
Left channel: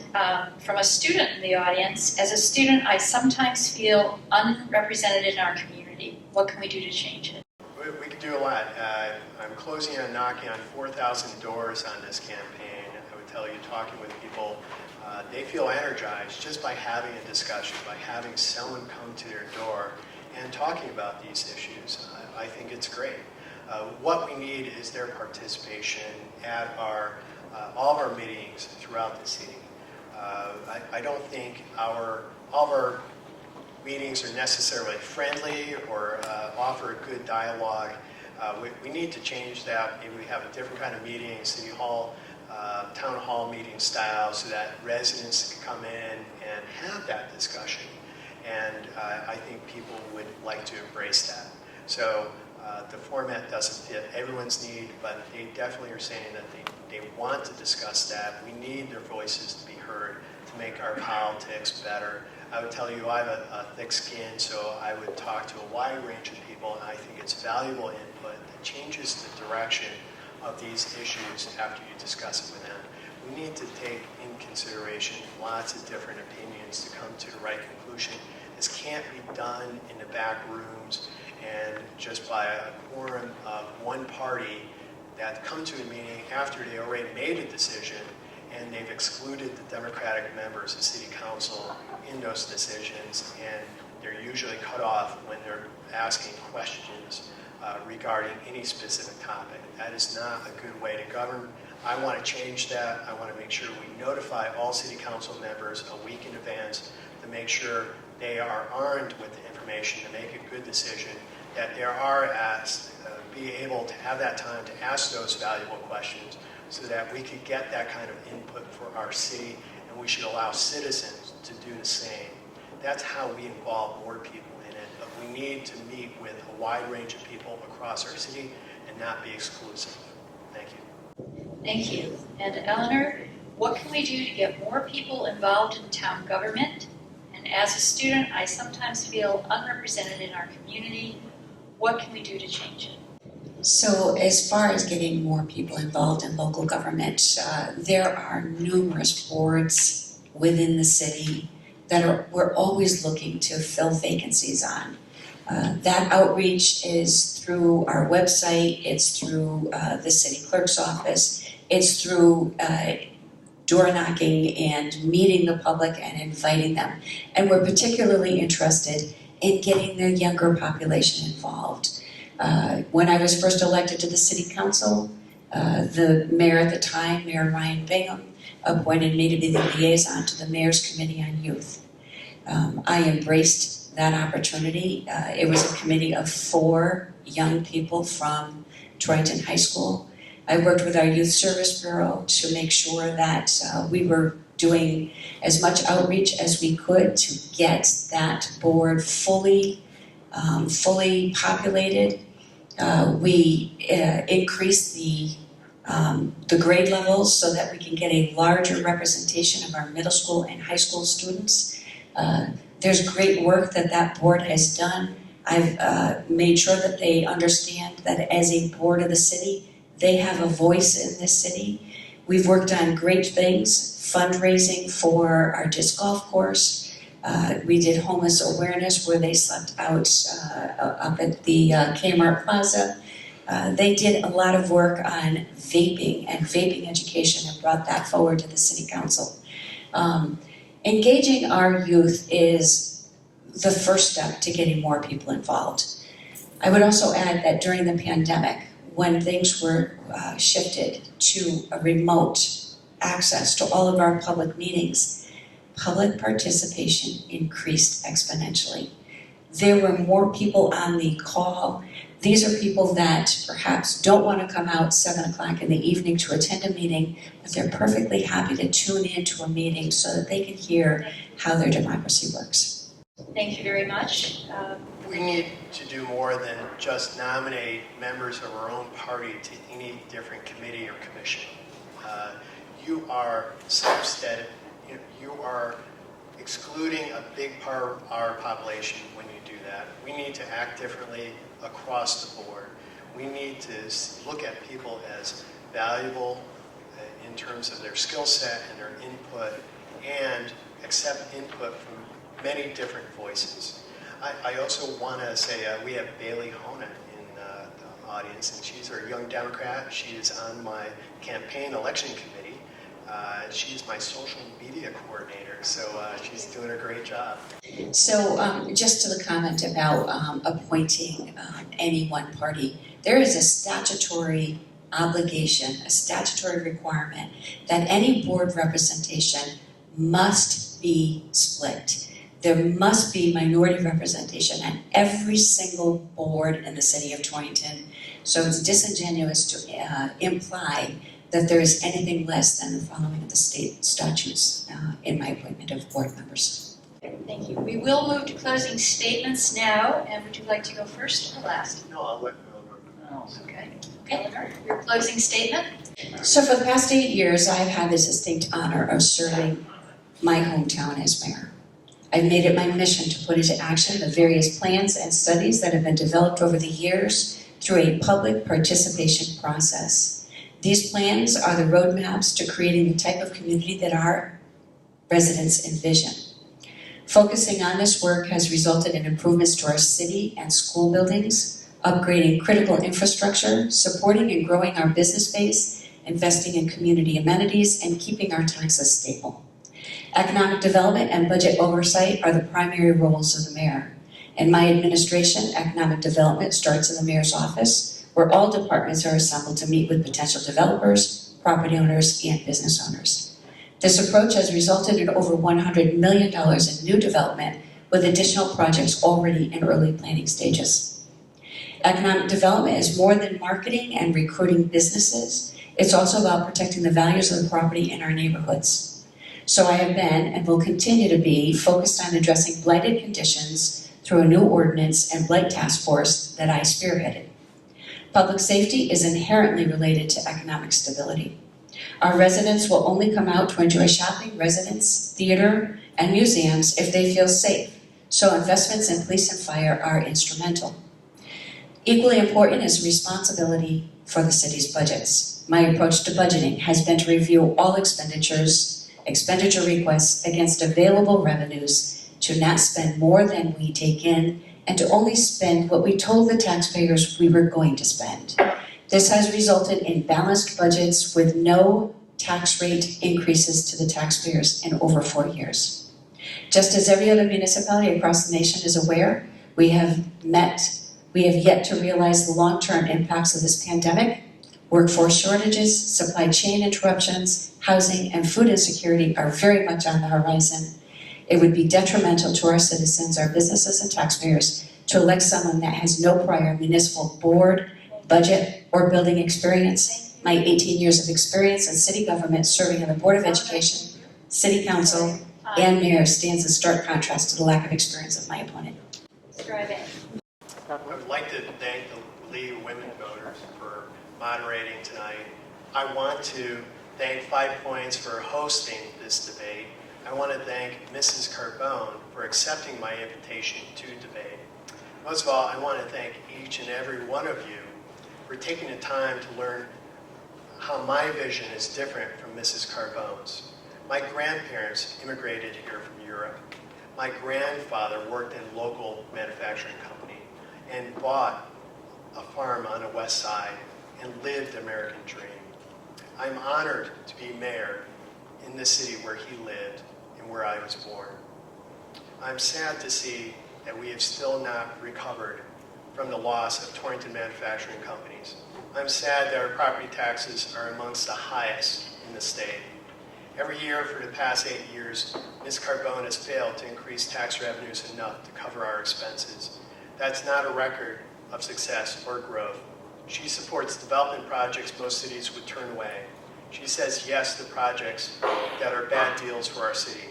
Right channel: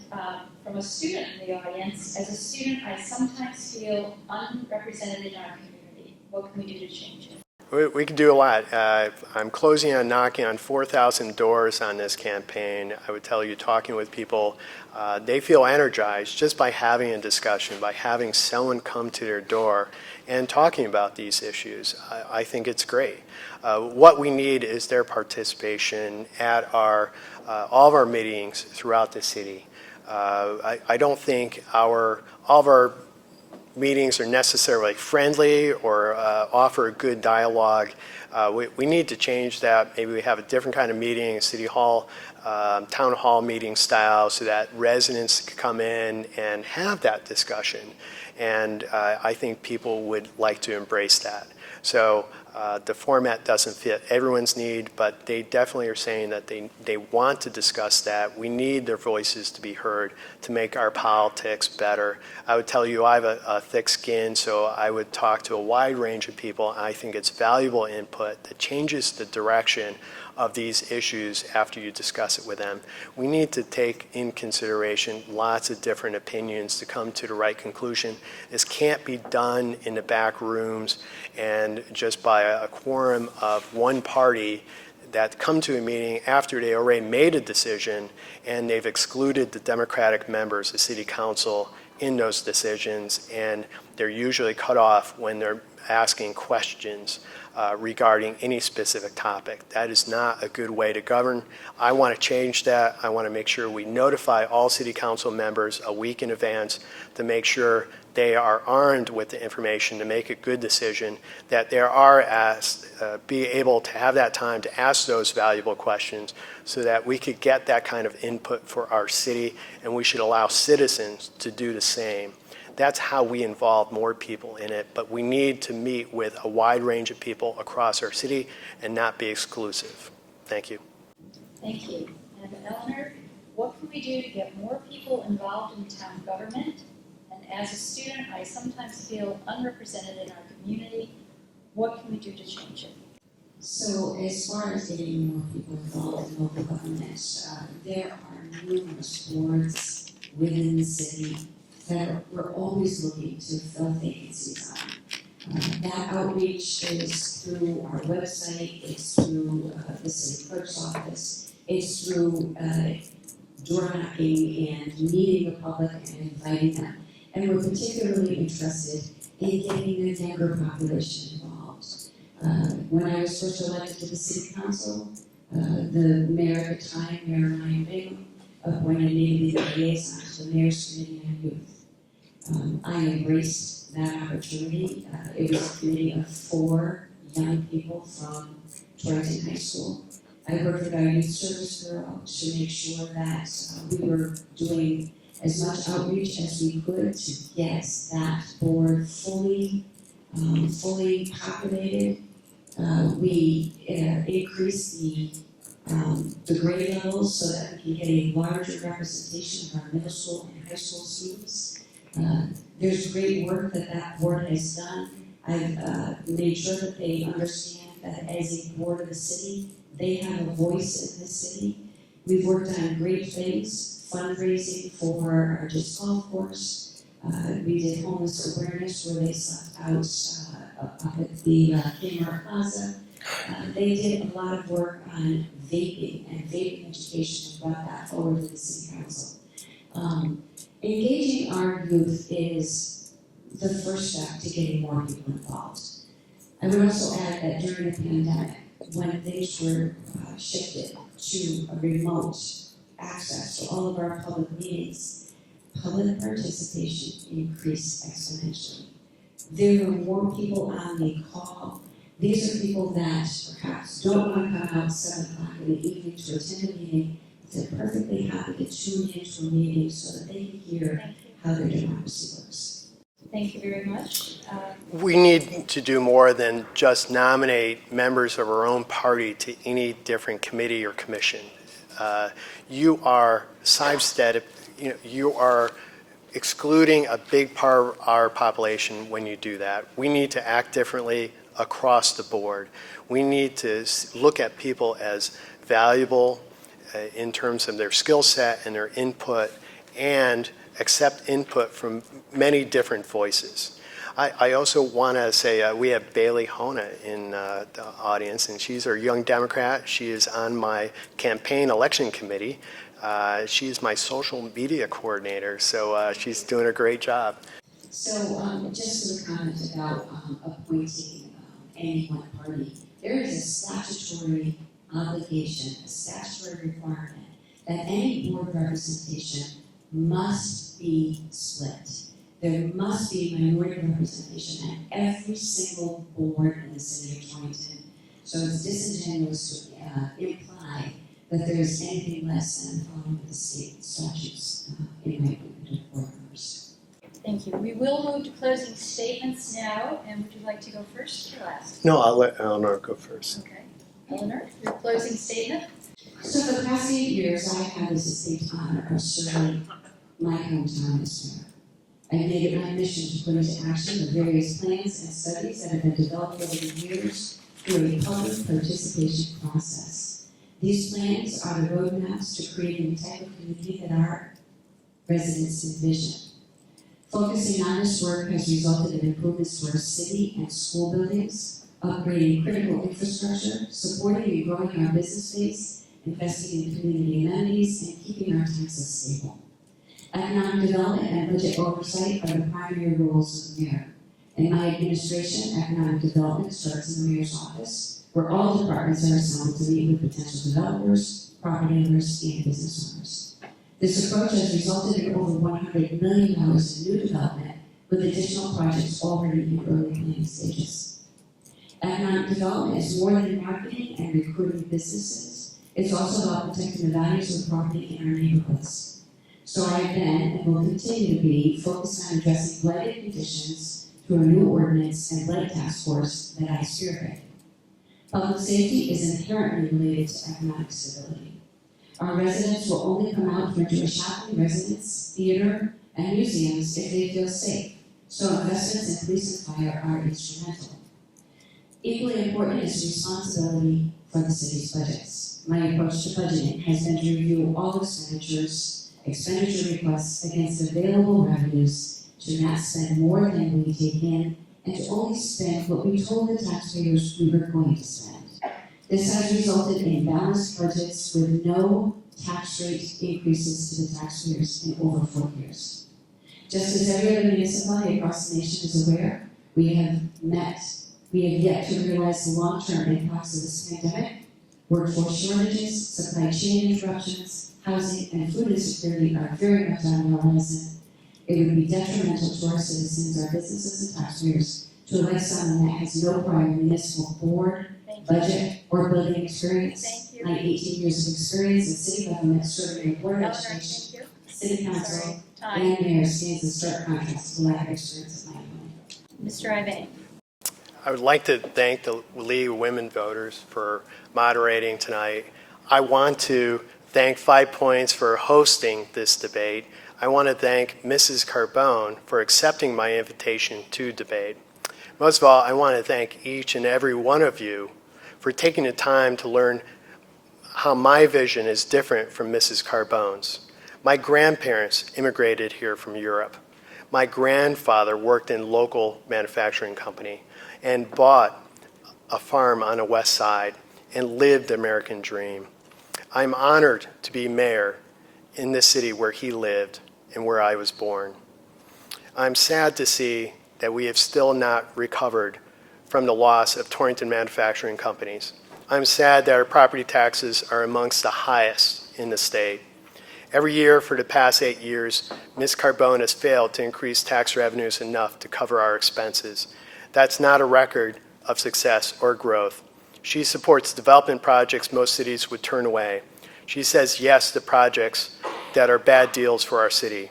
from a student in the audience, as a student, I sometimes feel unrepresented in our community. What can we do to change it? We can do a lot. I'm closing on knocking on 4,000 doors on this campaign. I would tell you, talking with people, they feel energized just by having a discussion, by having someone come to their door and talking about these issues. I think it's great. What we need is their participation at all of our meetings throughout the city. I don't think all of our meetings are necessarily friendly or offer a good dialogue. We need to change that. Maybe we have a different kind of meeting, city hall, town hall meeting style, so that residents can come in and have that discussion. And I think people would like to embrace that. So the format doesn't fit everyone's need, but they definitely are saying that they want to discuss that. We need their voices to be heard to make our politics better. I would tell you I have a thick skin, so I would talk to a wide range of people, and I think it's valuable input that changes the direction of these issues after you discuss it with them. We need to take in consideration lots of different opinions to come to the right conclusion. This can't be done in the back rooms and just by a quorum of one party that come to a meeting after they already made a decision and they've excluded the Democratic members, the city council, in those decisions, and they're usually cut off when they're asking questions regarding any specific topic. That is not a good way to govern. I want to change that. I want to make sure we notify all city council members a week in advance to make sure they are armed with the information to make a good decision, that they are be able to have that time to ask those valuable questions so that we could get that kind of input for our city, and we should allow citizens to do the same. That's how we involve more people in it, but we need to meet with a wide range of people across our city and not be exclusive. Thank you. Thank you. And Eleanor, what can we do to get more people involved in town government? And as a student, I sometimes feel unrepresented in our community. What can we do to change it? So as far as getting more people involved in local government, there are numerous boards within the city that we're always looking to fill vacancies on. That outreach is through our website, it's through the city clerk's office, it's through door knocking and meeting the public and inviting them. And we're particularly interested in getting the younger population involved. When I was first elected to the city council, the mayor at the time, Mayor Ryan Bingham, appointed me to be the liaison to the Mayor's Committee on Youth. I embraced that opportunity. It was a committee of 4 young people from Torrington High School. I worked with our Youth Service Bureau to make sure that we were doing as much outreach as we could to get that board fully populated. We increased the grade levels so that we can get a larger representation of our middle school and high school students. There's great work that board has done. I've made sure that they understand that as a board of the city, they have a voice in this city. We've worked on great things, fundraising for our disc golf course. We did homeless awareness where they slept out up at the Kmart Plaza. They did a lot of work on vaping and vaping education and brought that forward to the city council. Engaging our youth is the first step to getting more people involved. I would also add that during the pandemic, when things were shifted to a remote access to all of our public meetings, public participation increased exponentially. There were more people on the call. These are people that perhaps don't want to come out 7 o'clock in the evening to attend a meeting, but they're perfectly happy to tune into a meeting so that they can hear how their democracy works. Thank you very much. We need to do more than just nominate members of our own party to any different committee or commission. You are sidestepping, you are excluding a big part of our population when you do that. We need to act differently across the board. We need to look at people as valuable in terms of their skill set and their input, and accept input from many different voices. I also want to say we have Bailey Hona in the audience, and she's our young Democrat. She is on my campaign election committee. She's my social media coordinator, so she's doing a great job. So just to the comment about appointing any one party, there is a statutory obligation, a statutory requirement that any board representation must be split. There must be minority representation on every single board in the city of Torrington. So it's disingenuous to imply that there is anything less than the following of the state statutes in my appointment of board members. Thank you. We will move to closing statements now, and would you like to go first or last? No, I'll let Elinor go first. Okay. Elinor, your closing statement? So for the past 8 years, I've had the distinct honor of serving my hometown as mayor. I've made it my mission to put into action the various plans and studies that have been developed over the years through a public participation process. These plans are the roadmaps to creating the type of community that our residents envision. Focusing on this work has resulted in improvements to our city and school buildings, upgrading critical infrastructure, supporting and growing our business base, investing in community amenities, and keeping our taxes stable. Economic development and budget oversight are the primary roles of the mayor. In my administration, economic development starts in the mayor's office, where all departments are assembled to meet with potential developers, property owners, and business owners. This approach has resulted in over $100 million in new development, with additional projects already in early planning stages. Economic development is more than marketing and recruiting businesses. It's also about protecting the values of the property in our neighborhoods. So I have been, and will continue to be, focused on addressing blighted conditions through a new ordinance and blight task force that I spearheaded. Public safety is inherently related to economic stability. Our residents will only come out to enjoy shopping, residence, theater, and museums if they feel safe, so investments in police and fire are instrumental. Equally important is responsibility for the city's budgets. My approach to budgeting has been to review all expenditure requests against available revenues, to not spend more than we take in, and to only spend what we told the taxpayers we were going to spend. This has resulted in balanced budgets with no tax rate increases to the taxpayers in over 4 years. Just as every other municipality across the nation is aware, we have yet to realize the long-term impacts of this pandemic. Workforce shortages, supply chain interruptions, housing, and food insecurity are very much on the horizon. It would be detrimental to our citizens, our businesses, and taxpayers to elect someone that has no prior municipal board, budget, or building experience. My 18 years of experience in city government, serving on the Board of Education, City Council, and Mayor stands in stark contrast to the lack of experience of my opponent. Mr. Ivain. I would like to thank the League of Women Voters for moderating tonight. I want to thank 5 Points for hosting this debate. I want to thank Mrs. Carbone for accepting my invitation to debate. Most of all, I want to thank each and every one of you for taking the time to learn how my vision is different from Mrs. Carbone's. My grandparents immigrated here from Europe. My grandfather worked in a local manufacturing company and bought a farm on the west side and lived the American dream. I'm honored to be mayor in this city where he lived and where I was born. I'm sad to see that we have still not recovered from the loss of Torrington manufacturing companies. I'm sad that our property taxes are amongst the highest in the state. Every year for the past 8 years, Ms. Carbone has failed to increase tax revenues enough to cover our expenses. That's not a record of success or growth. She supports development projects most cities would turn away. She says yes to projects that are bad deals for our city.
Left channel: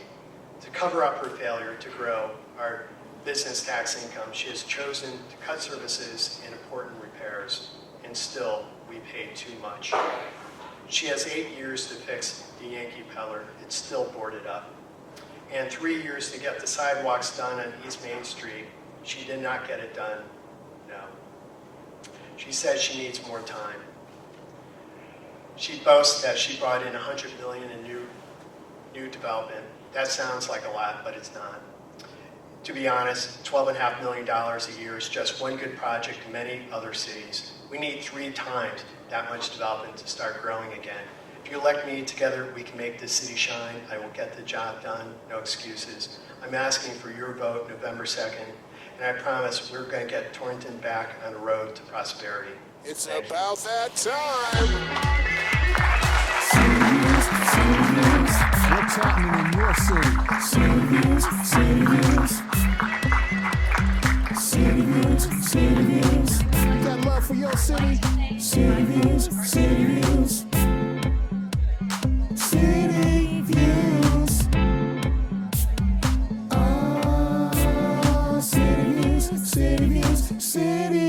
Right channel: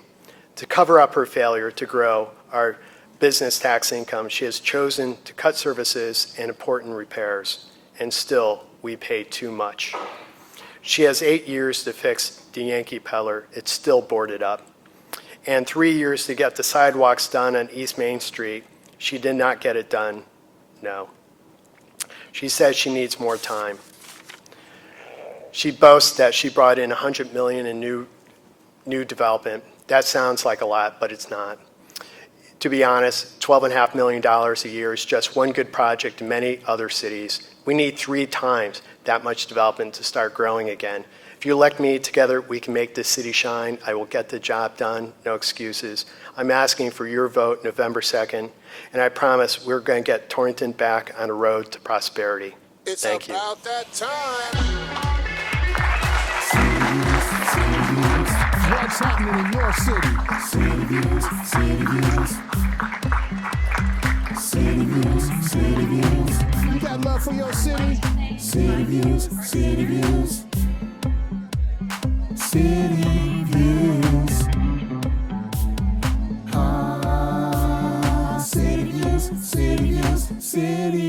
To cover up her failure to grow our business tax income, she has chosen to cut services and important repairs, and still we pay too much. She has 8 years to fix the Yankee Peller. It's still boarded up. And 3 years to get the sidewalks done on East Main Street. She did not get it done. No. She says she needs more time. She boasts that she brought in $100 million in new development. That sounds like a lot, but it's not. To be honest, $12.5 million a year is just one good project in many other cities. We need 3 times that much development to start growing again. If you elect me, together we can make this city shine. I will get the job done, no excuses. I'm asking for your vote November 2nd, and I promise we're going to get Torrington back on a road to prosperity. It's Thank you. about that time. City